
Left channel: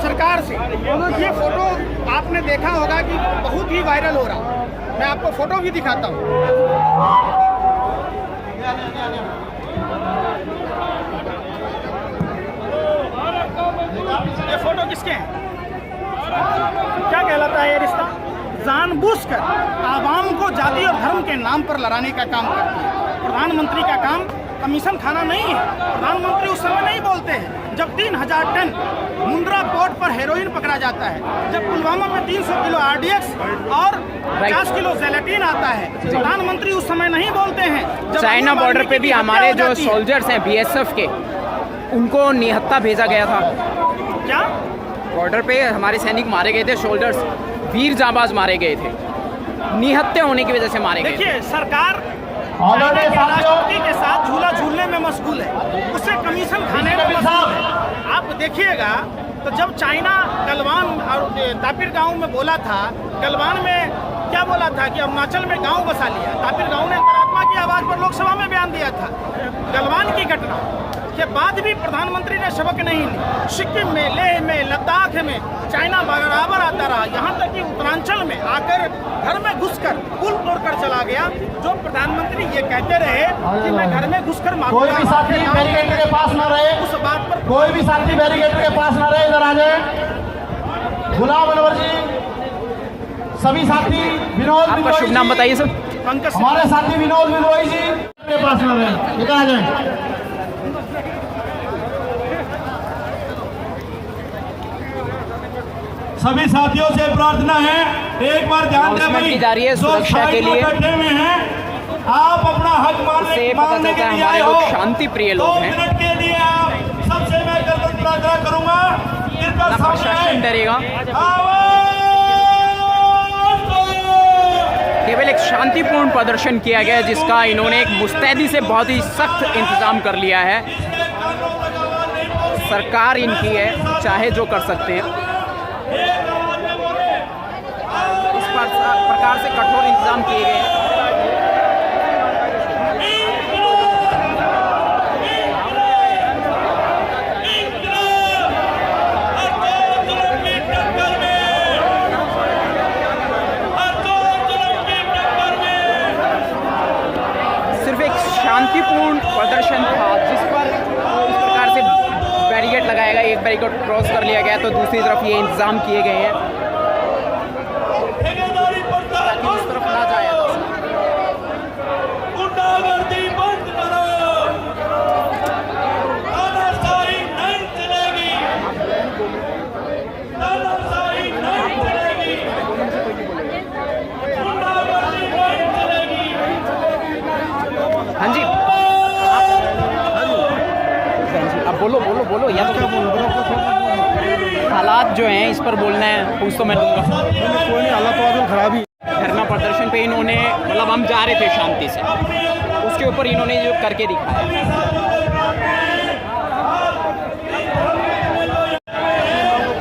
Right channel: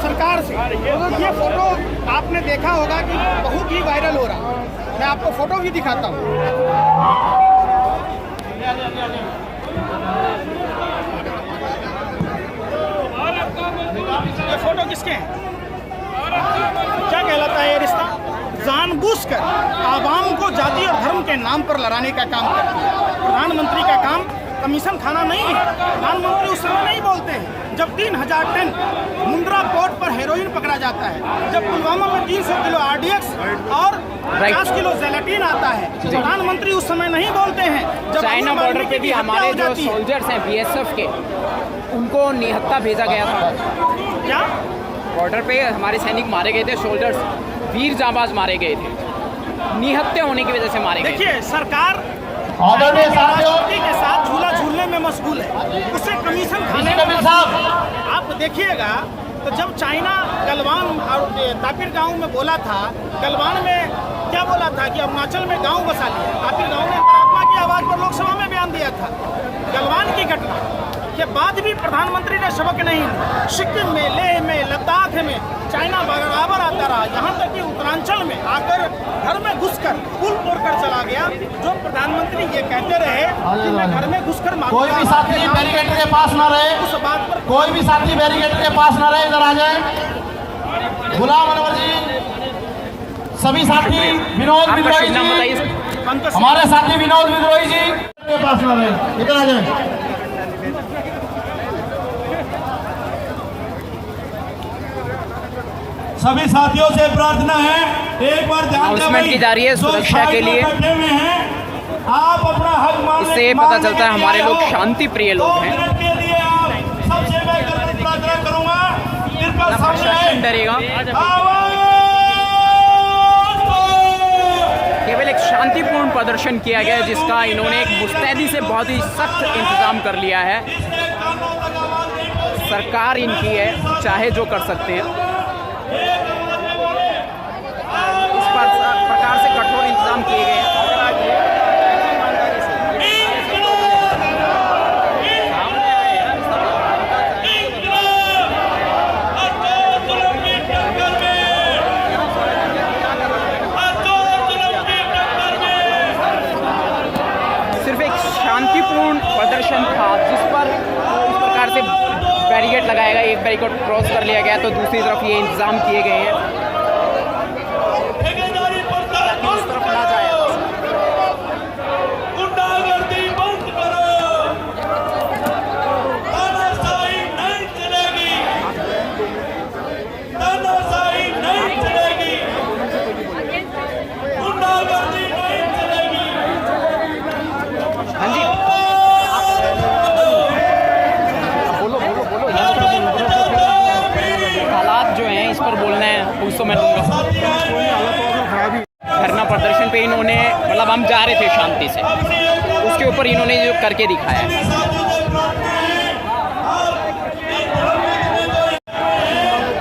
सरकार से। ये फोटो आपने देखा होगा कि बहुत ही वायरल हो रहा। मैं आपको फोटो भी दिखाता हूँ। ये फोटो किसके हैं? क्या कहलाता है ये रिश्ता? जानबूझकर आवाम को जाति और धर्म के नाम पर लड़ाने का काम करती है। प्रधानमंत्री का काम कमीशन खाना नहीं है। प्रधानमंत्री उस समय नहीं बोलते हैं जब 3000 टन मुंद्रा पोर्ट पर हेरोइन पकड़ा जाता है, जब पुलवामा में 300 किलो RDX और 50 किलो जेलेटिन आता है। प्रधानमंत्री उस समय नहीं बोलते हैं जब चाइना बॉर्डर पे भी हमारे जो सोल्जर्स हैं BSF के, उनको निहत्था भेजा गया था। क्या बॉर्डर पे हमारे सैनिक मारे गए थे, सोल्जर्स वीर जाबाज मारे गए थे, निहत्थे होने की वजह से मारे गए। देखिए, सरकार चाइना के राष्ट्रपति के साथ झूला झूलने में मशगूल है, उससे कमीशन खाने में मशगूल है। आप देखिएगा तो जब चाइना गलवान और तापिर गांव में बोला था, गलवान में क्या बोला था कि अरुणाचल में गांव बसा लिया, तापिर गांव ने अंतरात्मा की आवाज पर लोकसभा में बयान दिया था। गलवान की घटना के बाद भी प्रधानमंत्री ने सबक नहीं ली। सिक्किम में, लेह में, लद्दाख में चाइना बराबर आता रहा, यहाँ तक कि उत्तरांचल में आकर घर में घुसकर पुल तोड़कर चला गया। जो प्रधानमंत्री ये कहते रहे कि मैं घर में घुसकर मारूंगा, कोई भी साथी बैरिकेड के पास न रहे, उस बात पर कोई भी साथी बैरिकेड के पास न रहे, इधर आ जाए। गुलाम अनवर जी, सभी साथी, विनोद विद्रोही जी, बताइए सर। हमारे साथी विनोद विद्रोही जी के पास न रहे, इधर आ जाए। सभी साथियों से प्रार्थना है, एक बार ध्यान दें भाई, की जा रही है सुरक्षा के लिए। बैठे हुए हैं, आप अपना हक मांगने इससे पता चलता है हमारे लोग शांति प्रिय लोग हैं। के लिए आप सबसे मैं आग्रह करूंगा, इनका प्रशासन डरेगा। केवल एक शांतिपूर्ण प्रदर्शन किया गया, जिसका इन्होंने एक मुस्तैदी से बहुत ही सख्त इंतजाम कर लिया है। सरकार इनकी है, चाहे जो कर सकते हैं। इस प्रकार से कठोर इंतजाम किए गए हैं। सिर्फ एक शांतिपूर्ण प्रदर्शन था, जिस पर इस प्रकार से बैरिकेड लगाया गया, एक बैरिकेड क्रॉस कर लिया गया तो दूसरी तरफ ये इंतजाम किए गए हैं ताकि उस तरफ ना जाया जा सके। हाँ जी, बोलो बोलो बोलो, हालात जो हैं इस पर बोलना है, उसको मैं दूंगा। धरना प्रदर्शन पे इन्होंने, मतलब हम जा रहे थे शांति से, उसके ऊपर इन्होंने जो करके दिखाया।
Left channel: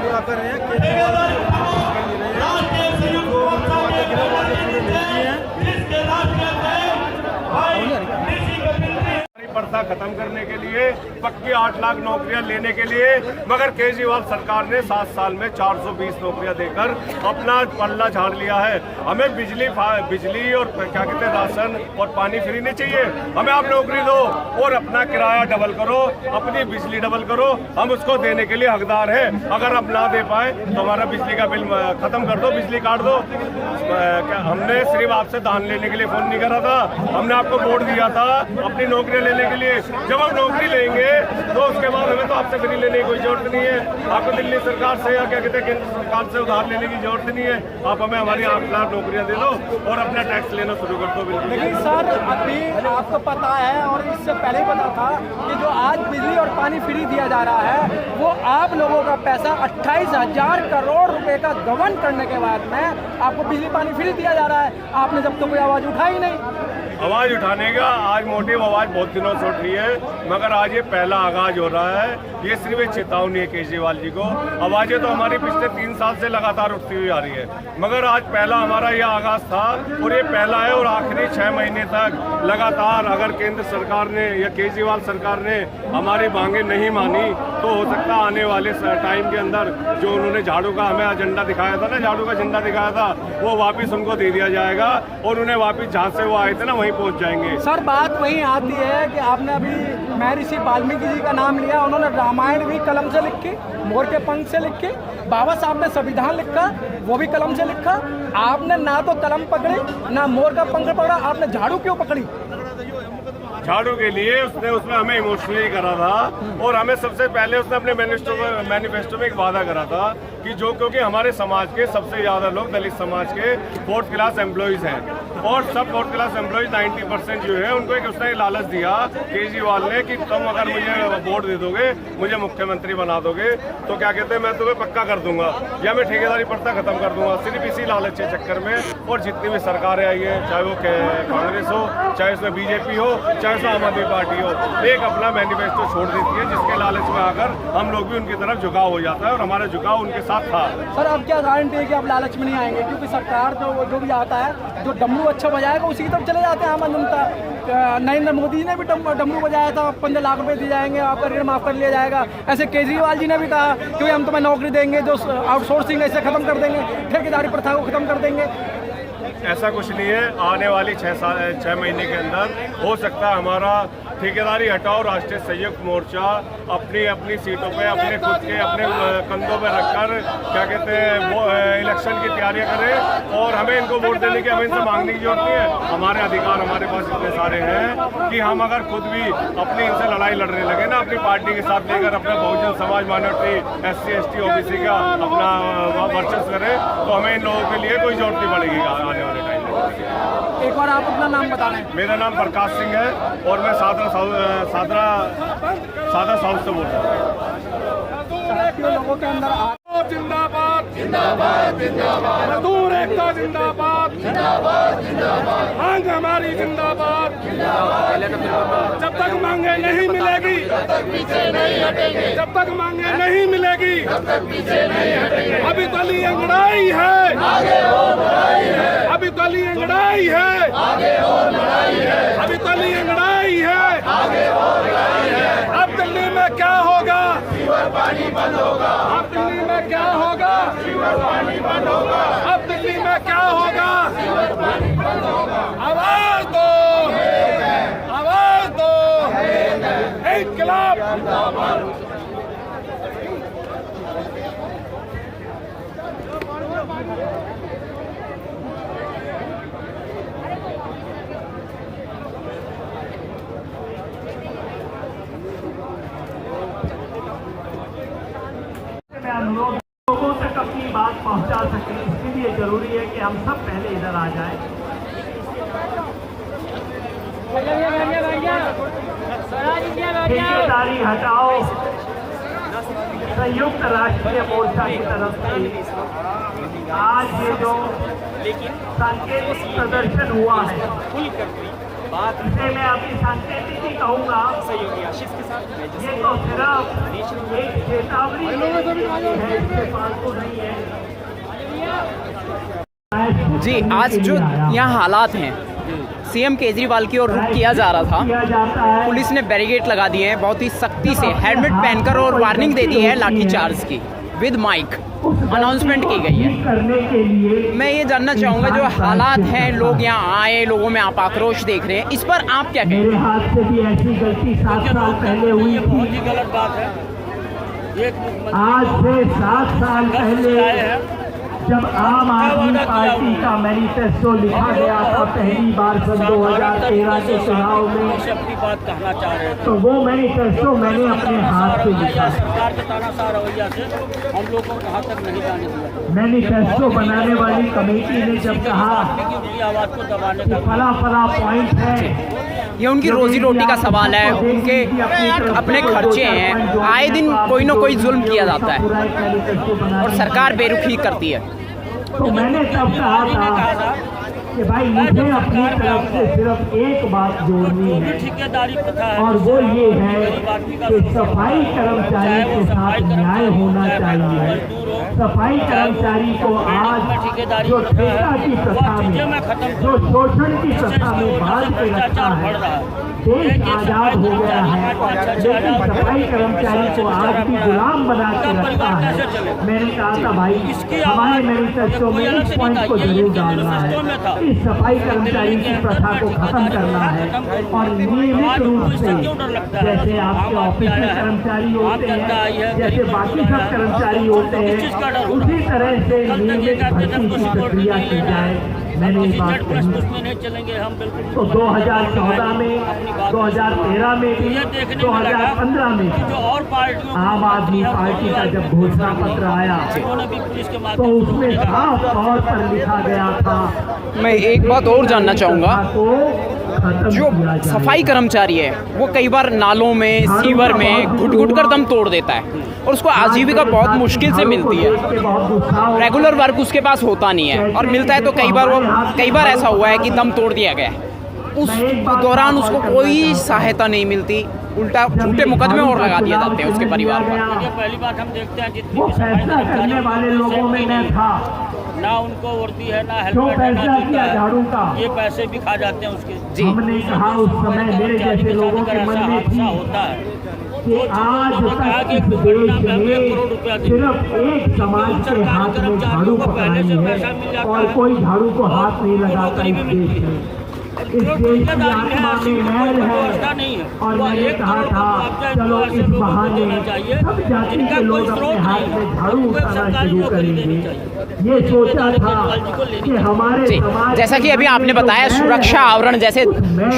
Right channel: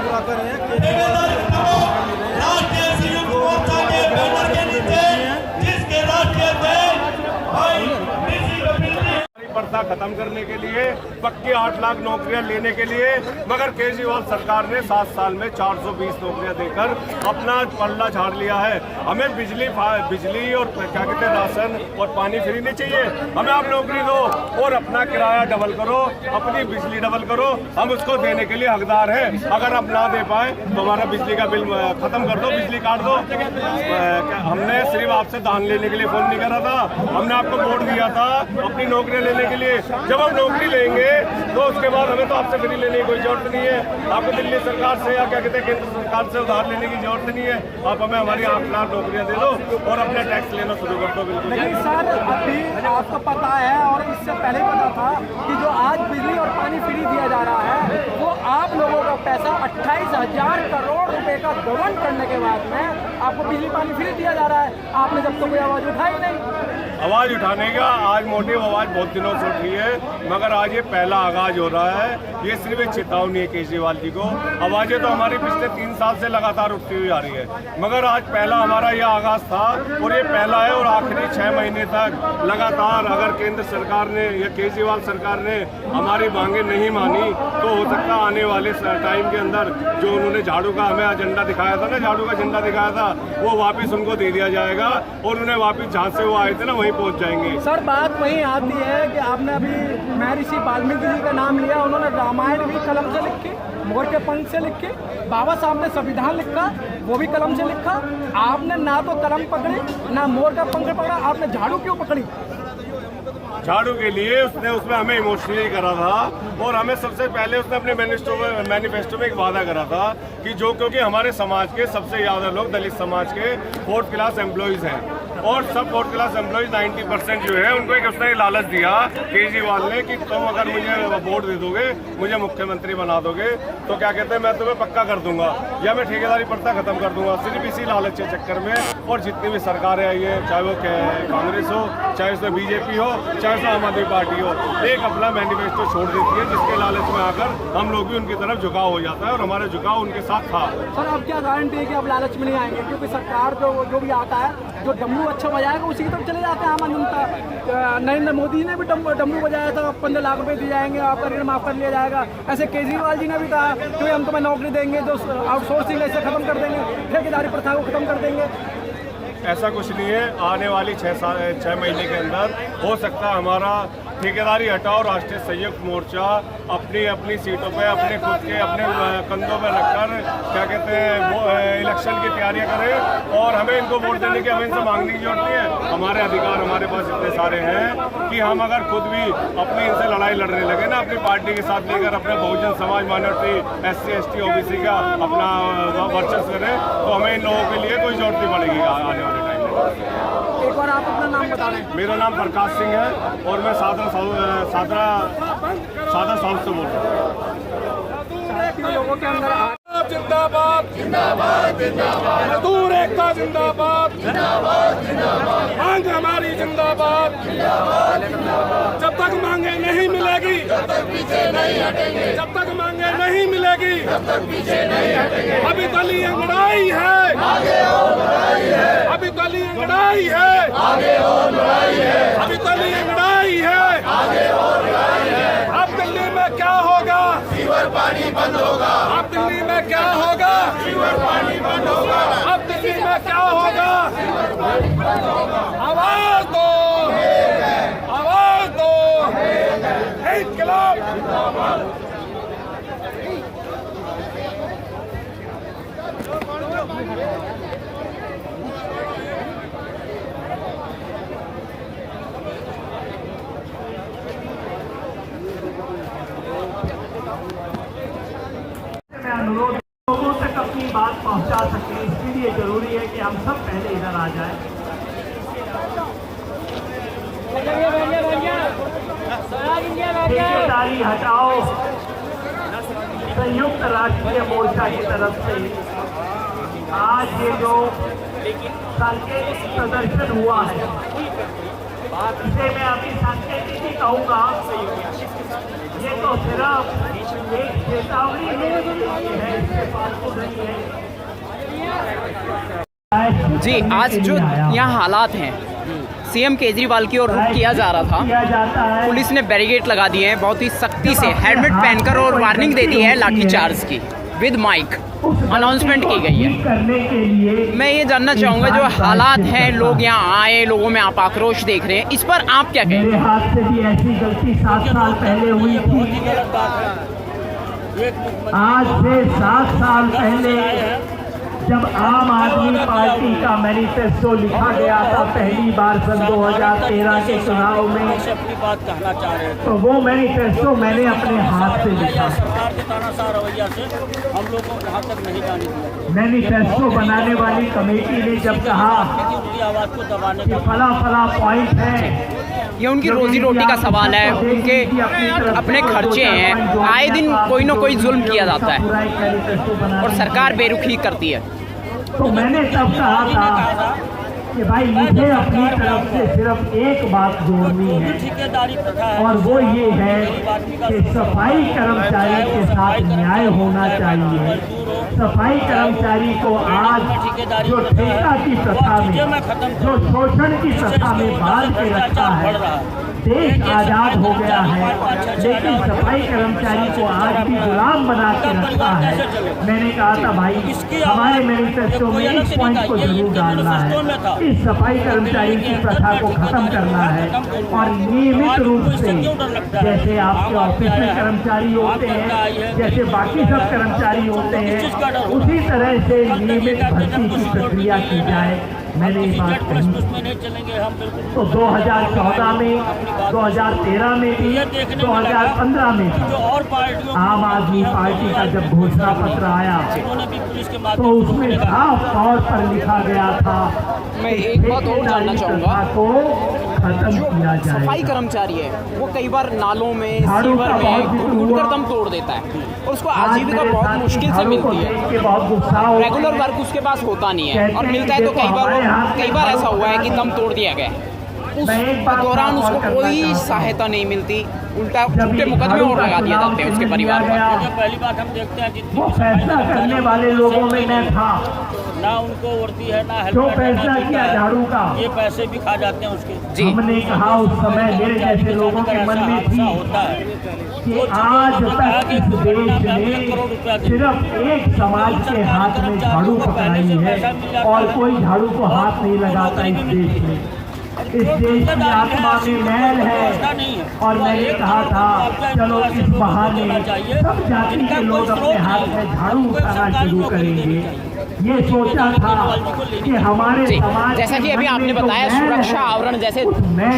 पूरा कर रहे हैं, प्रथा खत्म करने के लिए, पक्की 8 लाख नौकरियां लेने के लिए, मगर केजरीवाल सरकार ने 7 साल में 420 नौकरियां देकर अपना पल्ला झाड़ लिया है। हमें बिजली और क्या कहते हैं, राशन और पानी फ्री नहीं चाहिए, हमें आप नौकरी दो और अपना किराया डबल करो, अपनी बिजली डबल करो, हम उसको देने के लिए हकदार हैं। अगर आप ना दे पाए तो हमारा बिजली का बिल खत्म कर दो, बिजली काट दो। हमने सिर्फ आपसे दान लेने के लिए फोन नहीं करा था, हमने आपको वोट दिया था अपनी नौकरियां लेने के लिए। जब हम नौकरी लेंगे तो उसके बाद हमें तो आपसे फ्री लेने की कोई जरूरत नहीं है, आपको दिल्ली सरकार से या क्या कहते हैं केंद्र सरकार से उधार लेने की जरूरत नहीं है। आप हमें हमारी 8 लाख नौकरियां दे दो और अपना टैक्स लेना शुरू कर दो। बिल्कुल सर, अभी आपको पता है और इससे पहले पता था कि जो आज बिजली और पानी फ्री दिया जा रहा है, वो आप लोगों का पैसा 28,000 करोड़ रुपए का गबन करने के बाद में आपको बिजली पानी फ्री दिया जा रहा है। आपने जब तक कोई आवाज उठाई नहीं। आवाज उठाने का आज मोटिव आवाज बहुत दिनों से उठ रही है, मगर आज ये पहला आगाज हो रहा है। ये सिर्फ एक चेतावनी है केजरीवाल जी को। आवाजें तो हमारी पिछले 3 साल से लगातार उठती हुई आ रही है, मगर आज पहला हमारा ये आगाज था और ये पहला है। और आखिरी 6 महीने तक लगातार अगर केंद्र सरकार ने या केजरीवाल सरकार ने हमारी मांगे नहीं मानी तो हो सकता है आने वाले टाइम के अंदर जो उन्होंने झाड़ू का हमें एजेंडा दिखाया था ना, झाड़ू का झंडा दिखाया था, वो वापिस उनको दे दिया जाएगा और उन्हें वापिस जहाँ से वो आए थे ना वहीं पहुँच जाएंगे। सर, बात वही आती है कि आपने अभी महर्षि वाल्मीकि जी का नाम लिया, उन्होंने रामायण भी कलम से लिख के, मोर के पंख से लिख के, बाबा साहब ने संविधान लिखा, वो भी कलम से लिखा। आपने ना तो कलम पकड़ी ना मोर का पंख पकड़ा, आपने झाड़ू क्यों पकड़ी? झाड़ू के लिए उसने उसमें हमें इमोशनली करा था और हमें सबसे पहले उसने अपने मैनिफेस्टो में एक वादा करा था कि जो क्योंकि हमारे समाज के सबसे ज़्यादा लोग दलित समाज के 4th क्लास एम्प्लॉयज़ हैं और सब 4th क्लास एम्प्लॉयज़ 90% जो है उनको एक उसने लालच दिया केजरीवाल ने कि तुम अगर मुझे वोट दे दोगे, मुझे मुख्यमंत्री बना दोगे तो क्या कहते हैं मैं तुम्हें पक्का कर दूंगा या मैं ठेकेदारी प्रथा खत्म कर दूंगा। सिर्फ इसी लालच के चक्कर में और जितनी भी सरकारें आई है, चाहे वो कांग्रेस हो, चाहे उसमें बीजेपी हो, चाहे उसमें आम आदमी पार्टी हो, एक अपना मैनिफेस्टो छोड़ देती है जिसके लालच में आकर हम लोग भी उनकी तरफ झुकाव हो जाता है और हमारा झुकाव उनके साथ था। सर आप क्या गारंटी है कि आप लालच में नहीं आएंगे, क्योंकि सरकार जो भी आता है जो डम्बू अच्छा बजाएगा उसी की तरफ चले जाते हैं आम जनता। नरेंद्र मोदी ने भी डम्बू बजाया था, 15 लाख रुपए दिए जाएंगे, आपका ऋण माफ कर लिया जाएगा। ऐसे केजरीवाल जी ने भी कहा कि हम तुम्हें नौकरी देंगे, जो आउटसोर्सिंग ऐसे खत्म कर देंगे, ठेकेदारी प्रथा को खत्म कर देंगे। ऐसा कुछ नहीं है। आने वाली 6 महीने के अंदर हो सकता है हमारा ठेकेदारी हटाओ राष्ट्रीय संयुक्त मोर्चा अपनी अपनी सीटों पे अपने खुद के अपने कंधों पे रखकर क्या कहते हैं वो इलेक्शन की तैयारियां करें और हमें इनको वोट देने की हमें इनसे मांगने की जरूरत नहीं है। हमारे अधिकार हमारे पास इतने सारे हैं कि हम अगर खुद भी अपनी इनसे लड़ाई लड़ने लगे ना अपनी पार्टी के साथ लेकर अपने Bahujan Samaj minority SC ST OBC का अपना वर्चस्व करें तो हमें इन लोगों के लिए कोई जरूरत नहीं पड़ेगी आने वाले टाइम में। एक बार आप अपना नाम बताना है। मेरा नाम प्रकाश सिंह है और मैं सादरा साउथ से बोल रहा हूँ। लोगों के अंदर जिंदाबाद जिंदाबाद जिंदाबाद, मजदूर एकता जिंदाबाद जिंदाबाद जिंदाबाद, मांग हमारी जिंदाबाद जिंदाबाद जिंदाबाद, जब तक मांगे नहीं मिलेगी तब तक पीछे नहीं हटेंगे, जब तक मांगे नहीं मिलेगी तब तक पीछे नहीं हटेंगे। अभी दलीय अंगड़ाई है आगे और लड़ाई है, अभी दलीय अंगड़ाई है आगे और लड़ाई है, अभी दलीय अंगड़ाई है आगे और लड़ाई है। अब दिल्ली में क्या होगा, सीवर पानी बंद होगा। अब दिल्ली में क्या होगा, सीवर पानी बंद होगा। अब दिल्ली में क्या होगा, सीवर पानी बंद होगा। आवाज दो आवाज दो, इंकलाब जिंदाबाद। लोगों तक अपनी बात पहुंचा सकें, इसके लिए जरूरी है कि हम सब पहले इधर आ जाएं। ठेकेदारी हटाओ संयुक्त राष्ट्रीय मोर्चा की तरफ से आज ये जो सांकेतिक प्रदर्शन हुआ है इसे मैं अभी सांकेतिक ही कहूँगा। ये तो सिर्फ एक चेतावनी है, इससे फालतू नहीं है। जी आज जो यहाँ हालात हैं, CM केजरीवाल की ओर रुख किया जा रहा था, पुलिस ने बैरिकेड लगा दिए हैं, बहुत ही सख्ती से हेलमेट पहनकर और वार्निंग दे दी है लाठीचार्ज की, विद माइक अनाउंसमेंट की गई है। मैं ये जानना चाहूँगा जो हालात हैं, लोग यहाँ आए, लोगों में आप आक्रोश देख रहे हैं, इस पर आप क्या कहेंगे? मेरे हाथ से भी ऐसी गलती 7 साल पहले हुई थी। बहुत ही गलत बात है। आज से 7 साल पहले जब आम आदमी पार्टी का मैनिफेस्टो लिखा गया था पहली बार सन 2013 के चुनाव में, अपनी बात कहना चाह रहे थे तो वो मैनिफेस्टो मैंने अपने हाथ से लिखा। सरकार के तानाशाह रवैया से हम लोगों को यहाँ तक नहीं जाने दिया। मैनिफेस्टो बनाने वाली कमेटी ने जब कहा उनकी आवाज को दबाने का फला पॉइंट है, ये उनकी रोजी रोटी का सवाल है, उनके अपने खर्चे हैं, आए दिन कोई ना कोई जुल्म किया जाता है और सरकार बेरुखी करती है। तो मैंने तब कहा था कि भाई मुझे अपनी तरफ से सिर्फ एक बात जोड़नी ठेकेदारी प्रथा है और वो ये है कि सफाई कर्मचारी के साथ न्याय होना चाहिए। सफाई कर्मचारी को आज जो ठेका की प्रथा में, जो शोषण की प्रथा में बांध के रखा है, देश आजाद हो गया है, लेकिन सफाई कर्मचारी को आज भी गुलाम बना के रखा है। मैंने कहा था भाई हमारे मैनिफेस्टो में इस पॉइंट को जरूर डालना है, इस सफाई कर्मचारी की प्रथा को खत्म करना है और नियमित रूप से जैसे आपके ऑफिसर कर्मचारी होते हैं, जैसे बाकी सब कर्मचारी होते हैं, उसी तरह से नियमित भर्ती की प्रक्रिया की जाए। हम किसी जेड प्लस में नहीं चलेंगे, हम बिल्कुल तो 2014 में, अपनी बात 2013 में भी, ये देखने में लगा 2015 में कि जो और पार्टियों आम आदमी पार्टी का जब घोषणा पत्र आया उन्होंने भी पुलिस के तो माध्यम से उसमें रोकने का साफ तौर पर लिखा गया था। मैं एक बात और जानना चाहूँगा, जो सफाई कर्मचारी है वो कई बार नालों में, सीवर में घुट कर दम तोड़ देता है और उसको आजीविका बहुत मुश्किल से मिलती है। रेगुलर वर्क उसके पास होता नहीं है और मिलता है तो कई बार ऐसा हुआ है कि दम तोड़ दिया गया, उस दौरान उसको कोई सहायता नहीं मिलती, उल्टा झूठे मुकदमे और लगा दिए जाते हैं उसके परिवार पर। पहली बात हम देखते हैं जितनी वो भी सफाई फैसला करने वाले लोगों में नहीं था, ना उनको वर्दी है, ना हेलमेट है, ना जूता है, ये पैसे भी खा जाते हैं उसके। जी हमने कहा उस समय मेरे जैसे लोगों अगर के ऐसा मन में हादसा थी होता है कि तो आज उन्होंने कहा कि तक एक इस दुर्घटना देश में हम 1 में करोड़ रुपया देंगे, सिर्फ एक समाज उन के सरकारी हाथ में झाड़ू कर्मचारियों को पहले से पकड़ाई पैसा मिल है जाता और है कोई झाड़ू को और हाथ नहीं उनको लगाता नौकरी इस भी मिलती देश है। में। और इस जो देश की ठेकेदारी है आत्मा ऐसी में कोई मैल व्यवस्था है नहीं है, और वो मैंने 1 कहा करोड़ का था मुआवजा चलो इनको ऐसे इस लोगों को बहाने देना चाहिए सब जाति जिनका के कोई लोग स्रोत अपने हाथ नहीं में है, झाड़ू उनको एक उठाना सरकारी शुरू नौकरी देनी करेंगे। चाहिए। ये सोचा जिम्मेदारी था केजरीवाल जी को लेनी कि हमारे जी, समाज जैसा कि अभी आपने बताया सुरक्षा आवरण जैसे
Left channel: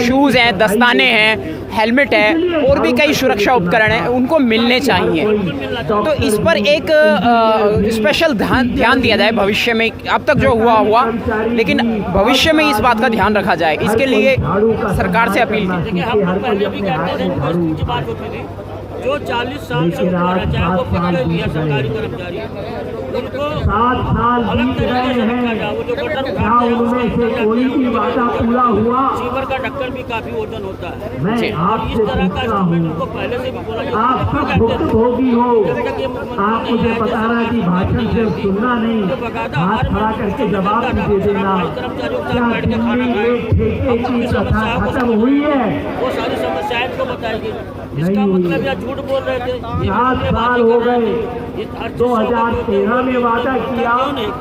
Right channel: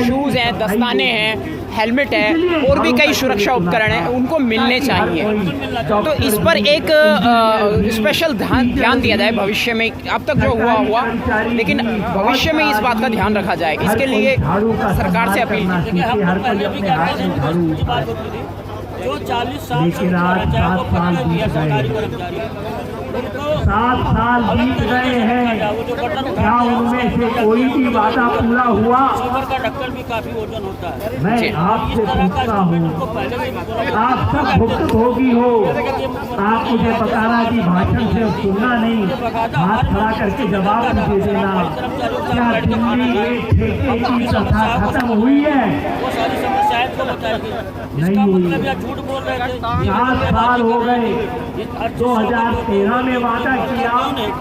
शूज़ हैं, दस्ताने हैं, हेलमेट है और भी कई सुरक्षा उपकरण हैं, उनको मिलने चाहिए। तो इस पर एक स्पेशल ध्यान दिया जाए भविष्य में। अब तक जो हुआ लेकिन भविष्य में इस बात का ध्यान रखा जाए, इसके लिए सरकार से अपील की। देखिए हम लोग पहले भी कहते थे, इनको इसकी बात होती थी, जो 40 साल से ऊपर है, चाहे वो पक्के भी है सरकारी कर्मचारी, उनको 7 साल अलग बीत तरीके गए से रखा हैं, जाए। वो जो बटन क्या उठाते हैं उनमें से उसके कोई भी अंदर वादा पूरा हुआ? सीवर का ढक्कन भी काफी वजन होता है मैं और इस आपसे तरह का पूछता इंस्ट्रूमेंट हूँ, उनको पहले से भी बोला आप क्यों सब कहते भुक्त थे? भोगी हो, जब तक ये मुख्यमंत्री आप नहीं मुझे आए थे, बताना सरकार कि भाषण नहीं से आई थी, सुनना नहीं, तो बकायदा हाथ हमारे खड़ा मंत्री करके में जवाब कहता था, दे सर, देना। हमारे कर्मचारियों के क्या साथ बैठ के खाना दिल्ली खाएं, में ठेके हम उनकी की समस्याओं को खत्म समझ हुई रहे है? हैं, वो सारी समस्याएं इनको बताई गई। इसका नहीं। मतलब या झूठ बोल रहे थे, ये 7 साल बातें हो कर रहे गए। थे। ये हर चीज़ से 2013 में वादा किया,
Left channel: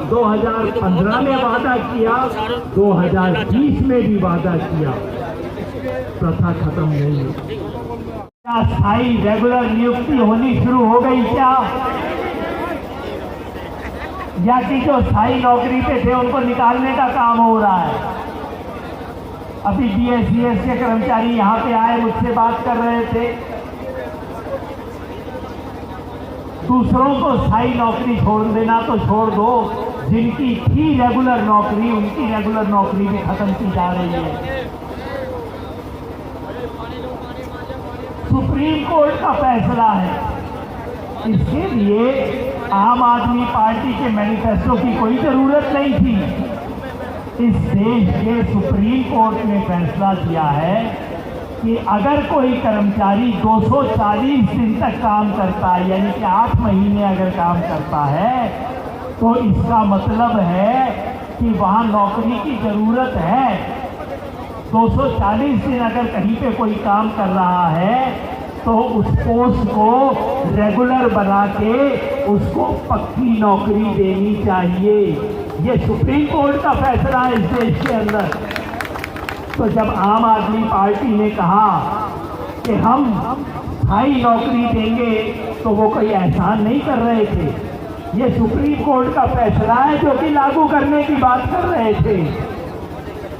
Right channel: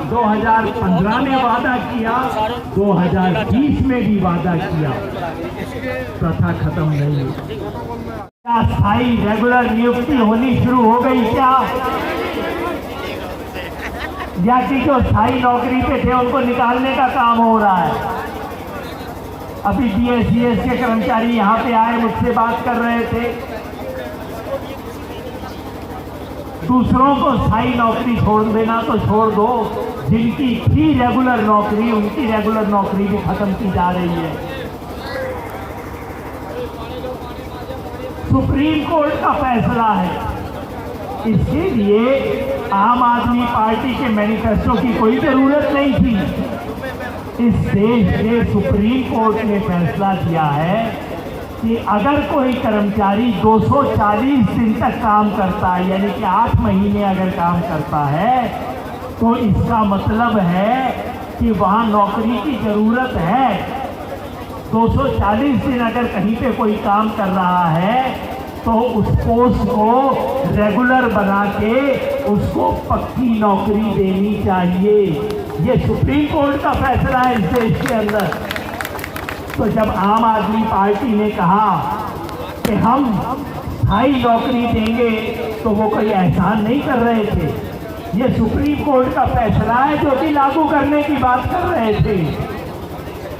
2015 में वादा किया, 2020 में भी वादा किया, प्रथा खत्म नहीं हुई। क्या स्थायी रेगुलर नियुक्ति होनी शुरू हो गई क्या? या कि जो स्थायी नौकरी पे थे उनको निकालने का काम हो रहा है? अभी DSCS के कर्मचारी यहाँ पे आए, मुझसे बात कर रहे थे, दूसरों को स्थायी नौकरी छोड़ देना तो छोड़ दो, जिनकी थी रेगुलर नौकरी उनकी रेगुलर नौकरी भी खत्म की जा रही है। सुप्रीम कोर्ट का फैसला है, इसके लिए आम आदमी पार्टी के मैनिफेस्टो की कोई जरूरत नहीं थी। इस देश के सुप्रीम कोर्ट ने फैसला किया है कि अगर कोई कर्मचारी 240 दिन तक काम करता है, यानी कि 8 महीने अगर काम करता है, तो इसका मतलब है कि वहाँ नौकरी की ज़रूरत है। 240 दिन अगर कहीं पे कोई काम कर रहा है तो उस पोस्ट को रेगुलर बना के उसको पक्की नौकरी देनी चाहिए। ये सुप्रीम कोर्ट का फैसला है इस देश के अंदर। तो जब आम आदमी पार्टी ने कहा कि हम स्थायी नौकरी देंगे तो वो कोई एहसान नहीं कर रहे थे, ये सुप्रीम कोर्ट का फैसला है जो कि लागू करने की बात कर रहे थे।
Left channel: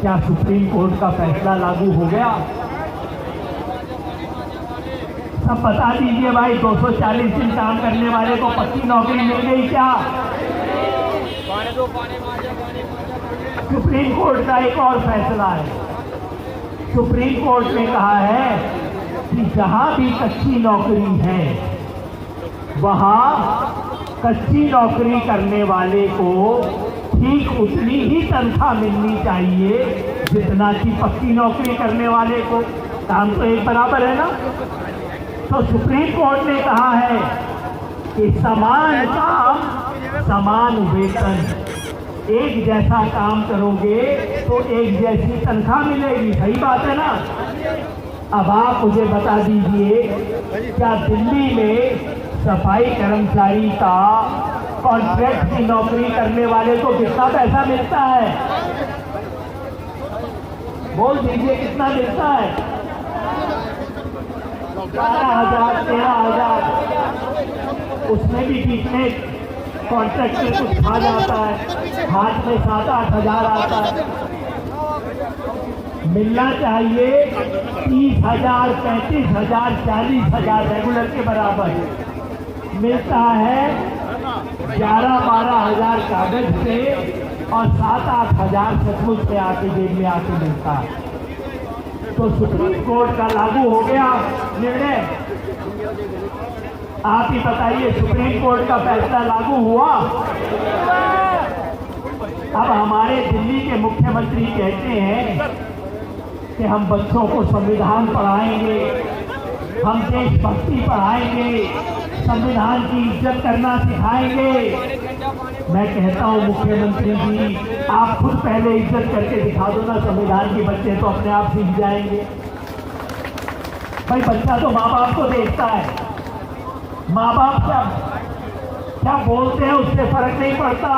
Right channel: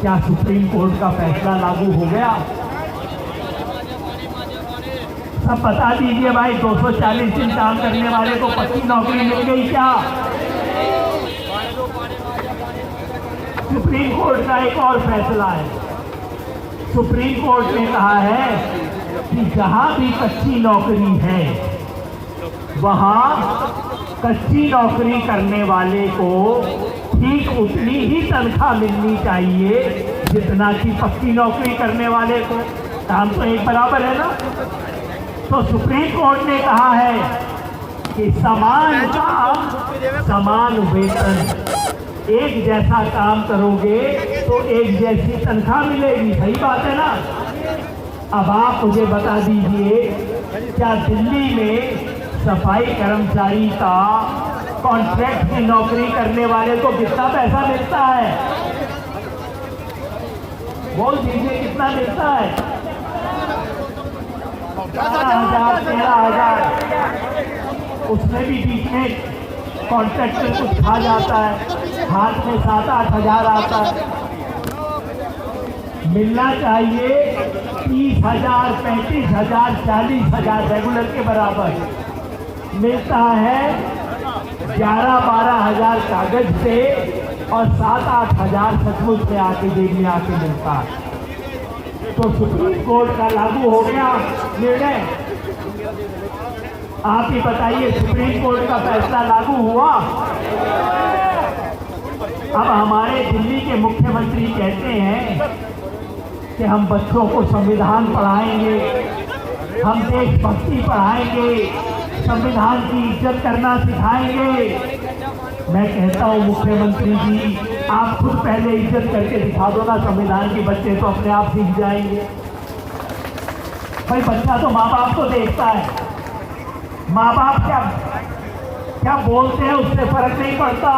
क्या सुप्रीम कोर्ट का फैसला लागू हो गया? सब बता दीजिए भाई, 240 दिन काम करने वाले को पक्की नौकरी मिल गई क्या? सुप्रीम कोर्ट का एक और फैसला है। सुप्रीम कोर्ट ने कहा है कि जहां भी कच्ची नौकरी है वहां कच्ची नौकरी करने वाले को ठीक उतनी ही तनख्वाह मिलनी चाहिए जितना कि पक्की नौकरी करने वाले को। काम तो एक बराबर है ना? तो सुप्रीम कोर्ट ने कहा है कि समान काम समान वेतन, एक जैसा काम करोगे तो एक जैसी तनख्वाह मिलेगी। सही बात है ना? अब आप मुझे बता दीजिए, क्या दिल्ली में सफाई कर्मचारी का कॉन्ट्रैक्ट की नौकरी करने वाले को कितना पैसा मिलता है? बोल दीजिए कितना मिलता है? 12,000 13,000। उसमें भी बीच में कॉन्ट्रैक्टर कुछ खा जाता है। हाथ में 7-8 हजार आता है, मिलना चाहिए 30,000, 35,000, 40,000 रेगुलर के बराबर मिलता है। 11-12 हजार कागज से और 7-8 हजार सचमुच में आके जेब में आके मिलता है। तो सुप्रीम कोर्ट का लागू हो गया निर्णय। आप ही बताइए, सुप्रीम कोर्ट का फैसला लागू हुआ। अब हमारे दिल्ली के मुख्यमंत्री कहते हैं कि हम बच्चों को संविधान पढ़ाएंगे, हम देशभक्ति पढ़ाएंगे, संविधान की इज्जत करना सिखाएंगे। मैं कहता हूं मुख्यमंत्री जी, आप खुद पहले इज्जत करके दिखा दो ना संविधान के, बच्चे तो अपने आप सीख जाएंगे। भाई बच्चा तो माँ बाप को देखता है, माँ बाप क्या बोलते हैं उससे फर्क नहीं पड़ता,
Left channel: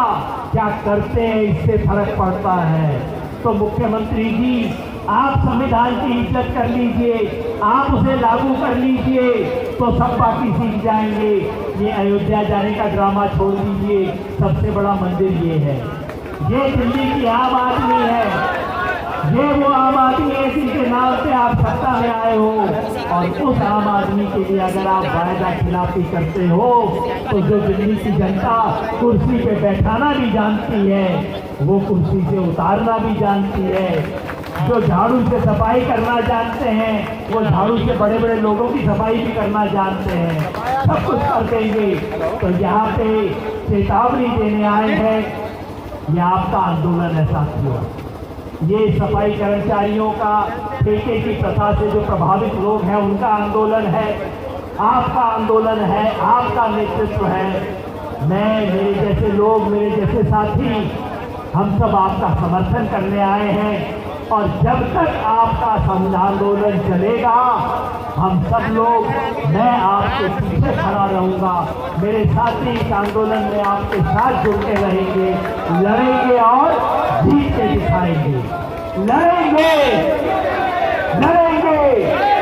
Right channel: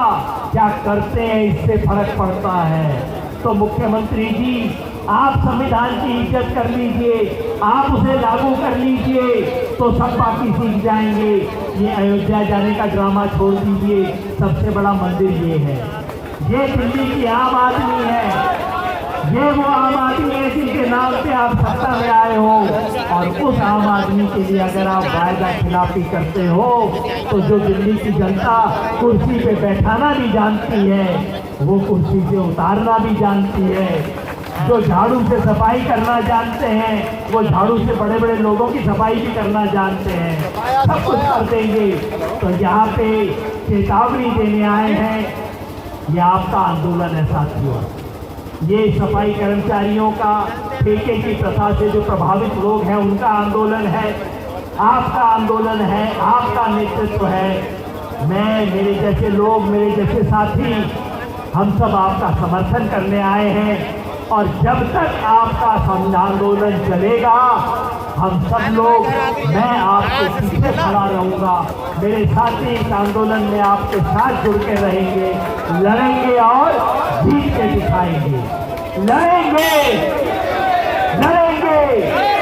क्या करते हैं इससे फर्क पड़ता है। तो मुख्यमंत्री जी, आप संविधान की इज्जत कर लीजिए, आप उसे लागू कर लीजिए, तो सब बाकी सीख जाएंगे। ये अयोध्या जाने का ड्रामा छोड़ दीजिए, सबसे बड़ा मंदिर ये है, ये दिल्ली की आम आदमी है, ये वो आम आदमी है जिनके नाम से आप सत्ता में आए हो। और उस आम आदमी के लिए अगर आप वायदा खिलाफी करते हो, तो जो दिल्ली की जनता कुर्सी पे बैठाना भी जानती है, वो कुर्सी से उतारना भी जानती है। जो झाड़ू से सफाई करना जानते हैं, वो झाड़ू से बड़े बड़े लोगों की सफाई भी करना जानते हैं, सब कुछ कर देंगे। तो यहाँ पे चेतावनी देने आए हैं, ये आपका आंदोलन है साथियों, ये सफाई कर्मचारियों का ठेके की प्रथा से जो प्रभावित लोग हैं उनका आंदोलन है, आपका आंदोलन है, आपका नेतृत्व है। मैं, मेरे जैसे लोग, मेरे जैसे साथी, हम सब आपका समर्थन करने आए हैं। और जब तक आपका आंदोलन चलेगा, हम सब लोग, मैं आपके पीछे खड़ा रहूंगा, मेरे साथी इस आंदोलन में आपके साथ जुड़ते रहेंगे, लड़ेंगे और जीत के दिखाएंगे, लड़ेंगे, लड़ेंगे।